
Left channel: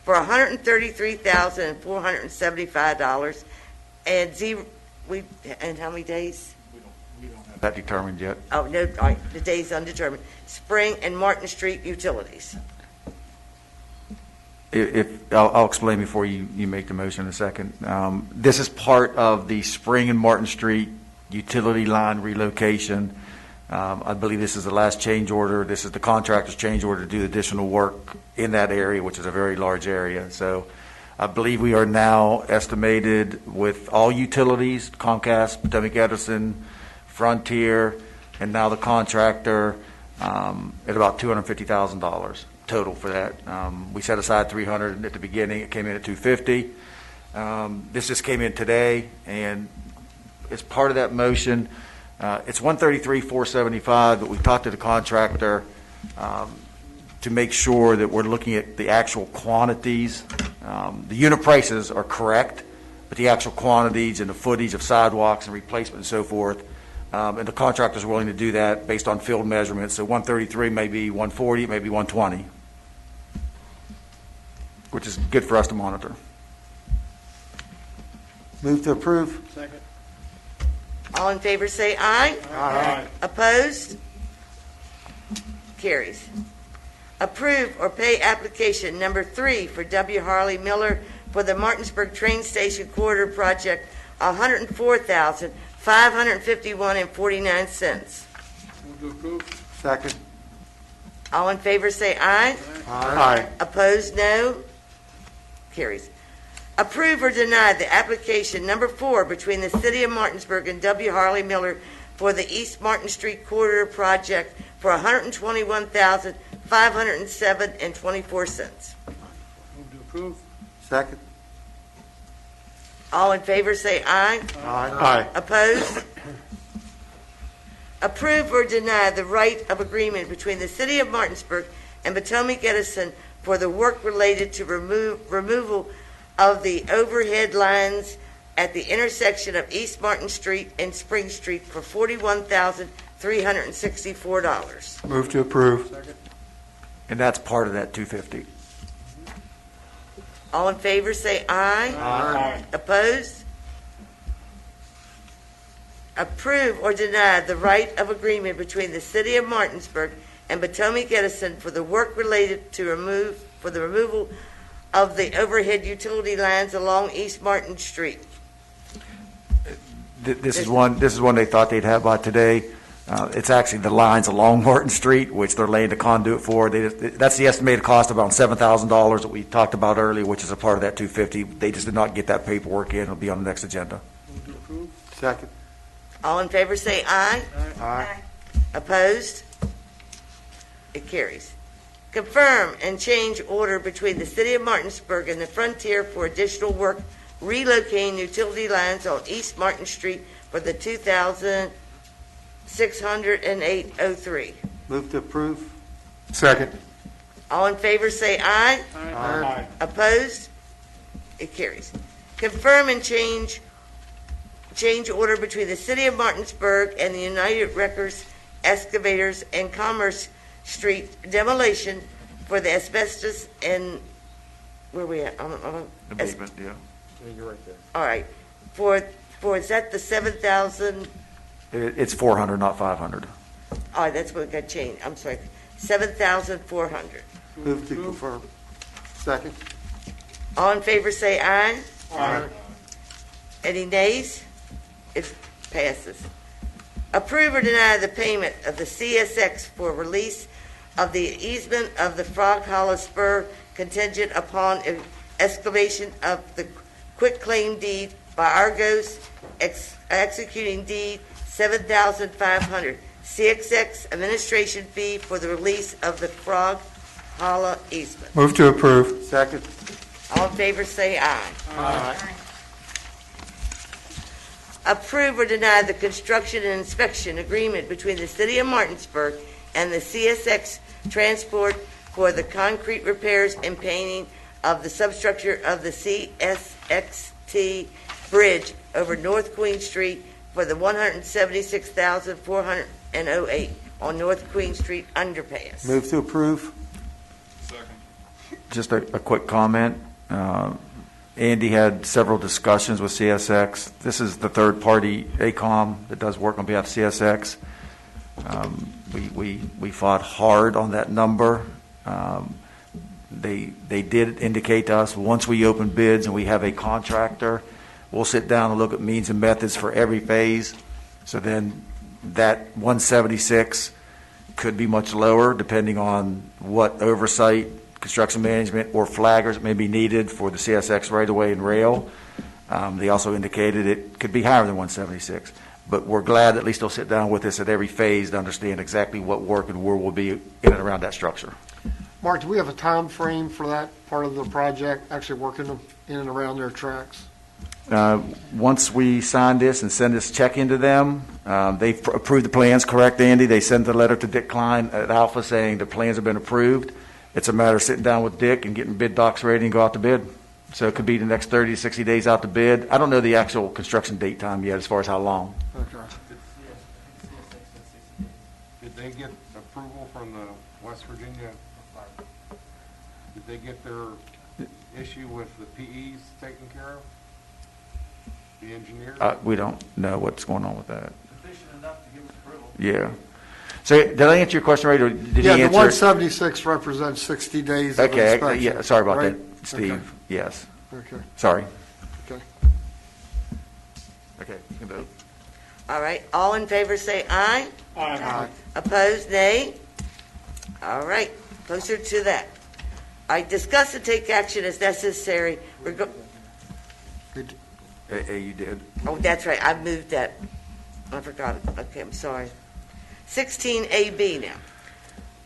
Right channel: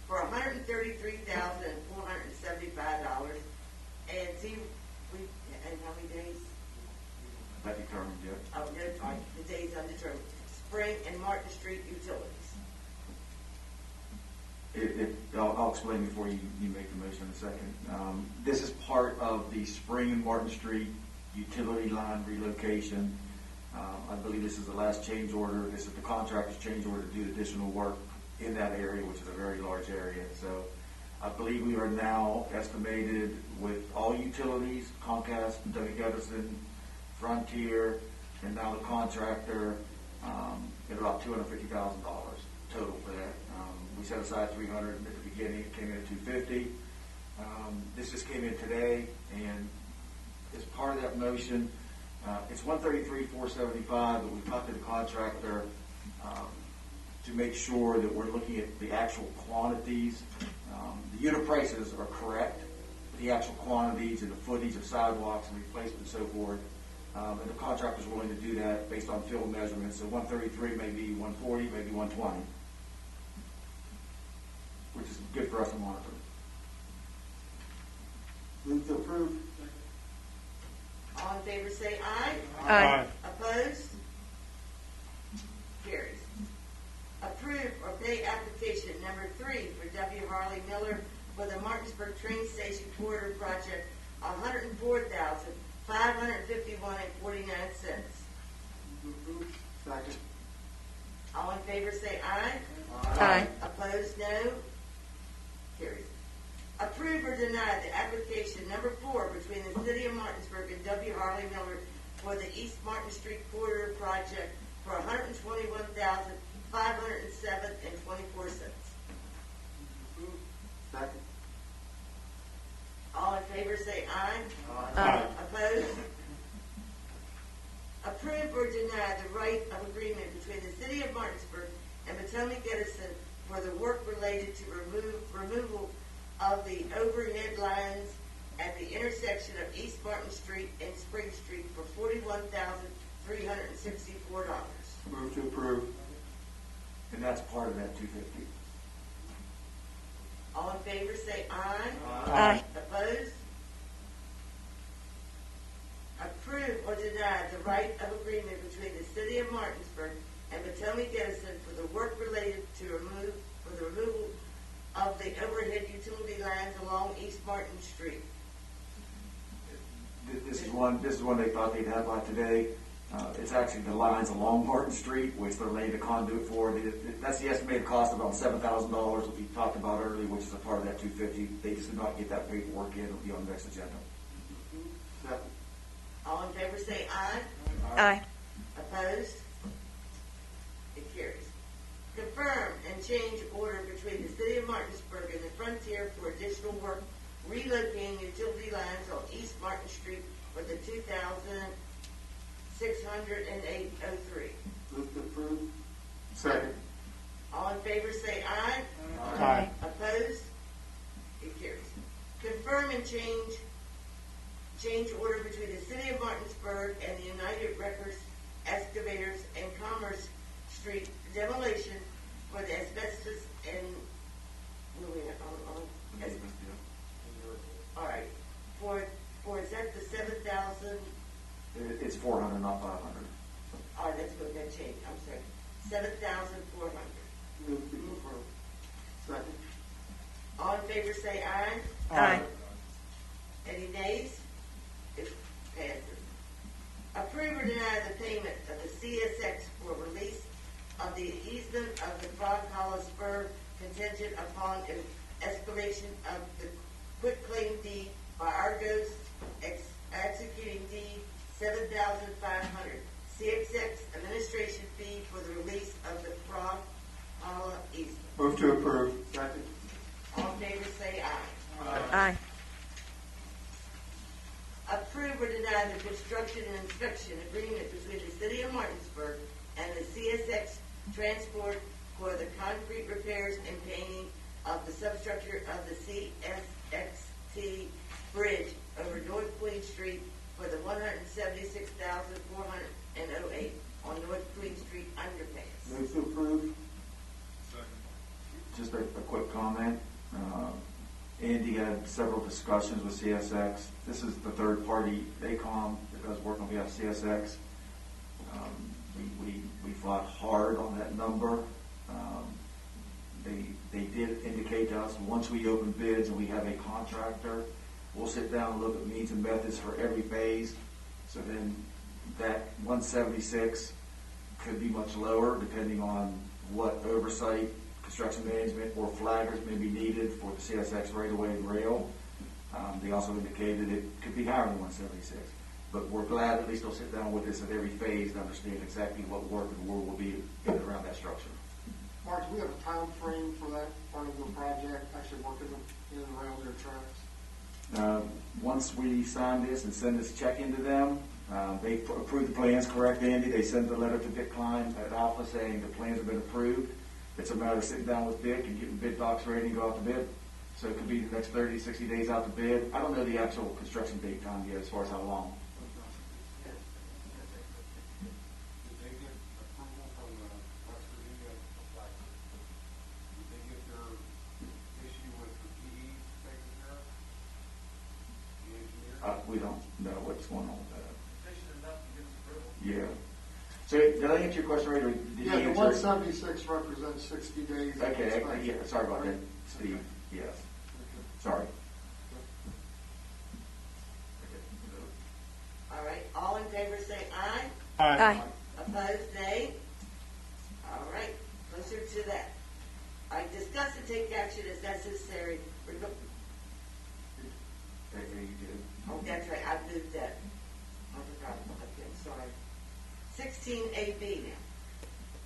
for $133,475 and and how many days? Not determined yet. Oh, no, all right, the days undetermined. Spring and Martin Street utilities. I'll explain before you make the motion in a second. This is part of the Spring and Martin Street utility line relocation. I believe this is the last change order. This is the contractor's change order to do additional work in that area, which is a very large area. So I believe we are now estimated with all utilities, Comcast, Potomac Edison, Frontier, and now the contractor, at about $250,000 total for that. We set aside $300 at the beginning. It came in at $250. This just came in today, and as part of that motion, it's $133,475, but we've talked to the contractor to make sure that we're looking at the actual quantities. The unit prices are correct, but the actual quantities and the footage of sidewalks and replacement and so forth, and the contractor's willing to do that based on field measurements. So 133 may be 140, maybe 120, which is good for us to monitor. Move to approve. Second. All in favor say aye. Aye. Opposed? Carries. Approve or pay application number 3 for W. Harley Miller for the Martinsburg Train Station Quarter Project, $104,551.49. Move to approve. Second. All in favor say aye. Aye. Opposed, no. Carries. Approve or deny the application number 4 between the City of Martinsburg and W. Harley Miller for the East Martin Street Corridor Project for $121,507.24. Move to approve. Second. All in favor say aye. Aye. Opposed? Approve or deny the right of agreement between the City of Martinsburg and Potomac Edison for the work related to removal of the overhead lines at the intersection of East Martin Street and Spring Street for $41,364. Move to approve. Second. And that's part of that 250. All in favor say aye. Aye. Opposed? Approve or deny the right of agreement between the City of Martinsburg and Potomac Edison for the work related to the removal of the overhead utility lines along East Martin Street. This is one they thought they'd have by today. It's actually the lines along Martin Street, which they're laying the conduit for. That's the estimated cost of about $7,000 that we talked about earlier, which is a part of that 250. They just did not get that paperwork in. It'll be on the next agenda. Move to approve. Second. All in favor say aye. Aye. Opposed? It carries. Confirm and change order between the City of Martinsburg and the Frontier for additional work relocating utility lines on East Martin Street for the 2,608.03. Move to approve. Second. All in favor say aye. Aye. Opposed? It carries. Confirm and change order between the City of Martinsburg and the United Wreckers Excavators and Commerce Street demolition for the asbestos and, where we at? Abatement, yeah. You're right there. All right. Is that the 7,000? It's 400, not 500. All right, that's what got changed. I'm sorry. $7,400. Move to confirm. Second. All in favor say aye. Aye. Any nays? It passes. Approve or deny the payment of the CSX for release of the easement of the Frog Hollow Spur contingent upon excavation of the quitclaim deed by Argos executing deed 7,500. CXX administration fee for the release of the Frog Hollow easement. Move to approve. Second. All in favor say aye. Aye. Approve or deny the construction and inspection agreement between the City of Martinsburg and the CSX Transport for the concrete repairs and painting of the substructure of the CSXT Bridge over North Queen Street for the $176,408 on North Queen Street underpass. Move to approve. Just a quick comment. Andy had several discussions with CSX. This is the third party, ACOM, that does work on behalf of CSX. We fought hard on that number. They did indicate to us, once we open bids and we have a contractor, we'll sit down and look at means and methods for every phase. So then that 176 could be much lower depending on what oversight, construction management, or flaggers may be needed for the CSX right-of-way and rail. They also indicated it could be higher than 176. But we're glad at least they'll sit down with us at every phase to understand exactly what work and where we'll be in and around that structure. Mark, do we have a time frame for that part of the project, actually working in and around their tracks? Once we sign this and send this check into them, they've approved the plans, correct, Andy? They sent the letter to Dick Klein at Alpha saying the plans have been approved. It's a matter of sitting down with Dick and getting bid docs ready and go out to bid. So it could be the next 30 to 60 days out to bid. I don't know the actual construction date time yet as far as how long. Okay. Did they get approval from the West Virginia? Did they get their issue with the PEs taken care of? The engineers? We don't know what's going on with that. Yeah. So did I answer your question right, or did he Yeah, answer? the 176 represents 60 days of Okay, inspection. yeah, sorry about right? that, Steve. Okay. Yes. Okay. Sorry. Okay. Okay, you can vote. All right, all in favor say aye. Aye. Opposed, nay. All right, closer to that. I discuss and take action as necessary. You did. Oh, that's right, I moved that. I forgot it. Okay, I'm sorry. 16AB now.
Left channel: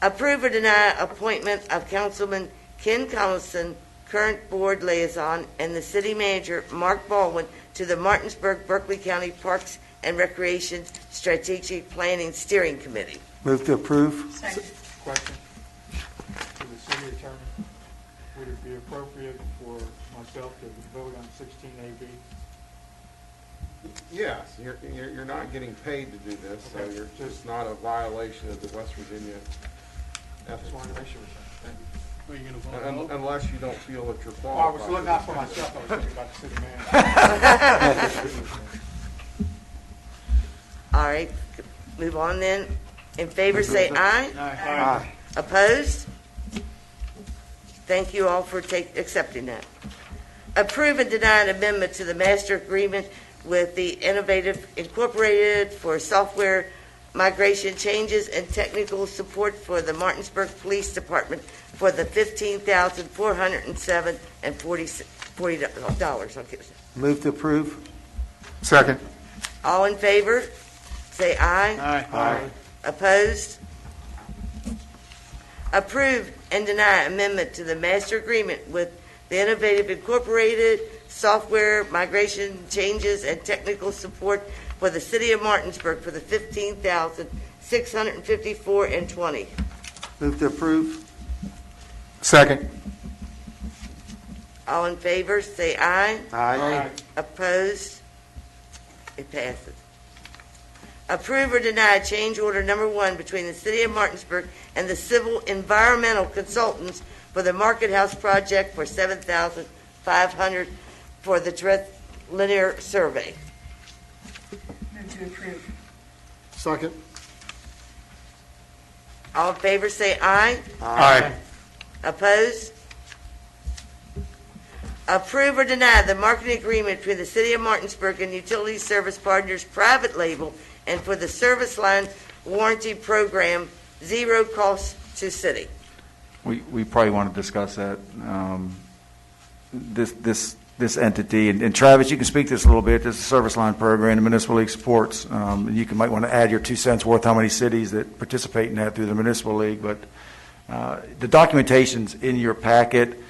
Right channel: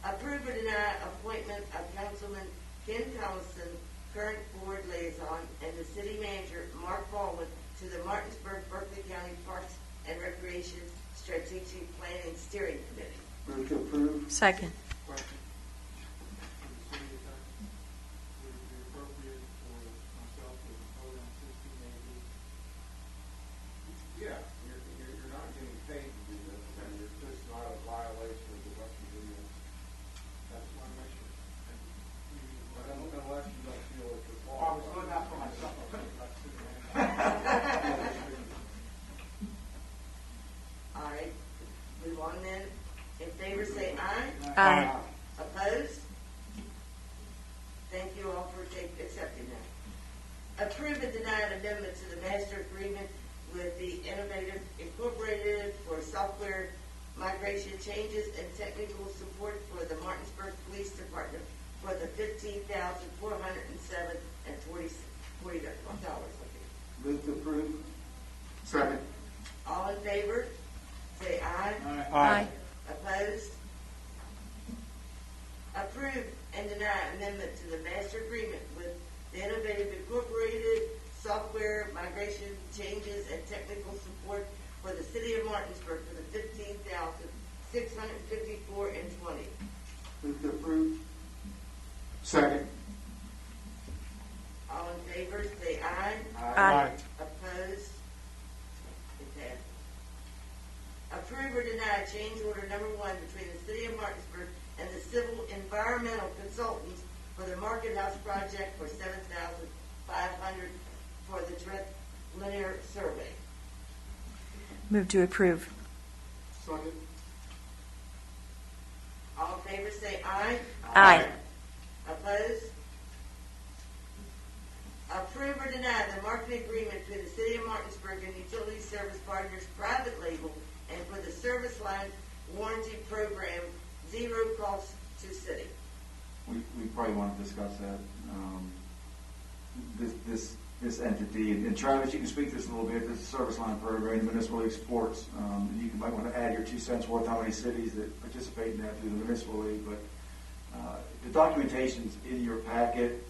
Approve or deny appointment of Councilman Ken Collison, current board liaison, and the city manager, Mark Baldwin, to the Martinsburg-Berkeley County Parks and Recreation Strategic Planning Steering Committee. Move to approve. Second. Question. To the city attorney, would it be appropriate for myself to vote on 16AB? Yes, you're not getting paid to do this, so you're just not a violation of the West Virginia ethics. Are you gonna vote? Unless you don't feel that you're Well, I qualified. was looking out for myself, I was thinking about the city manager. All right, move on then. In favor, say aye. Aye. Opposed? Thank you all for accepting that. Approve and deny an amendment to the master agreement with the Innovative Incorporated for software migration changes and technical support for the Martinsburg Police Department for the $15,407 and $40. Okay. Move to approve. Second. All in favor, say aye. Aye. Opposed? Approve and deny amendment to the master agreement with the Innovative Incorporated software migration changes and technical support for the city of Martinsburg for the $15,654 and $20. Move to approve. Second. All in favor, say aye. Aye. Opposed? It passes. Approve or deny change order number 1 between the city of Martinsburg and the civil environmental consultants for the Market House project for $7,500 for the direct linear survey. Move to approve. Second. All in favor, say aye. Aye. Opposed? Approve or deny the marketing agreement between the City of Martinsburg and Utility Service Partners Private Label and for the Service Line Warranty Program, zero cost to city. We probably want to discuss that. This entity, and Travis, you can speak to this a little bit. This is a service line program the Municipal League supports. Might want to add your 2 cents worth how many cities that participate in that through the Municipal League. But the documentation's in your packet.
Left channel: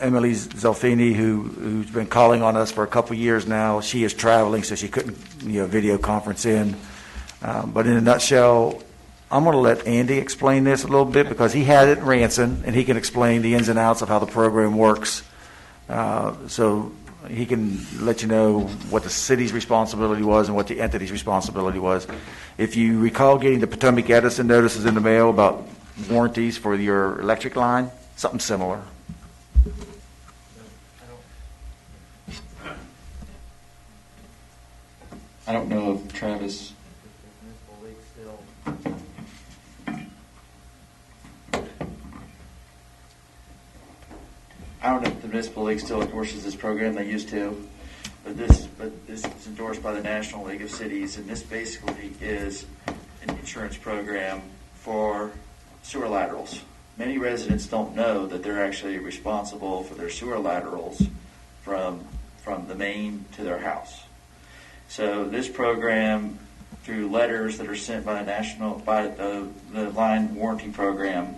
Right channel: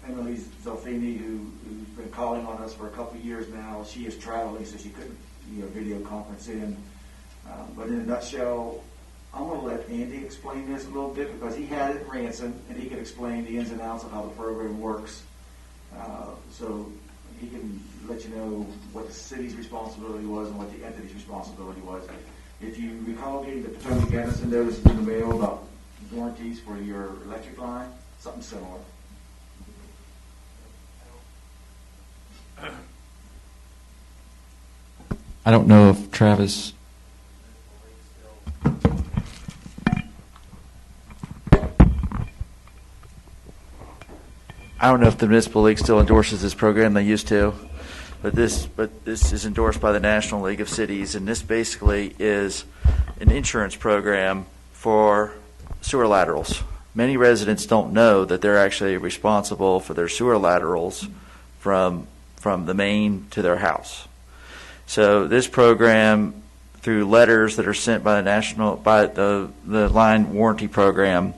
Emily Zelfini, who's been calling on us for a couple years now, she is traveling, so she couldn't video conference in. But in a nutshell, I'm going to let Andy explain this a little bit because he had it in Ranson, and he can explain the ins and outs of how the program works. So he can let you know what the city's responsibility was and what the entity's responsibility was. If you recall getting the Potomac Edison notices in the mail about warranties for your electric line, something similar. I don't know if Travis. I don't know if the Municipal League still endorses this program. They used to, but this is endorsed by the National League of Cities, and this basically is an insurance program for sewer laterals. Many residents don't know that they're actually responsible for their sewer laterals from the main to their house. So this program, through letters that are sent by the line warranty program,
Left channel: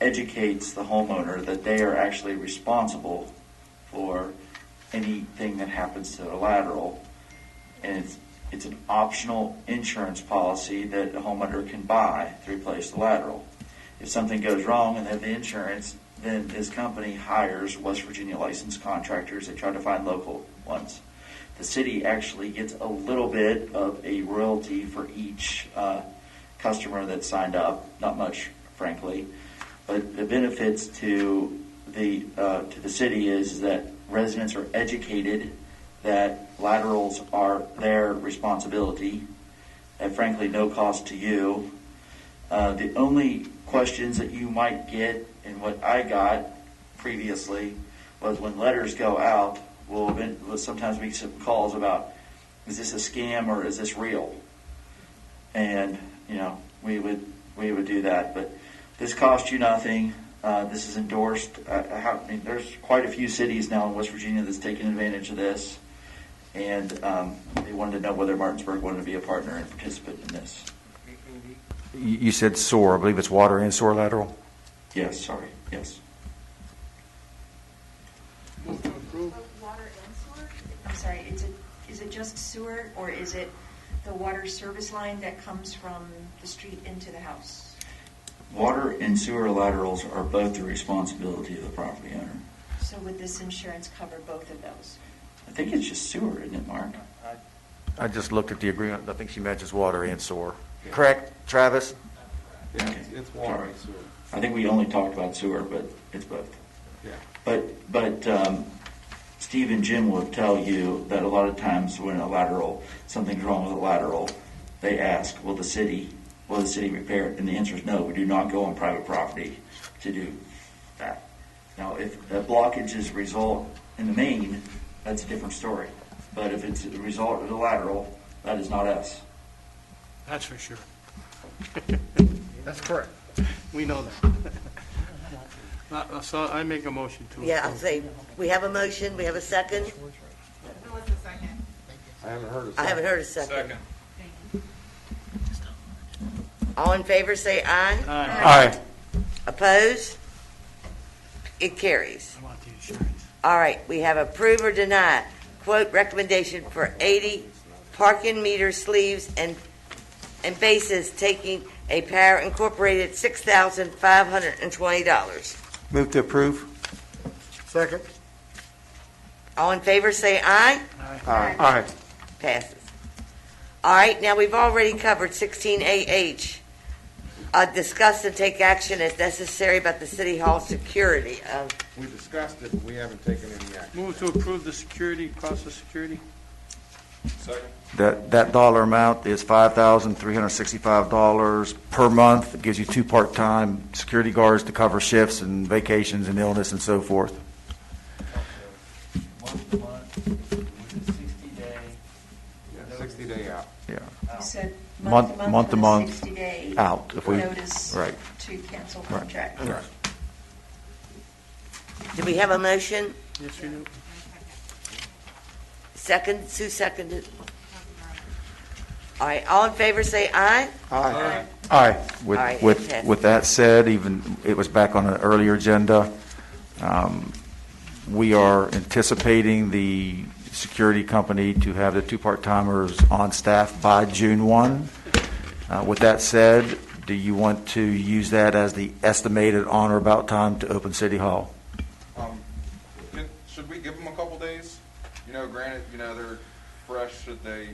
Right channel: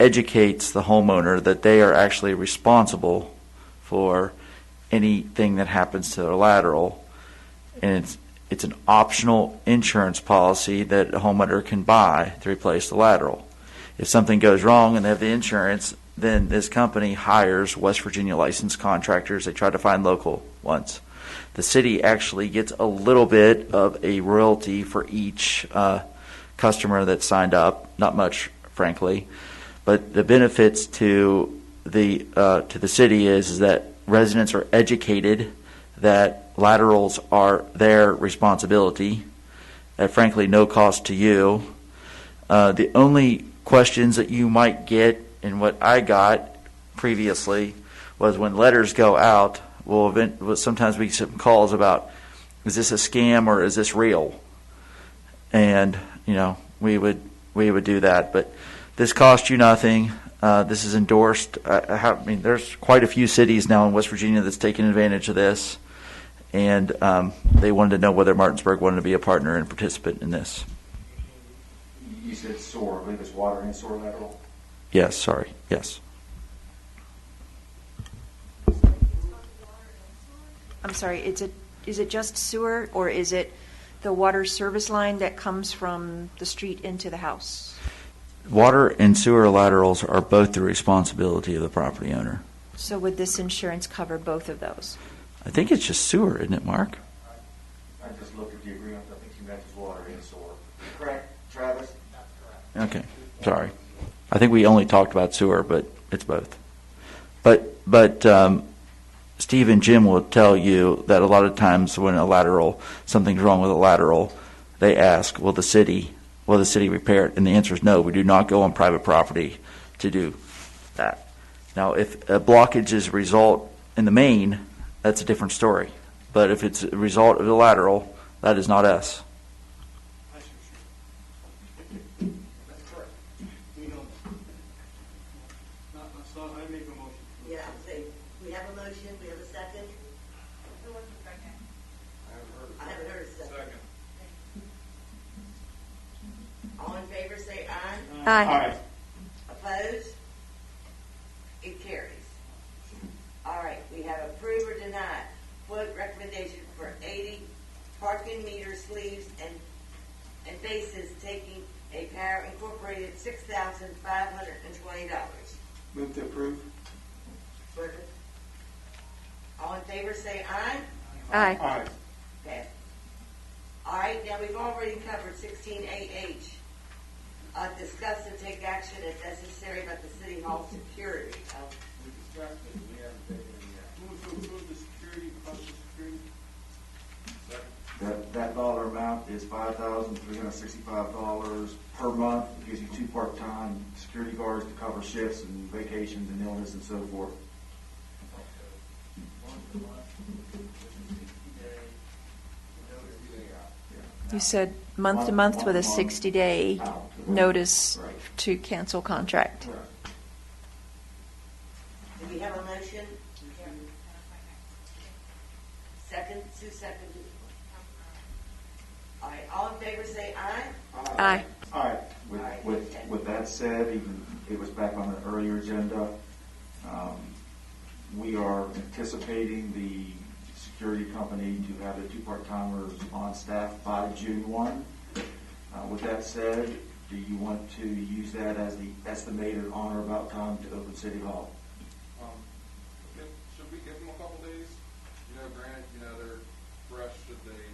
educates the homeowner that they are actually responsible for anything that happens to their lateral, and it's an optional insurance policy that a homeowner can buy to replace the lateral. If something goes wrong and they have the insurance, then this company hires West Virginia licensed contractors. They try to find local ones. The city actually gets a little bit of a royalty for each customer that signed up. Not much, frankly, but the benefits to the city is that residents are educated that laterals are their responsibility at frankly no cost to you. The only questions that you might get, and what I got previously, was when letters go out. Well, sometimes we get some calls about, is this a scam or is this real? And we would do that, but this costs you nothing. This is endorsed. There's quite a few cities now in West Virginia that's taking advantage of this, and they wanted to know whether Martinsburg wanted to be a partner and participant in this. You said sewer. I believe it's water and sewer lateral. Yes, sorry. Yes. I'm sorry, is it just sewer, or is it the water service line that comes from the street into the house? Water and sewer laterals are both the responsibility of the property owner. So would this insurance cover both of those? I think it's just sewer, isn't it, Mark? I just looked at the agreement. I think she mentions water and sewer. Correct, Travis? Okay, sorry. I think we only talked about sewer, but it's both. But Steve and Jim will tell you that a lot of times when something's wrong with a lateral, they ask, will the city repair it? And the answer is no, we do not go on private property to do that. Now, if a blockage is a result in the main, that's a different story. But if it's a result of the lateral, that is not us. That's for sure. That's correct. We know that. So I make a motion to. Yeah, I'll say, we have a motion, we have a second. Who was the second? I haven't heard a second. Second. All in favor, say aye. Aye. Opposed? It carries. All right, we have approve or deny. Quote recommendation for 80 parking meter sleeves and bases taking a Power Incorporated $6,520. Move to approve. Second. All in favor, say aye. Aye. Aye. Passes. All right, now we've already covered 16AH. Discuss and take action as necessary about the City Hall security. We discussed it, we haven't taken any action. Move to approve the security, cost of security. That dollar amount is $5,365 per month. It gives you 2 part-time security guards to cover shifts and vacations and illness and so forth. Yeah, 60-day out. Yeah. You said month to month with a 60-day out, if we- notice right. to cancel contract. Right. Do we have a motion? Yes, we do. Second, Sue seconded. All right, all in favor say aye. Aye. Aye. With, All right, with, okay. with that said, even, it was back on an earlier agenda. We are anticipating the security company to have the 2 part-timers on staff by June 1. With that said, do you want to use that as the estimated on or about time to open City Hall? Should we give them a couple days? Granted, they're fresh. Should they,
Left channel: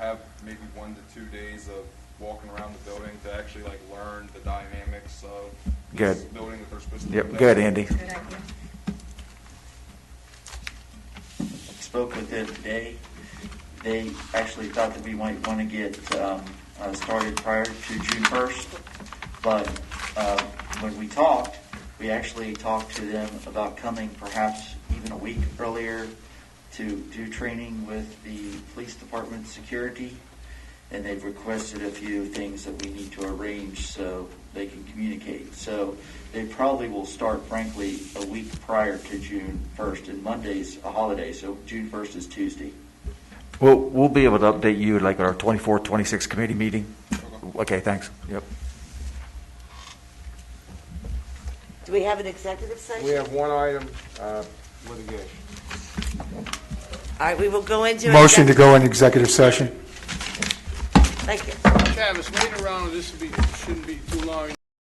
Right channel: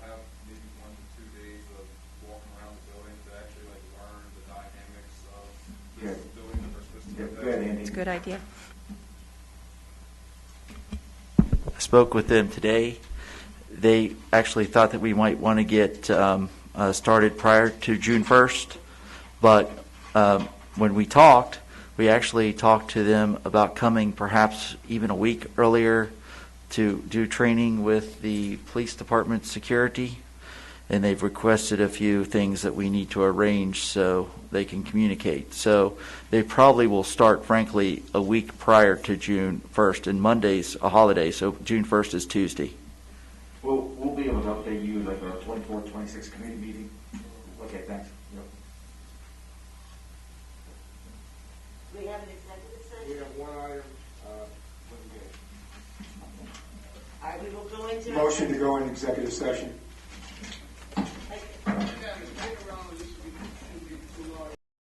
have maybe 1 to 2 days of walking around the building to actually learn the dynamics of this Good. building that they're supposed to? Yep, good, Andy. It's a good idea. Spoke with them today. They actually thought that we might want to get started prior to June 1st, but when we talked, we actually talked to them about coming perhaps even a week earlier to do training with the police department security, and they've requested a few things that we need to arrange so they can communicate. So they probably will start, frankly, a week prior to June 1st, and Monday's a holiday, so June 1st is Tuesday. We'll be able to update you at our 24th, 26th committee meeting. Okay, thanks. Yep. Do we have an executive session? We have one item, litigation. All right, we will go into. Motion to go in executive session. Thank you. Travis, wait around, this shouldn't be too long.